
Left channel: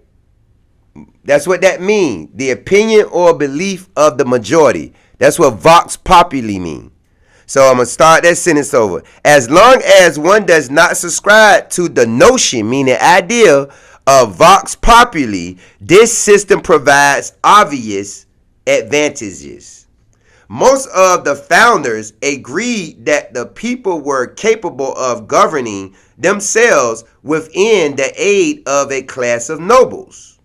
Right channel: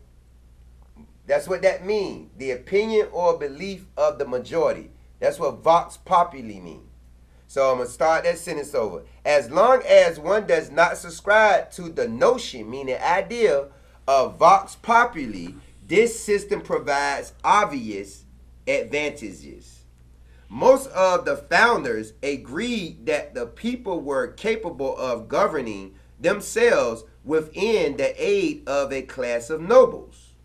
that's what that means. The opinion or belief of the majority. That's what vox populi means. So I'm going to start that sentence over. As long as one does not subscribe to the notion, meaning idea, of vox populi, this system provides obvious advantages. Most of the founders agreed that the people were capable of governing themselves within the aid of a class of nobles.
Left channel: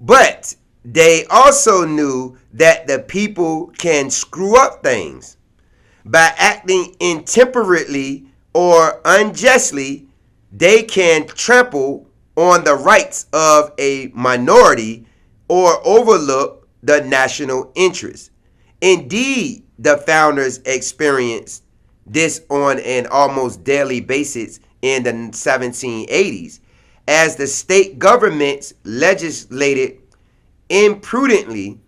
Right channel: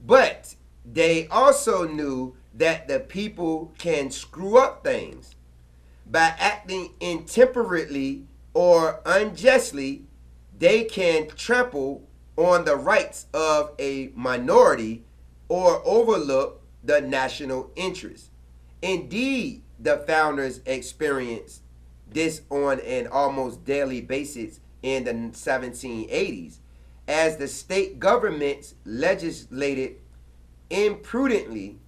But they also knew that the people can screw up things. By acting intemperately or unjustly, they can trample on the rights of a minority or overlook the national interest. Indeed, the founders experienced this on an almost daily basis in the 1780s as the state governments legislated imprudently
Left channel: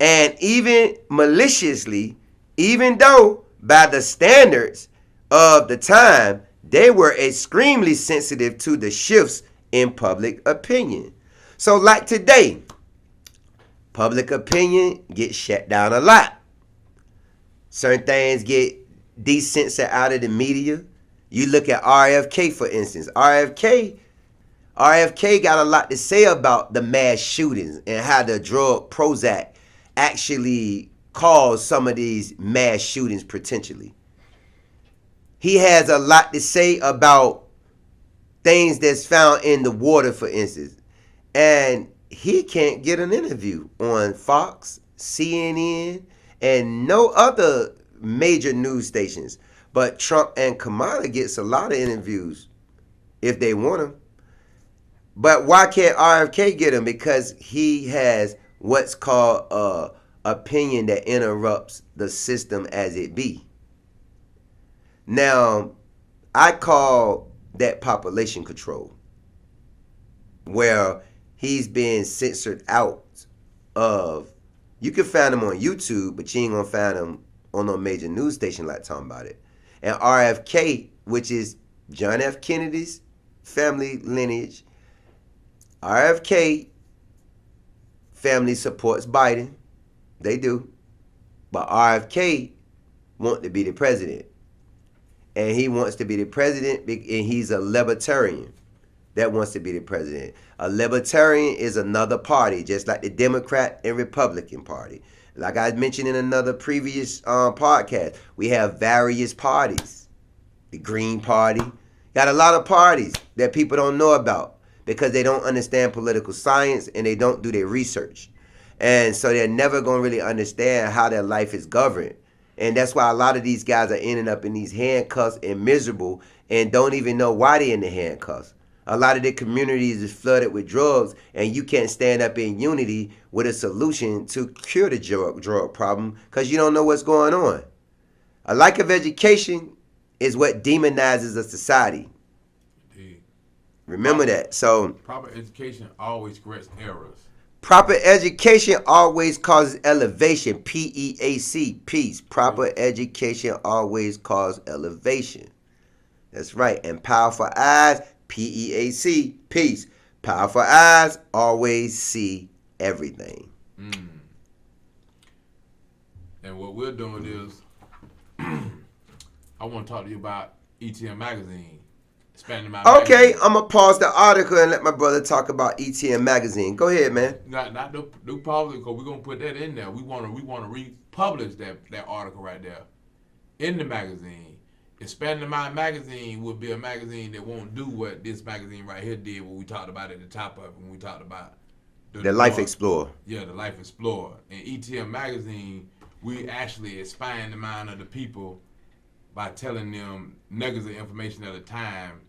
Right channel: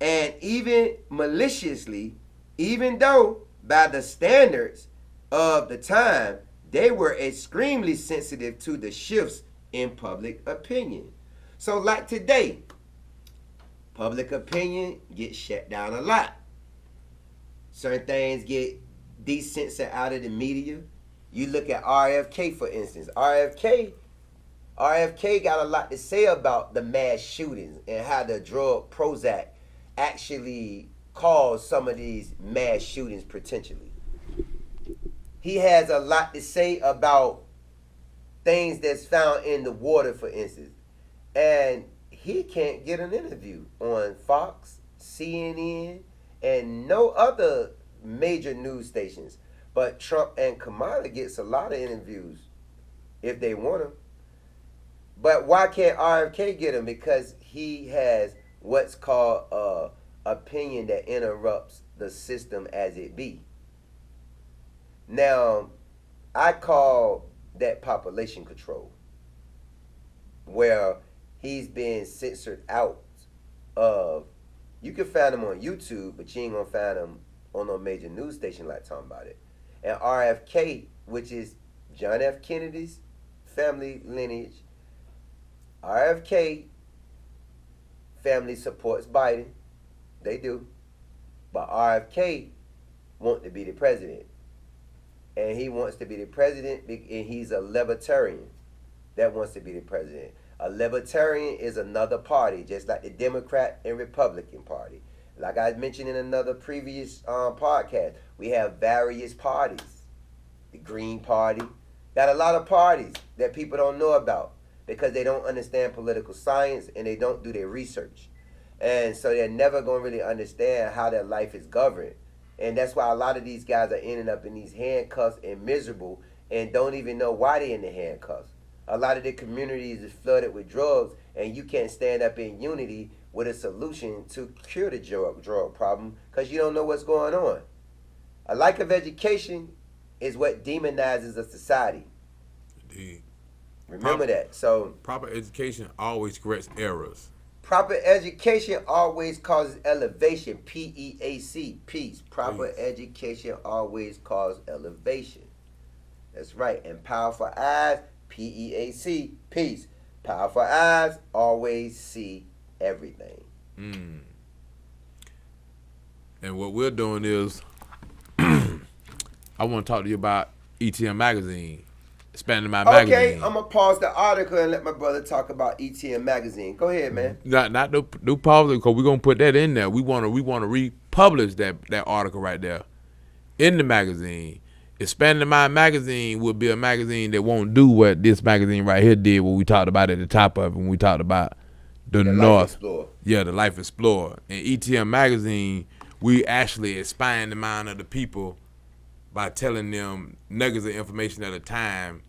and even maliciously, even though by the standards of the time, they were extremely sensitive to the shifts in public opinion. So like today, public opinion gets shut down a lot. Certain things get decensored out of the media. You look at RFK, for instance. RFK got a lot to say about the mass shootings and how the drug Prozac actually caused some of these mass shootings potentially. He has a lot to say about things that's found in the water, for instance. And he can't get an interview on Fox, CNN, and no other major news stations. But Trump and Kamala gets a lot of interviews if they want them. But why can't RFK get them? Because he has what's called opinion that interrupts the system as it be. Now, I call that population control, where he's been censored out of. You can find him on YouTube, but you ain't gonna find him on no major news station like talking about it. And RFK, which is John F. Kennedy's family lineage, RFK family supports Biden. They do. But RFK wants to be the president. And he wants to be the president, and he's a libertarian that wants to be the president. A libertarian is another party, just like the Democrat and Republican Party. Like I mentioned in another previous podcast, we have various parties. The Green Party. Got a lot of parties that people don't know about because they don't understand political science and they don't do their research. And so they're never going to really understand how their life is governed. And that's why a lot of these guys are ending up in these handcuffs and miserable and don't even know why they're in the handcuffs. A lot of the communities is flooded with drugs, and you can't stand up in unity with a solution to cure the drug problem because you don't know what's going on. A lack of education is what demonizes a society. Indeed. Remember that. So proper education always corrects errors. Proper education always causes elevation. P.E.A.S, peace. Proper education always causes elevation. That's right. And powerful eyes, P.E.A.S, peace. Powerful eyes always see everything. And what we're doing is, I want to talk to you about ETM Magazine. Expanding my magazine. Okay, I'm going to pause the article and let my brother talk about ETM Magazine. Go ahead, man. Not do pause it, because we're going to put that in there. We want to republish that article right there in the magazine. Expanding My Magazine will be a magazine that won't do what this magazine right here did, what we talked about at the top of it when we talked about the Life Explorer. Yeah, the Life Explorer. And ETM Magazine, we actually expand the mind of the people by telling them nuggets of information at a time.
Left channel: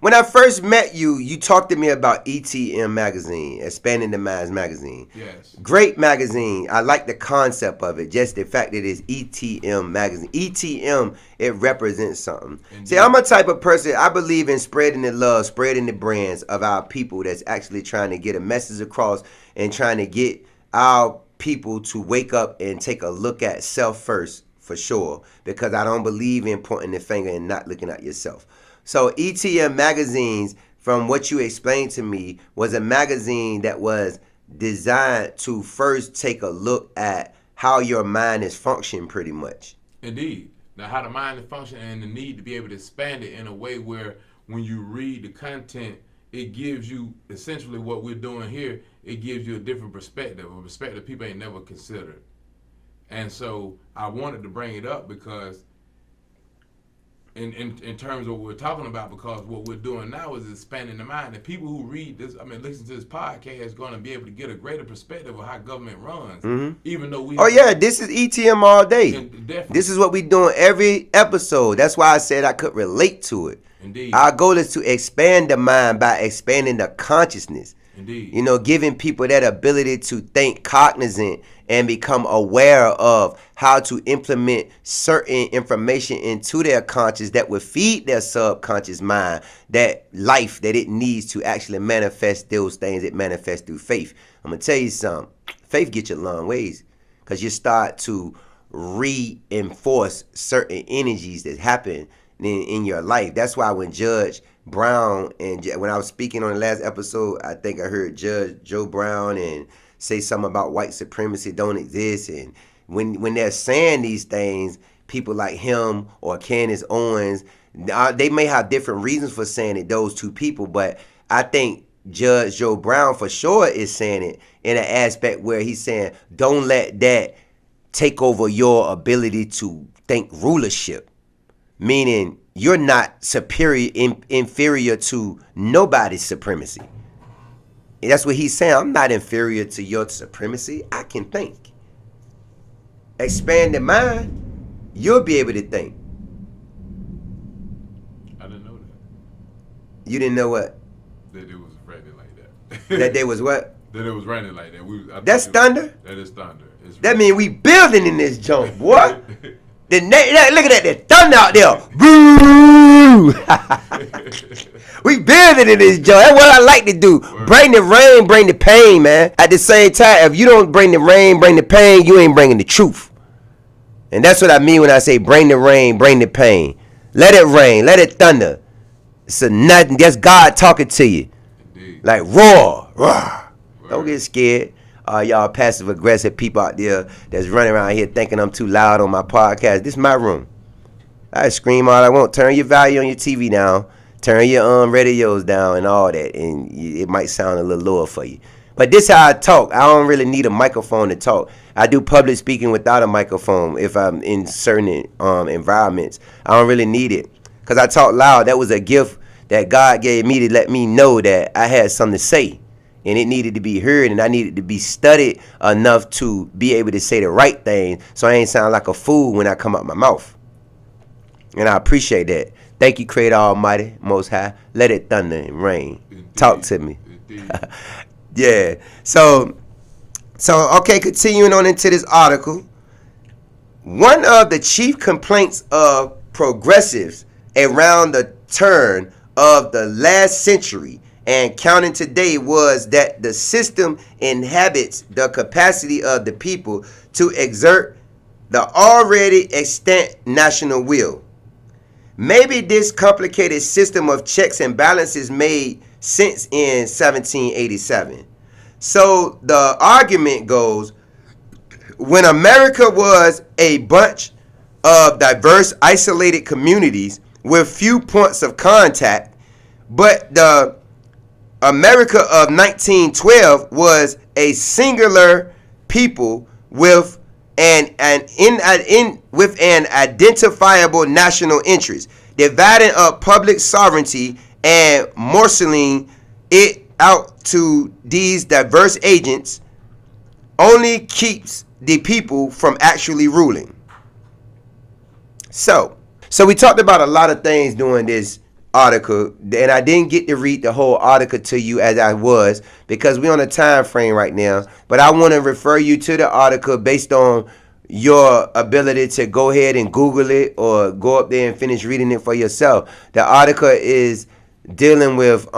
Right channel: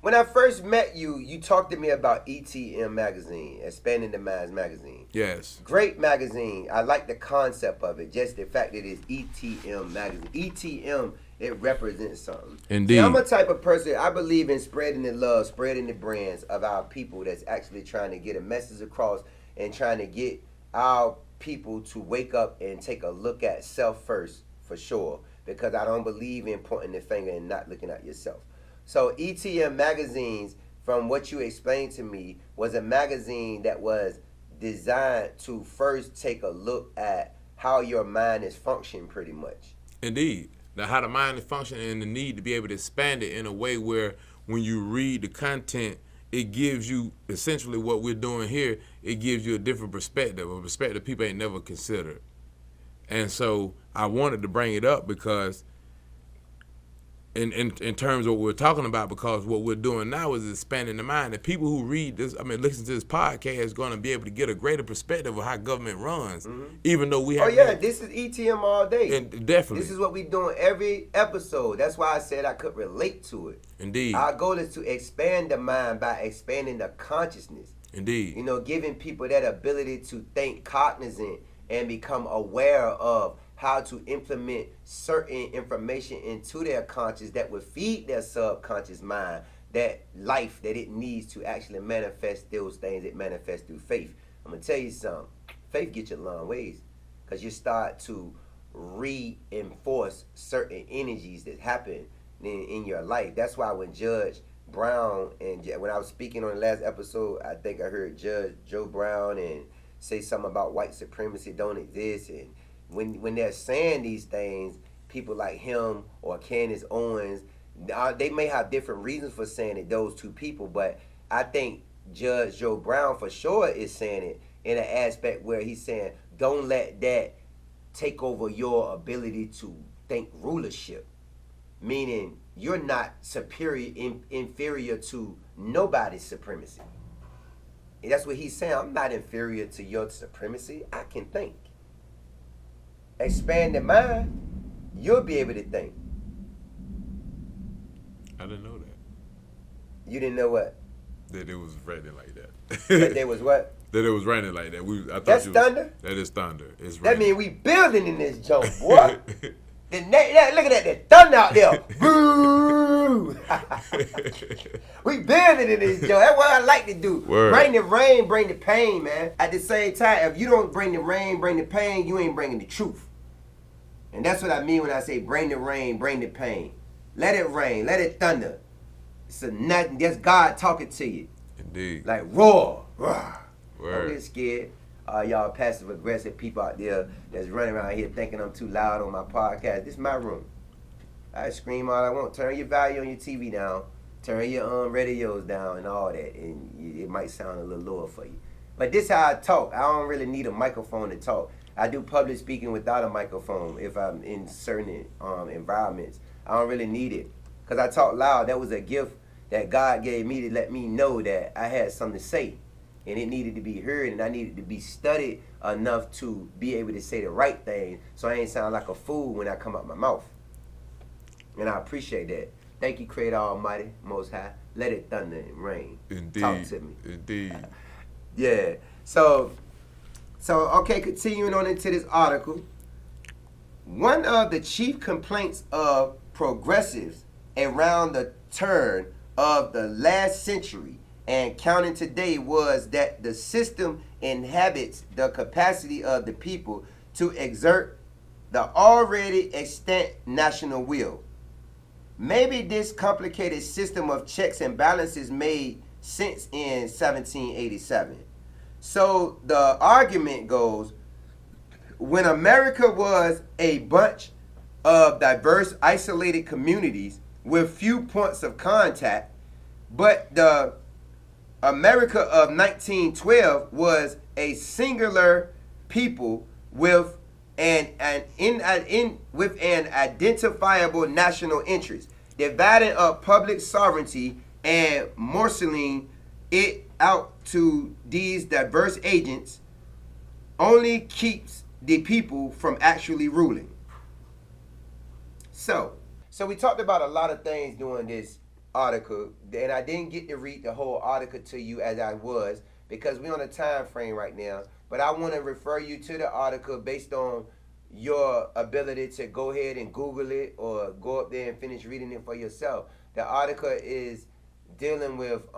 When I first met you, you talked to me about ETM Magazine, Expanding the Minds Magazine. Yes. Great magazine. I like the concept of it, just the fact that it's ETM Magazine. ETM, it represents something. Indeed. See, I'm a type of person, I believe in spreading the love, spreading the brands of our people that's actually trying to get a message across and trying to get our people to wake up and take a look at self first, for sure, because I don't believe in pointing the finger and not looking at yourself. So ETM Magazines, from what you explained to me, was a magazine that was designed to first take a look at how your mind is functioning, pretty much. Indeed. Now, how the mind is functioning and the need to be able to expand it in a way where when you read the content, it gives you essentially what we're doing here. It gives you a different perspective, a perspective people ain't never considered. And so I wanted to bring it up because in terms of what we're talking about, because what we're doing now is expanding the mind. And people who read this, listen to this podcast is going to be able to get a greater perspective of how government runs, even though we have this is ETM all day. Definitely. This is what we doing every episode. That's why I said I could relate to it. Indeed. Our goal is to expand the mind by expanding the consciousness. Indeed. You know, giving people that ability to think cognizant and become aware of how to implement certain information into their conscious that would feed their subconscious mind that life that it needs to actually manifest those things it manifests through faith. I'm going to tell you something. Faith gets you a long ways because you start to reinforce certain energies that happen in your life. That's why when Judge Brown, and when I was speaking on the last episode, I think I heard Judge Joe Brown and say something about white supremacy don't exist. And when they're saying these things, people like him or Candace Owens, they may have different reasons for saying it, those two people, but I think Judge Joe Brown for sure is saying it in an aspect where he's saying, don't let that take over your ability to think rulership. Meaning you're not inferior to nobody's supremacy. And that's what he's saying. I'm not inferior to your supremacy. I can think. Expand the mind, you'll be able to think. I didn't know that. You didn't know what? That it was raining like that. That they was what? That it was raining like that. That's thunder? That is thunder. That means we building in this joint, boy. Look at that thunder out there. Boo! We building in this joint. That's what I like to do. Word. Bring the rain, bring the pain, man. At the same time, if you don't bring the rain, bring the pain, you ain't bringing the truth. And that's what I mean when I say bring the rain, bring the pain. Let it rain, let it thunder. It's a nothing. That's God talking to you. Indeed. Like roar. Word. Don't get scared. Y'all passive aggressive people out there that's running around here thinking I'm too loud on my podcast. This is my room. I scream all I want. Turn your volume on your TV down. Turn your radios down and all that, and it might sound a little lower for you. But this is how I talk. I don't really need a microphone to talk. I do public speaking without a microphone if I'm in certain environments. I don't really need it because I talk loud. That was a gift that God gave me to let me know that I had something to say. And it needed to be heard, and I needed to be studied enough to be able to say the right thing so I ain't sound like a fool when I come out my mouth. And I appreciate that. Thank you, Creator Almighty, Most High. Let it thunder and rain. Indeed. Talk to me. Indeed. Yeah. So, okay, continuing on into this article. One of the chief complaints of progressives around the turn of the last century and counting today was that the system inhabits the capacity of the people to exert the already extant national will. Maybe this complicated system of checks and balances made sense in 1787. So the argument goes, when America was a bunch of diverse, isolated communities with few points of contact, but the America of 1912 was a singular people with an identifiable national interest, dividing up public sovereignty and marshaling it out to these diverse agents only keeps the people from actually ruling. So we talked about a lot of things during this article, and I didn't get to read the whole article to you as I was because we're on a time frame right now, but I want to refer you to the article based on your ability to go ahead and Google it or go up there and finish reading it for yourself. The article is dealing with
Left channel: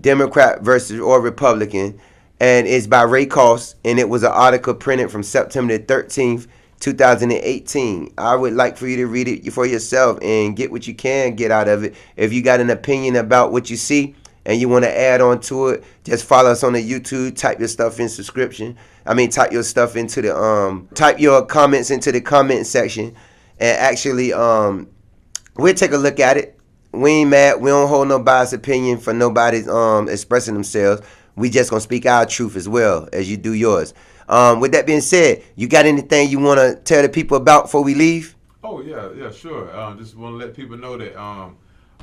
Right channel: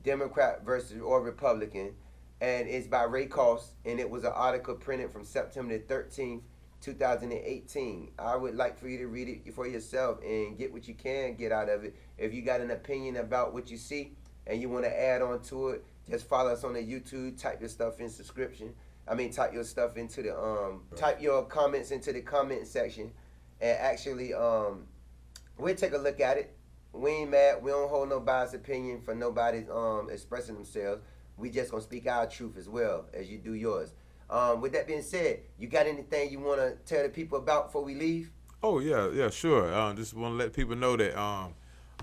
Democrat versus or Republican, and it's by Ray Cost, and it was an article printed from September the 13th, 2018. I would like for you to read it for yourself and get what you can get out of it. If you got an opinion about what you see and you want to add on to it, just follow us on the YouTube, type your stuff in type your stuff into the type your comments into the comment section, and actually we'll take a look at it. We ain't mad. We don't hold no biased opinion for nobody's expressing themselves. We just gonna speak our truth as well as you do yours. With that being said, you got anything you want to tell the people about before we leave? Oh, yeah, sure. Just want to let people know that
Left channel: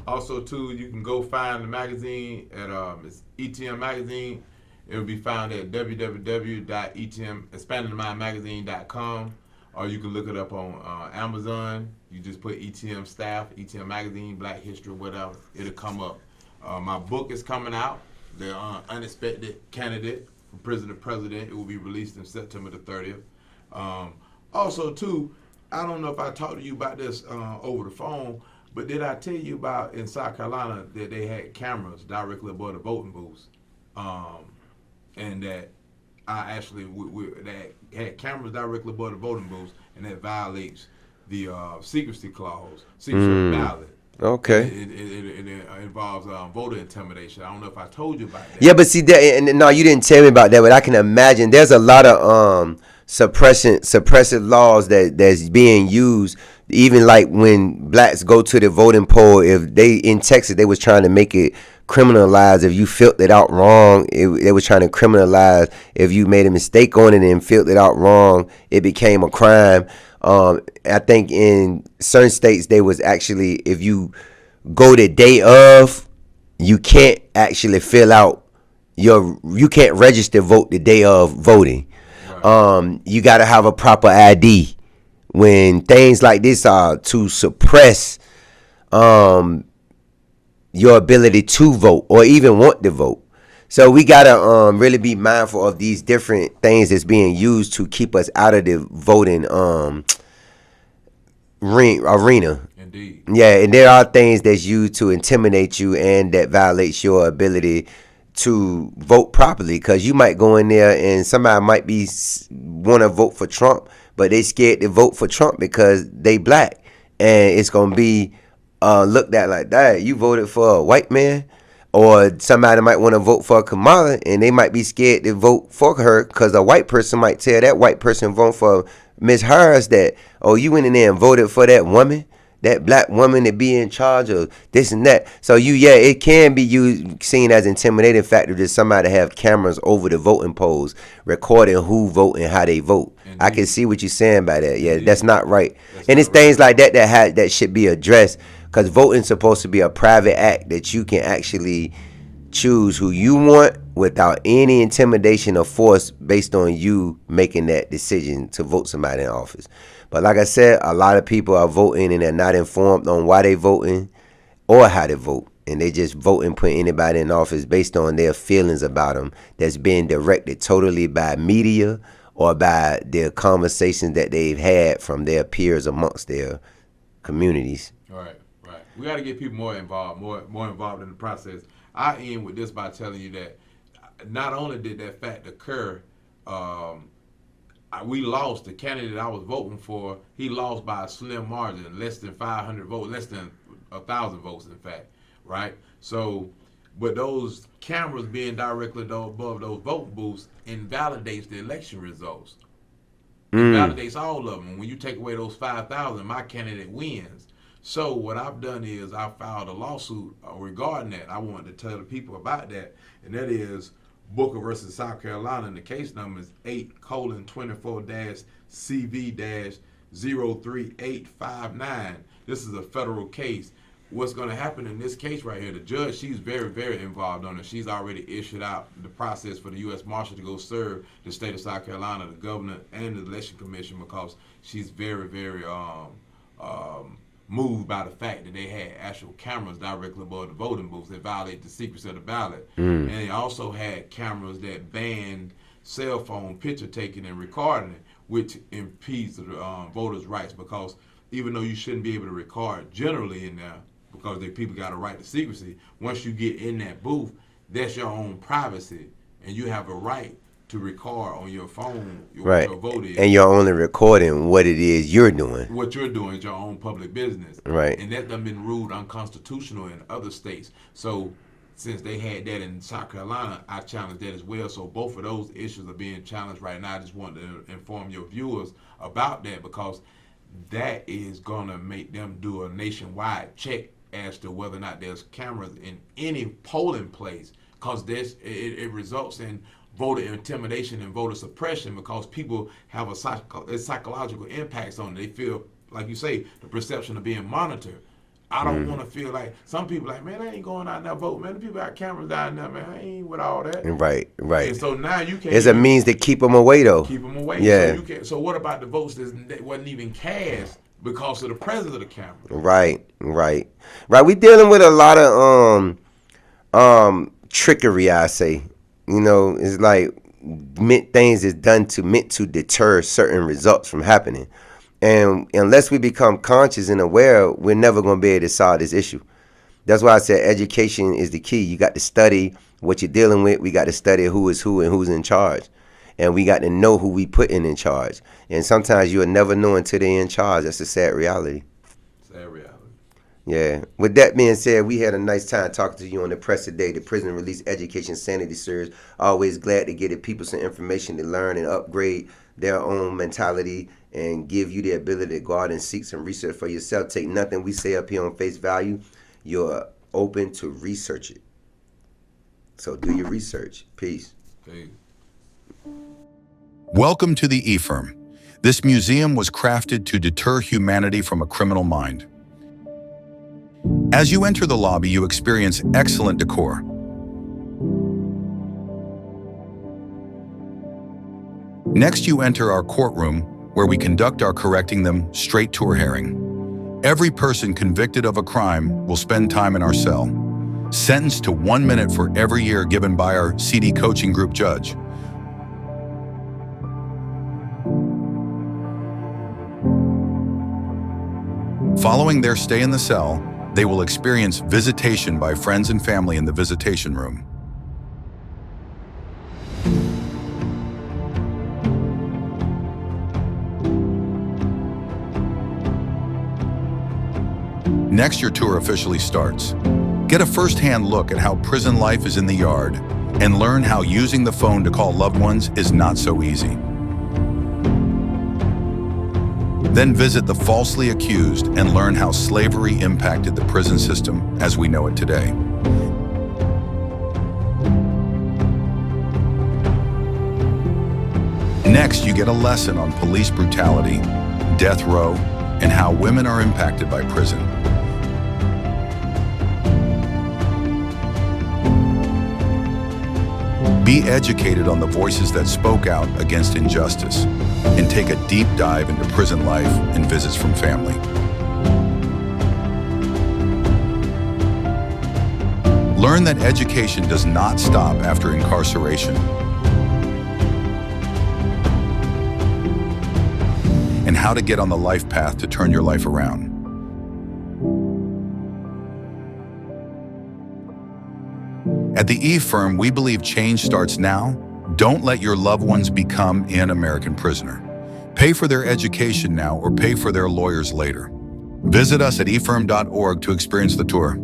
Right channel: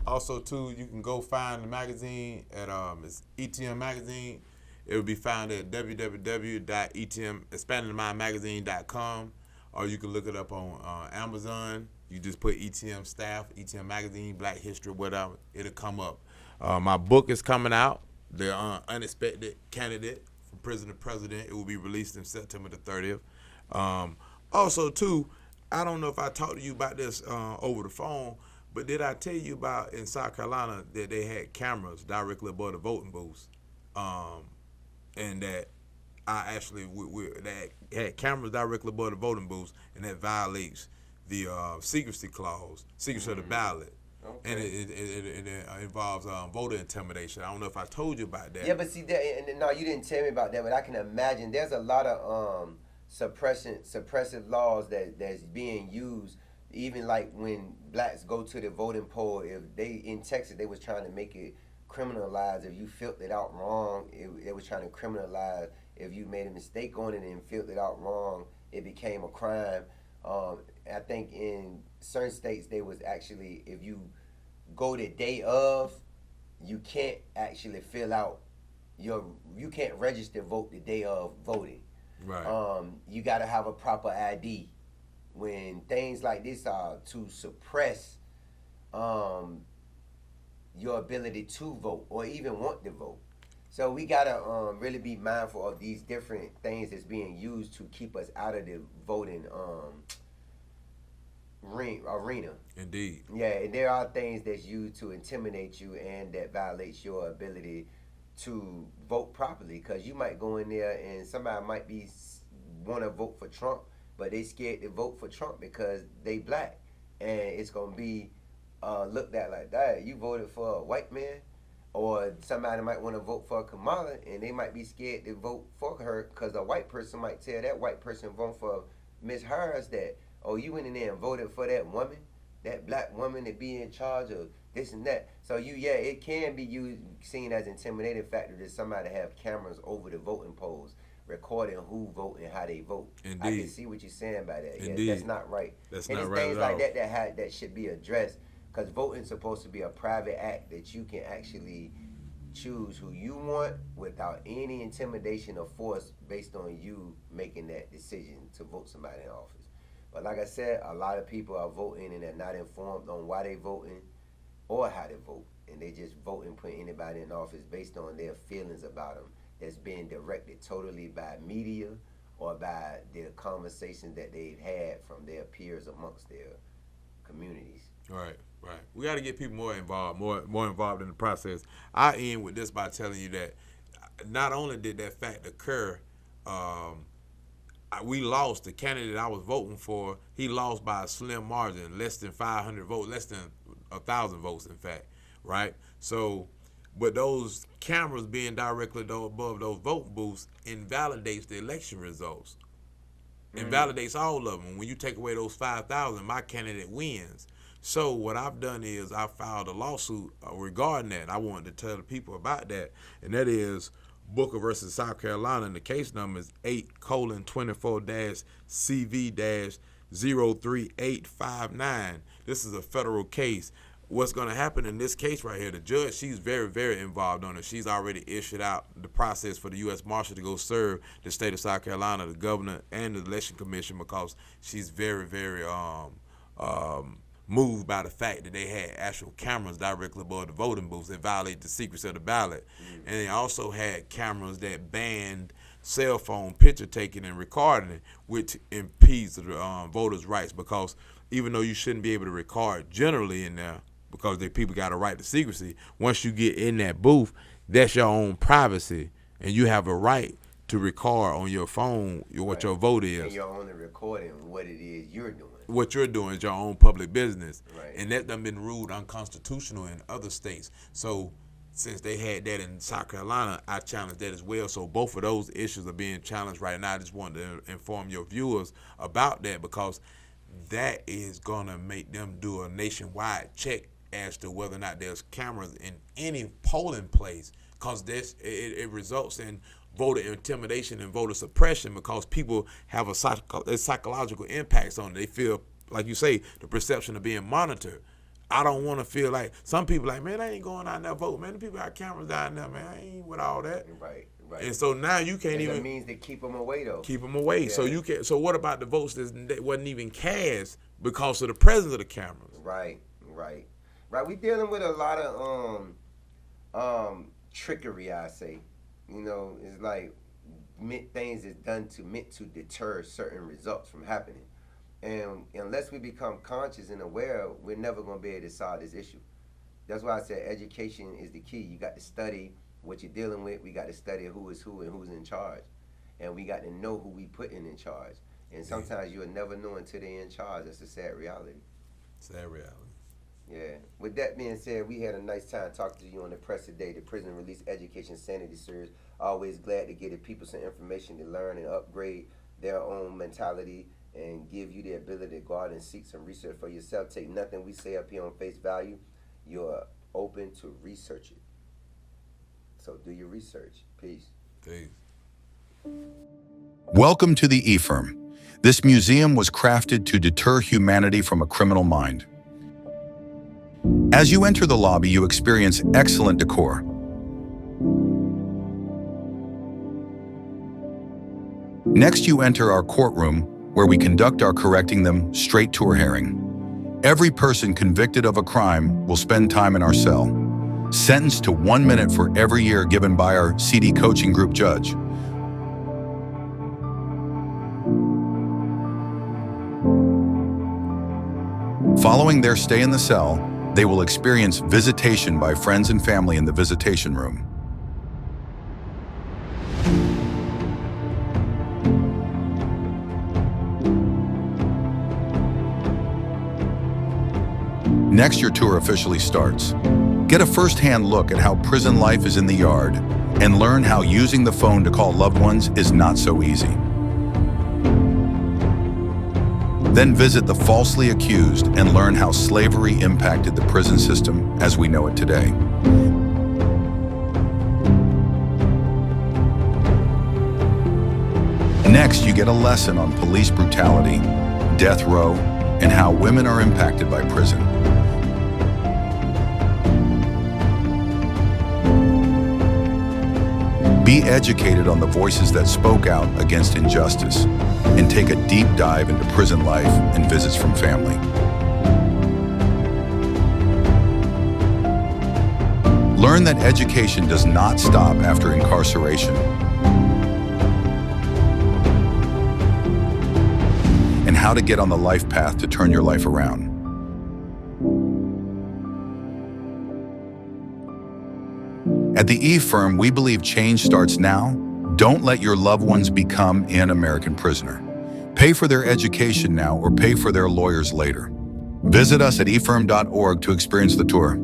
also, too, you can go find the magazine at it's ETM Magazine. It will be found at www.expandingthemindmagazine.com, or you can look it up on Amazon. You just put ETM Staff, ETM Magazine, Black History, whatever. It'll come up. My book is coming out, The Unexpected Candidate, from Prison to President. It will be released in September the 30th. Also, too, I don't know if I talked to you about this over the phone, but did I tell you about in South Carolina that they had cameras directly above the voting booths, and that I actually that had cameras directly above the voting booths, and that violates the secrecy clause, secrecy of the ballot. Okay. It involves voter intimidation. I don't know if I told you about that. Yeah, but see that, and no, you didn't tell me about that. But I can imagine there's a lot of suppressive laws that's being used. Even like when blacks go to the voting poll, if they in Texas, they was trying to make it criminalized if you filled it out wrong. They was trying to criminalize if you made a mistake on it and filled it out wrong. It became a crime. I think in certain states they was actually, if you go the day of, you can't actually fill out you can't register vote the day of voting. Right. You got to have a proper ID. When things like this are to suppress your ability to vote or even want to vote. So we got to really be mindful of these different things that's being used to keep us out of the voting arena. Indeed. Yeah, and there are things that's used to intimidate you and that violates your ability to vote properly, because you might go in there and somebody might be want to vote for Trump, but they scared to vote for Trump because they black, and it's gonna be looked at like that. You voted for a white man, or somebody might want to vote for Kamala, and they might be scared to vote for her because a white person might tell that white person vote for Ms. Harris that, oh, you went in there and voted for that woman, that black woman to be in charge of this and that. So it can be seen as intimidating factor to somebody have cameras over the voting polls recording who vote and how they vote. Indeed. I can see what you're saying by that. Yeah, Indeed. That's not right. And it's things like that that should be addressed, because voting's supposed to be a private act that you can actually choose who you want without any intimidation or force based on you making that decision to vote somebody in office. But like I said, a lot of people are voting and they're not informed on why they voting or how they vote. And they just vote and put anybody in office based on their feelings about them that's being directed totally by media or by their conversations that they've had from their peers amongst their communities. Right. We got to get people more involved, more involved in the process. I end with this by telling you that not only did that fact occur, we lost. The candidate I was voting for, he lost by a slim margin, less than 500 votes, less than 1,000 votes, in fact, right? So, but those cameras being directly above those vote booths invalidates the election results. Invalidates all of them. When you take away those 5,000, my candidate wins. So what I've done is I filed a lawsuit regarding that. I wanted to tell the people about that, and that is Booker versus South Carolina, and the case number is 8:24-CV-03859. This is a federal case. What's going to happen in this case right here, the judge, she's very, very involved on it. She's already issued out the process for the U.S. Marshal to go serve the state of South Carolina, the governor, and the election commission, because she's very, very moved by the fact that they had actual cameras directly above the voting booths that violate the secrecy of the ballot. And they also had cameras that banned cell phone picture taking and recording it, which impedes the voters' rights, because even though you shouldn't be able to record generally in there, because people got a right to secrecy, once you get in that booth, that's your own privacy, and you have a right to record on your phone what your vote is. And you're only recording what it is you're doing. What you're doing is your own public business. Right. And that done been ruled unconstitutional in other states. So since they had that in South Carolina, I challenged that as well. So both of those issues are being challenged right now. I just wanted to inform your viewers about that, because that is going to make them do a nationwide check as to whether or not there's cameras in any polling place, because it results in voter intimidation and voter suppression, because people have a psychological impacts on it. They feel, like you say, the perception of being monitored. I don't want to feel like, some people like, man, I ain't going out there vote, man. The people got cameras down there, man. I ain't with all that. Right. And so now you can't. It's a means to keep them away, though. Keep them away. Yeah. So you can. So what about the votes that wasn't even cast because of the presence of the camera? Right. We dealing with a lot of trickery, I say. You know, it's like things is done meant to deter certain results from happening. And unless we become conscious and aware, we're never going to be able to solve this issue. That's why I said education is the key. You got to study what you're dealing with. We got to study who is who and who's in charge. And we got to know who we put in charge. And sometimes you'll never know until they're in charge. That's a sad reality. Sad reality. Yeah. With that being said, we had a nice time talking to you on the P.R.E.S.S Today, the Prison Release Education Sanity Series. Always glad to get the people some information to learn and upgrade their own mentality and give you the ability to go out and seek some research for yourself. Take nothing we say up here on face value. You're open to research it. So do your research. Peace. Welcome to the E-Firm. This museum was crafted to deter humanity from a criminal mind. As you enter the lobby, you experience excellent decor. Next, you enter our courtroom, where we conduct our correcting them straight to a hearing. Every person convicted of a crime will spend time in our cell, sentenced to 1 minute for every year given by our CD coaching group judge. Following their stay in the cell, they will experience visitation by friends and family in the visitation room. Next, your tour officially starts. Get a first-hand look at how prison life is in the yard and learn how using the phone to call loved ones is not so easy. Then visit the falsely accused and learn how slavery impacted the prison system as we know it today. Next, you get a lesson on police brutality, death row, and how women are impacted by prison. Be educated on the voices that spoke out against injustice, and take a deep dive into prison life and visits from family. Learn that education does not stop after incarceration, and how to get on the life path to turn your life around. At the E-Firm, we believe change starts now. Don't let your loved ones become an American prisoner. Pay for their education now or pay for their lawyers later. Visit us at efirm.org to experience the tour.